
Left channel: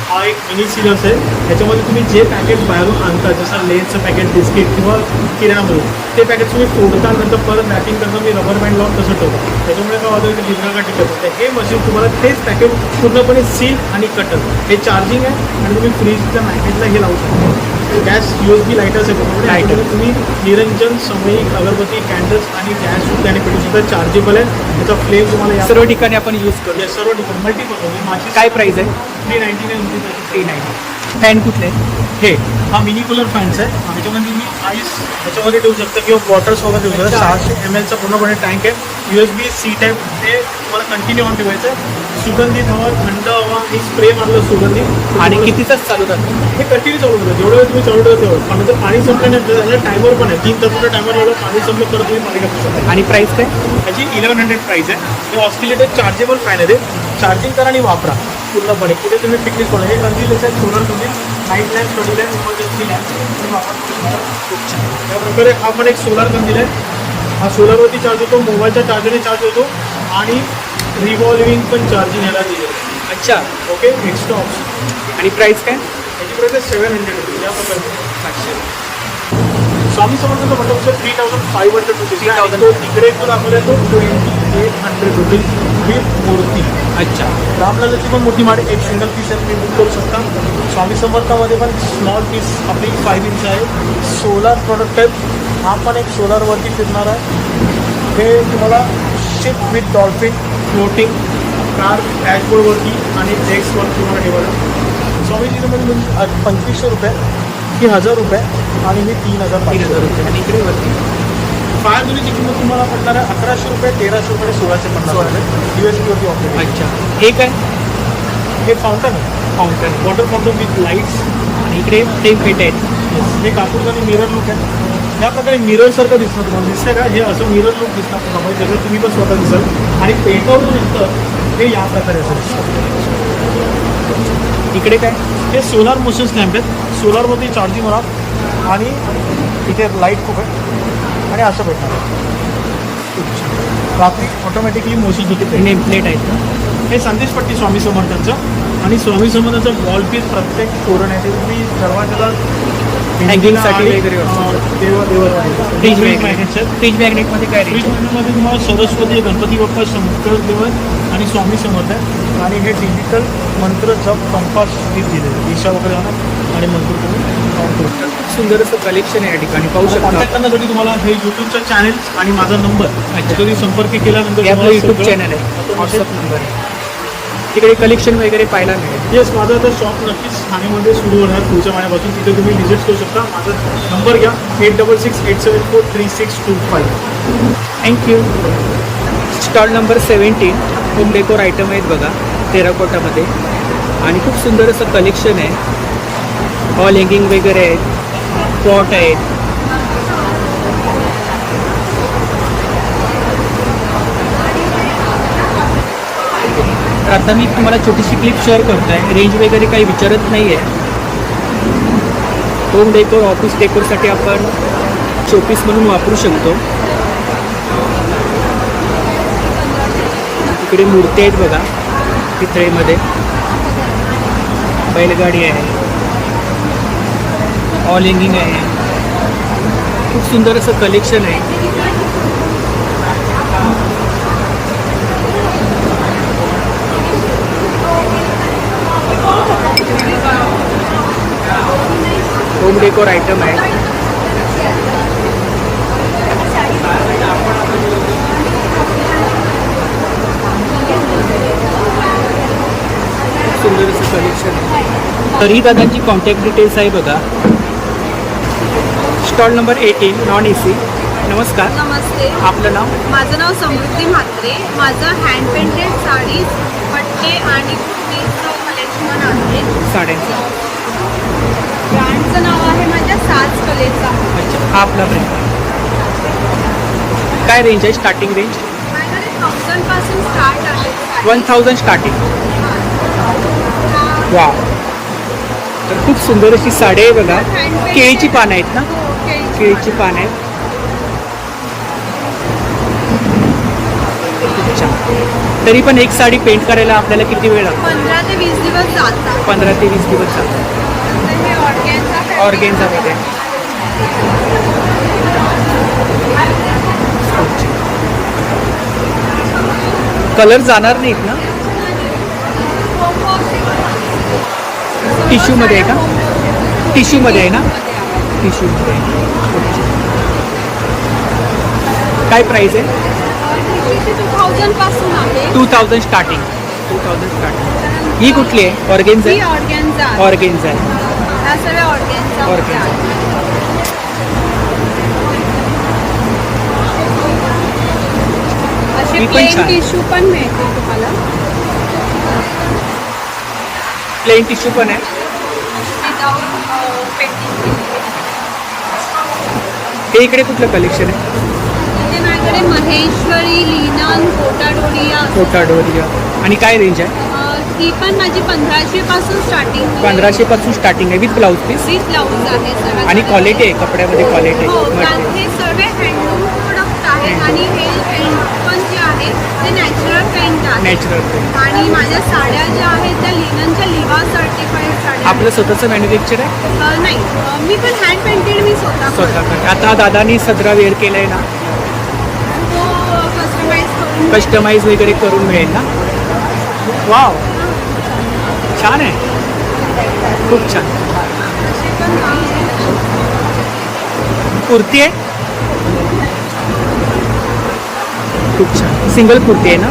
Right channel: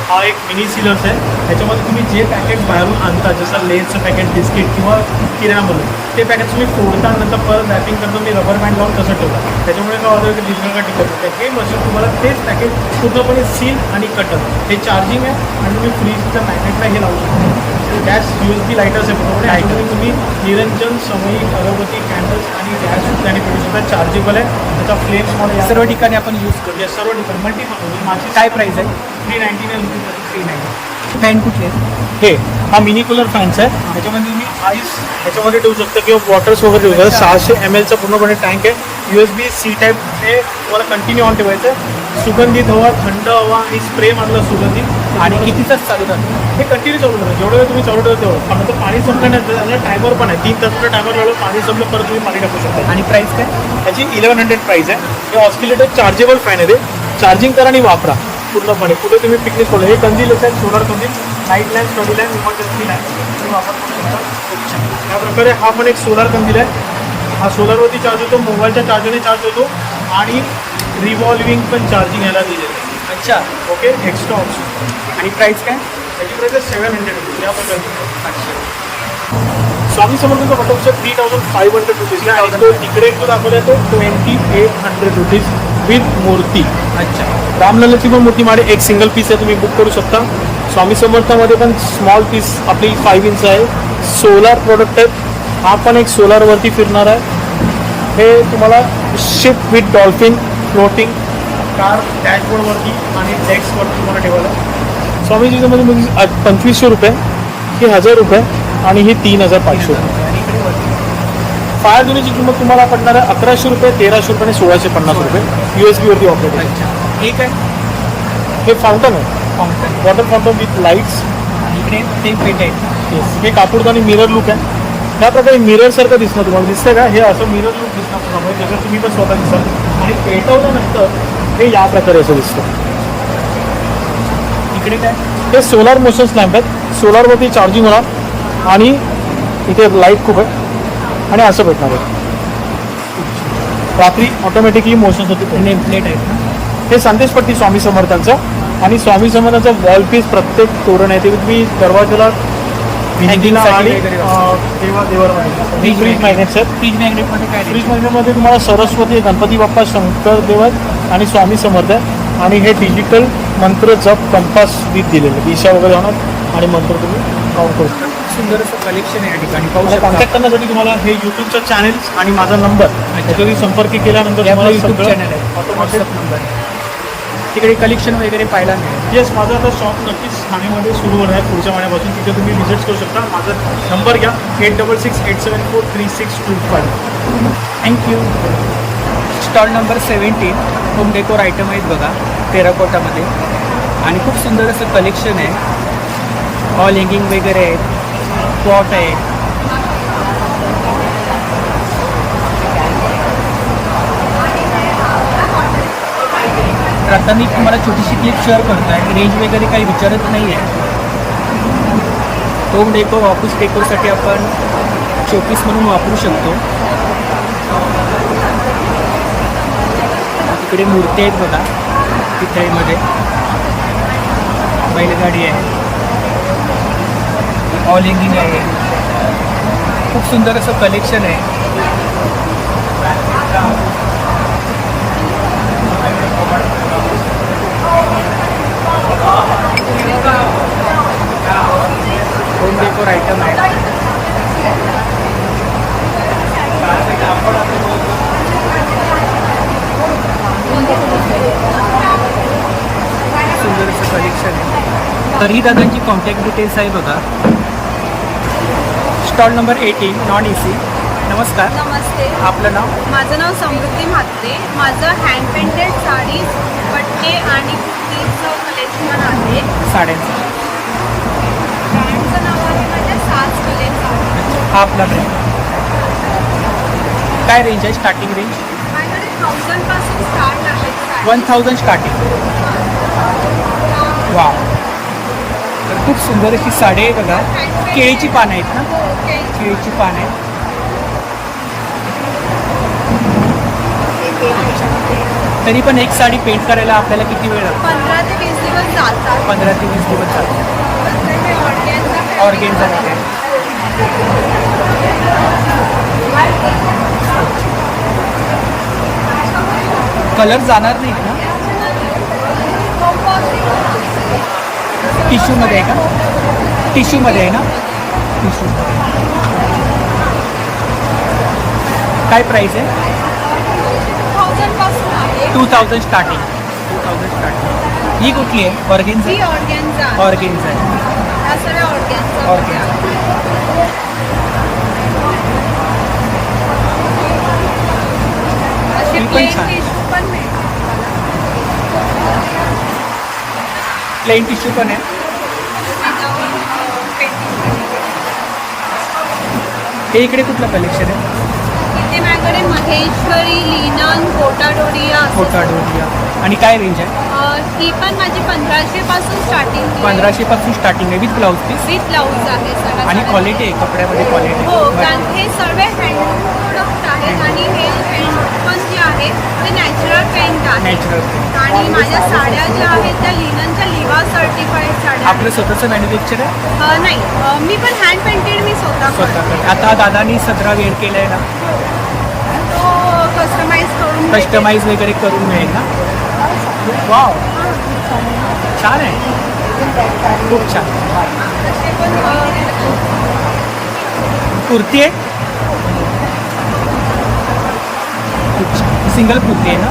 हा एक मिनी सिलर्स आहे. ह्याच्यामध्ये तुम्ही जे पॅकेट बाहेरून आणता, जसं लेसचं पॅकेट, बिस्किट किंवा किराणामधून, ते पॅकेट तुम्ही तोडता, नंतर परत रॅपिंग करता, मी रबर बँड लावून तसं ठेवता. त्याच्यामुळे काय होतं की दीर्घकाळ टिकत नाही. हे मशीन तुम्हाला तेच पॅकेट पूर्णपणे सील आणि कटर, हे चार्जिंग आहे आणि तुम्ही फ्रीजच्या मॅग्नेटला हे लावू शकता. गॅस USB लायटर्स आहे बरोबर आहे. Lighter. याच्यामध्ये तुम्ही निरंजन, समयिक, अगरबत्ती, कॅन्डल्स आणि गॅस सुद्धा आणि पेटू शकता. चार्जेबल आहे. त्याचा फ्लेम तुम्हाला या सर्व ठिकाणी आपण यूज करू. या सर्व ठिकाणी मल्टीपर्पज. माझी काय प्राइस आहे? 399 रुपीज. 390. फॅन कुठले? हे हा मिनी कूलर फॅन्स आहे. त्याच्यामध्ये तुम्ही आईस ह्याच्यामध्ये ठेवू शकता किंवा बॉटल्स वगैरे ठेवू शकता. 600 ml चा पूर्णपणे टँक आहे. USB-C type. हे तुम्हाला कंटिन्यू ऑन ठेवायचं. सुगंधित हवा, थंड हवा आणि स्प्रे मारलं सुगंधित. आणि किती तास चालू राहतं? हे कंटिन्यू चालू राहतं. जेवढं वेळ तुम्ही चालू ठेवता तेवढं. पण नंतर पाणी संपलं नाही त्याला टायमर पण आहे. 3 तासाचा टायमर लावलं, पाणी संपलं परत तुम्ही पाणी टाकू शकता. आणि प्राइस काय? त्याची 1100 प्राइस आहे. तो ऑस्किलेटर चार्जेबल फॅन आहे. ते चार्जिंग करा आणि वापरा पूर्णपणे. कुठे तुम्ही पिकनिक सोडा. हे कंदील असतात, सोलार कंदील, नाईट लॅम्प, कंदील लॅम्प, इमर्जन्सी लॅम्प तुम्ही वापर करू शकता. खूप छान. त्या प्रकारे हा पण एक सोलार कंदील आहे. हा सोलारवरती चार्ज होतो, मोबाईलच्या चार्जरने चार्ज होतो आणि रिव्हॉल्विंग पण चार्जिंग याला दिलेलं आहे. अच्छा. Okay, extra option. आणि प्राइस काय? याची प्राइस आहे 700 रुपीज. या प्रकारचे 700. स्वामी समर्थांचा म्हटलं 3500 रुपीज. 3000. इकडे त्यामध्ये तो 2800 रुपीज विथ मूर्ती. अच्छा. रामलल्लाची पण मोठी माडे एक सिंगल पीस आहे, तुम्ही बुक करू शकता. स्वामी समर्थामध्ये पण स्मॉल पीस आपली 5 इंच आहे. सोलार प्रोडक्ट आहे. हा पण एक सोलारवरती फिरणार आहे. हे तुम्हाला ship with dolphin floating car डॅशबोर्डवरती आणि डेस्कवरती तुम्हाला ठेवायला आहे. स्वामीजीमध्ये 2500 रुपये, ही 1000 रुपये आणि ही 3000 रुपये. आणि इकडे वरती फायर दोन्हीची किंमत तुम्हाला पडणार आहे 1100 रुपये, 1300 रुपये आणि 1650 रुपये. USB-वरती ऑपरेट. अच्छा. हे काय? हे फाउंटन आहे. Fountain. Water fountain with lights. आणि इकडे सेम पेट आहेत ना? येस. हे कापूरदानी मिरर लुक आहे. या प्रकारे मिरर सारखं दिसणार तुम्हाला. दिसतं का? हे असं मिरर लुक दिसणार पूर्ण. त्याच्यात तुम्ही पण स्वतः दिसाल. आणि पेटवल्यानंतर हे या प्रकारे असं दिसतं. इकडे काय? हे सोलार मोशन लॅम्प आहेत. सोलारवरती चार्जिंग होणार आणि इथे लाईट खूप आहे आणि असं भेटणार आहे. खूप छान. रात्री ऑटोमॅटिकली मोशन होती. नेम प्लेट आहेत ना? ते संदेशपट्टी स्वामी समर्थांचं आणि स्वामी समर्थांचा वॉल पीस प्रत्येक तोरण आहे. ते तुम्ही दरवाजाला हँगिंगसाठी वगैरे फ्रीज मॅग्नेटचं. फ्रीज मॅग्नेटमध्ये काय फ्रीज रेंज? मॅग्नेटमध्ये तुम्हाला सरस्वती, गणपती बाप्पा, शंकर देव आहेत आणि स्वामी समर्थ आहे. आणि हे डिजिटल मंत्र जप कंपास विथ दिलेले. दिशा वगैरे जाणार आणि मंत्र तुम्ही काउंट करू शकता. खूप सुंदर असं कलेक्शन आहे या ठिकाणी पाहू शकता. कॉन्टॅक्ट करण्यासाठी तुम्हाला हे युट्यूबच्या चॅनेल्स आणि माझा नंबर तुम्ही संपर्क केल्यानंतर हे आपलं युट्यूब चॅनल आहे, व्हॉट्सअप नंबर आहे. तिकडे कलेक्शन वगैरे पाहायला मिळेल. येस. माझं आता शॉप नक्कीच ठाणेमध्ये सुरू होणार आहे पुढच्या महिन्यापासून. तिथे तुम्ही व्हिजिट करू शकता. माझा नंबर घ्या 8668743625. Thank you. Stall number 17 home decor item आहेत बघा टेराकोटामध्ये आणि खूप सुंदर असं कलेक्शन आहे. हॉल हँगिंग वगैरे आहेत, पॉट आहेत. तर आता मी तुम्हाला छोटीशी क्लिप शेअर करतो आहे. रेंज वगैरे काही विचारत नाही आहे. होम डेकोर, ऑफिस डेकोरसाठी आपण शोपीस म्हणून वापरू शकतो. इकडे मूर्ती आहेत बघा पितळेमध्ये. बैलगाडी आहे, ऑल हँगिंग आहे. खूप सुंदर असं कलेक्शन आहे. होम डेकोर आयटम आहे. सुंदर असं कलेक्शन आहे. तर ही दादांची कॉन्टॅक्ट डिटेल्स आहे बघा. Stall number 18 non AC. नमस्कार. नमस्ते. आपलं नाव? माझं नाव समृद्धी म्हात्रे. माझं हँड पेंटेड साडीज, पट्टे आणि कुर्तीचं कलेक्शन आहे. साड्यांचं ब्रँडचं नाव आहे माझ्या साज कलेक्शन. अच्छा. हा आपला ब्रँड. काय रेंज आहे? स्टार्टिंग रेंज माझ्याकडे 1000 पासून स्टार्ट आहे. 1000 स्टार्टिंग. वा. तर खूप सुंदर अशी साडी आहे बघा. केळीची पानं आहेत ना? केळीची पानं आहेत. खूप छान. तरी पण एक साडी पेंट करायला आपल्याला किती वेळ लागतो? 15 ते 20 दिवस जातात. 15 ते 20 दिवस जातात. हे ऑर्गेन्झामध्ये. कलर जाणार नाहीत ना? टिश्यूमध्ये आहे का? टिश्यूमध्ये आहे ना? टिश्यूमध्ये. काय प्राइस आहे? 2000 पासून आहे. 2000 स्टार्टिंग. 2000 स्टार्टिंग. ही कुठली आहे? ऑर्गेन्झा ही आहे? ऑर्गेन्झा आहे. ऑर्गेन्झा आहे. ह्या सगळ्या ऑर्गेन्झा ऑर्गेन्झा. ही पण छान. टिश्यू पण मिळते. प्लेन टिश्यू पण आहे. हे इकडे कुठलं कलेक्शन आहे? इथे माझ्याकडे महेश्वरी, लिनन, कोटाडोरिया कोटाडोरिया. आणि काय रेंज आहे? ही पण माझी 1500 पासून स्टार्टिंग. 1500 पासून स्टार्टिंग आहे with blouse piece. With blouse आहे सगळं. आणि क्वालिटी आहे कपड्यामध्ये, क्वालिटी. हो, कारण हे सर्व हँडलूम प्रोडक्ट आहेत आणि हे पेंट पण जे आहे ते नॅचरल पेंट आहे. Natural paint. आणि माझ्या साड्या ज्या आहेत त्या लिननच्या लिवा सर्टिफाईड साड्या आपलं आहेत. स्वतःचं मॅन्युफॅक्चर आहे? नाही, मी पण हँड पेंटेड मी स्वतः स्वतः. आता दादानी सदरा वेअर केलाय ना, तो कस्टमाइज करून कस्टमाइज वगैरे करून मिळेल ना. वाव, छान आहे, खूप छान. असे पण कुर्ती आहे, खूप छान. सिंगल कुर्ती आहे ना.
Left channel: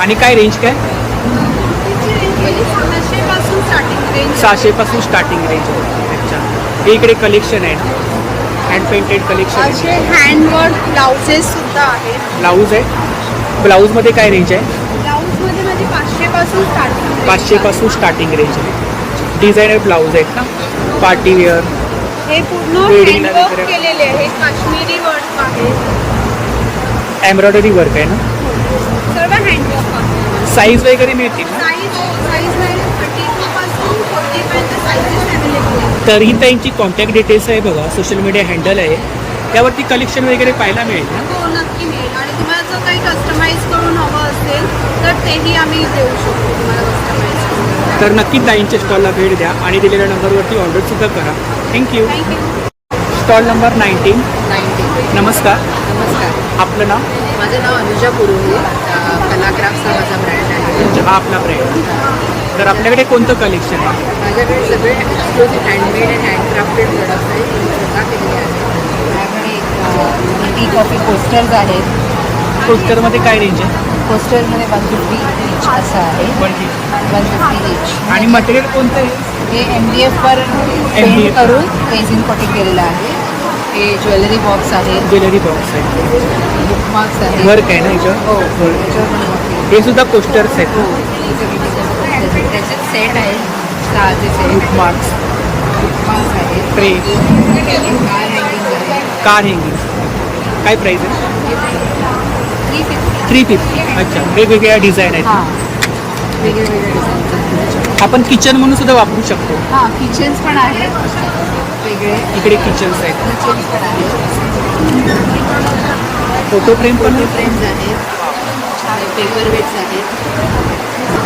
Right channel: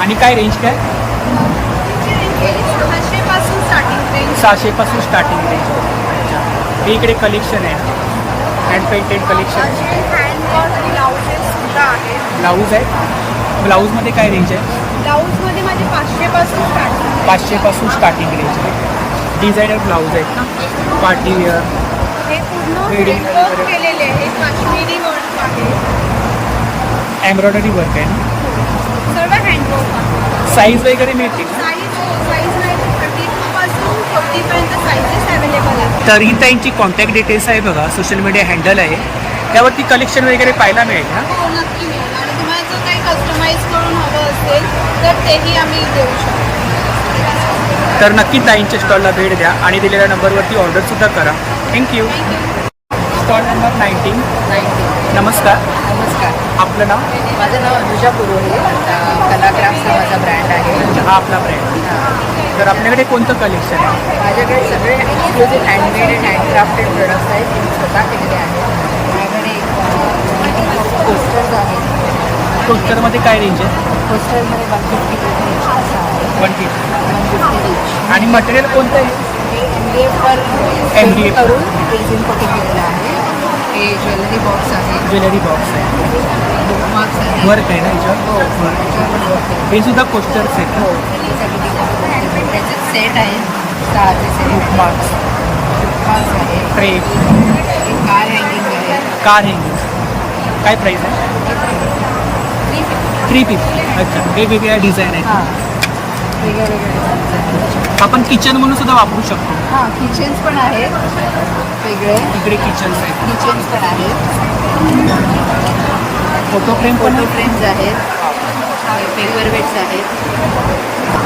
आणि काय रेंज काय? कुर्तीची रेंज 600 पासून स्टार्टिंग रेंज. 600 पासून स्टार्टिंग रेंज. अच्छा. हे इकडे कलेक्शन आहे ना, हँड पेंटेड कलेक्शन आहे. असे हँडवर्क ब्लाउजेस सुद्धा आहेत. ब्लाऊज आहे. ब्लाऊजमध्ये काय रेंज आहे? ब्लाऊजमध्ये माझे 500 पासून स्टार्टिंग. 500 पासून स्टार्टिंग रेंज आहे. डिझायनर ब्लाऊज आहेत ना, पार्टी वेअर. हे पूर्ण वेडिंगला हँडवर्क वगैरे. केलेले आहे. काश्मीरी वर्क आहे. एम्ब्रॉयडरी वर्क आहे ना. सर्व हँडवर्क आहे. साईज वगैरे मिळतील ना. साईज नाही 32 पासून 40 पर्यंत साईजेस अवेलेबल आहेत. तर ही त्यांची कॉन्टॅक्ट डिटेल्स आहे बघा, सोशल मीडिया हँडल आहे, त्यावरती कलेक्शन वगैरे पाहायला मिळेल ना. हो, नक्की मिळेल. आणि तुम्हाला जर काही कस्टमाइज करून हवं असेल तर तेही आम्ही देऊ शकतो तुम्हाला कस्टमाइज करून. तर नक्की ताईंच्या स्टॉलला भेट द्या आणि दिलेल्या नंबरवरती ऑर्डरसुद्धा करा. थँक्यू. Stall number 19. नमस्कार. नमस्कार, आपलं नाव? माझं नाव अनुजा पुरोहित. कलाक्राफ्ट हा माझा ब्रँड आहे. अच्छा, हा आपला ब्रँड. तर आपल्याकडे कोणतं कलेक्शन आहे? माझ्याकडे सगळे exclusive handmade and handcrafted products आहेत जे मी स्वतः केलेले आहेत. माझ्याकडे मल्टीपर्पज पोस्टर्स आहेत. पोस्टरमध्ये काय रेंज आहे? पोस्टरमध्ये 150 each असं आहे. 150. each. आणि मटेरियल कोणतं आहे? हे MDF वर MDF करून रेझिन कोटिंग केलेलं आहे. हे ज्वेलरी बॉक्स आहे, ज्वेलरी बॉक्स आहे, बुकमार्क्स आहे. वर्क आहे ना याच्यावर? हो, वर्क आहे. याच्यावर पण work आहे. हे सुद्धा पोस्टर्स आहेत हो, ना. हे सगळे डिझाईन त्याचे सेट आहे. स्टारचे सेट, बुकमार्क्स, बुकमार्क्स आहे. ट्रे, कार हँगिंग आहे. Car hanging. काय प्राइस आहे? हे 350. 350. अच्छा, वेगवेगळ्या डिझाईन आहेत. हां, वेगळ्या वेगळ्या डिझाईनचे आहेत. आपण किचन म्हणून सुद्धा वापरू शकतो. हां, किचन्स पण आहेत वेगळे. इकडे किचन्स आहेत, किचन्स पण आहेत. फोटो फ्रेम पण फोटो आहे. फ्रेम्स आहेत. पेपर वेट्स आहेत.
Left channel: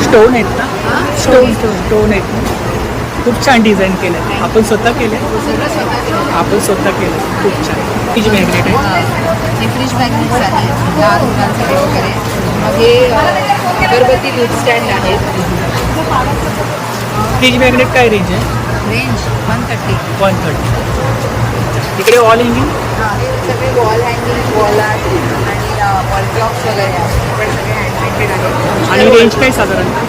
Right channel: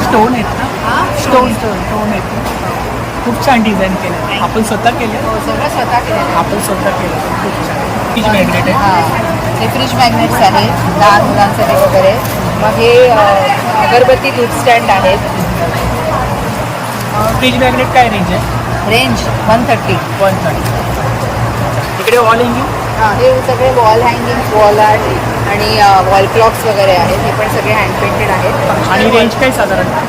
स्टोन आहेत ना. हां, स्टोन आहेत ना. खूप छान डिझाईन केलं. आपण स्वतः केले? हो, सगळं स्वतः केलं आहे. आपण स्वतः केलं. खूप छान. फ्रीज मॅग्नेट आहे. हां, हे फ्रीज मॅग्नेट्स आहेत लहान मुलांसाठी वगैरे. मग हे अगरबत्ती दूध स्टँड आहेत. फ्रीज मॅग्नेट काय रेंज आहे? रेंज 130. 130. इकडे वॉल हँगिंग. हे सगळे वॉल हँगिंग, वॉल आर्ट आणि वॉल क्लॉक्स वगैरे आहेत. हे पण सगळे हँड पेंटेड आहेत. आणि रेंज काय साधारणतः?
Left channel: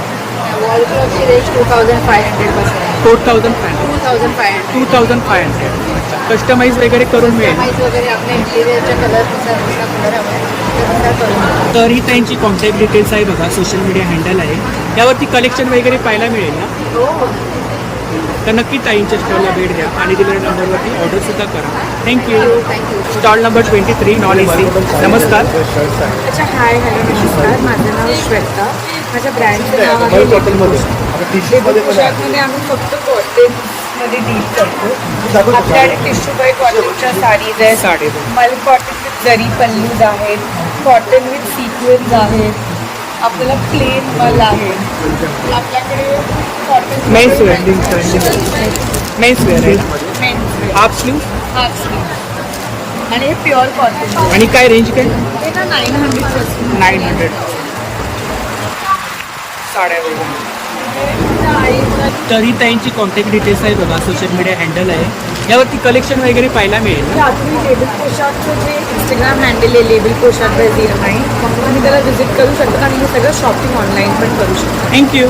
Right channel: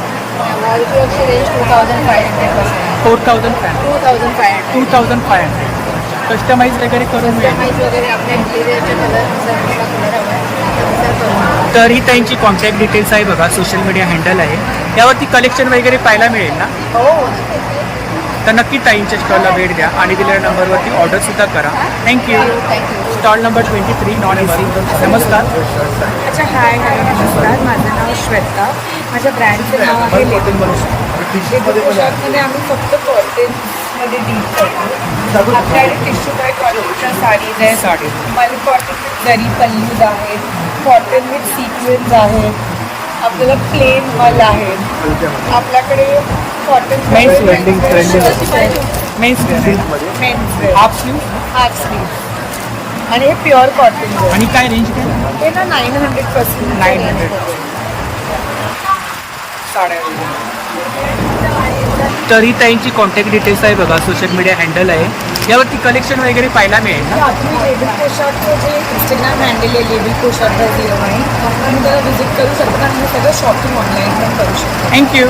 वॉल क्लॉकची रेंज 2500 पासून आहे. 4500. 2500. 2500. अच्छा, कस्टमाइज वगैरे करून मिळेल. कस्टमाइज वगैरे आपल्या इंटिरियरच्या कलरनुसार कुठला कलर हवा आहे त्यानुसार करून मिळेल. तर ही त्यांची कॉन्टॅक्ट डिटेल्स आहे बघा, सोशल मीडिया हँडल आहे, त्यावरती कलेक्शन वगैरे पाहायला मिळेल ना. हो, नक्की. तर नक्की ताईंच्या स्टॉलला भेट द्या आणि दिलेल्या नंबरवरती ऑर्डरसुद्धा करा. Thank you. Thank you. Stall number 23 non AC. नमस्कार. अच्छा, हाय, हॅलो, नमस्कार. माझं नाव श्वेता. माझ्या ब्रँडचं नाव आहे लेबल पोशाख. लेबल पोशाखमध्ये आम्ही फक्त कॉटनमध्ये डील करतो. आपल्याकडे टिश्यू बाय क्वालिटीच्या साडीज आहेत. साडी. मल कॉटन विथ जरी पल्लूज आहेत. कॉटन विथ सिक्वेन्स आहेत. आपल्याला प्लेन मल आहे. आपल्याकडे कॉटन मेन्स वेअर आहे ना. Men's wear, half sleeve. Half sleeve आणि हे प्युअर कॉटन. आणि काय रेंज काय? हे ना 900 पासून 900. साड्या वगैरे. तर ही ताईंची कॉन्टॅक्ट डिटेल्स आहे बघा, सोशल मीडिया हँडल आहे, यावरती कलेक्शन वगैरे पाहायला मिळेल ना. या तुम्ही लेबल पोशाखचं जे इंस्टाग्राम हँडल आहे लेबल पोशाख 09 तुम्ही त्याला व्हिजिट करू शकता आणि हे सगळं शॉपिंग ऑनलाईन पण करू शकता. थँक्यू.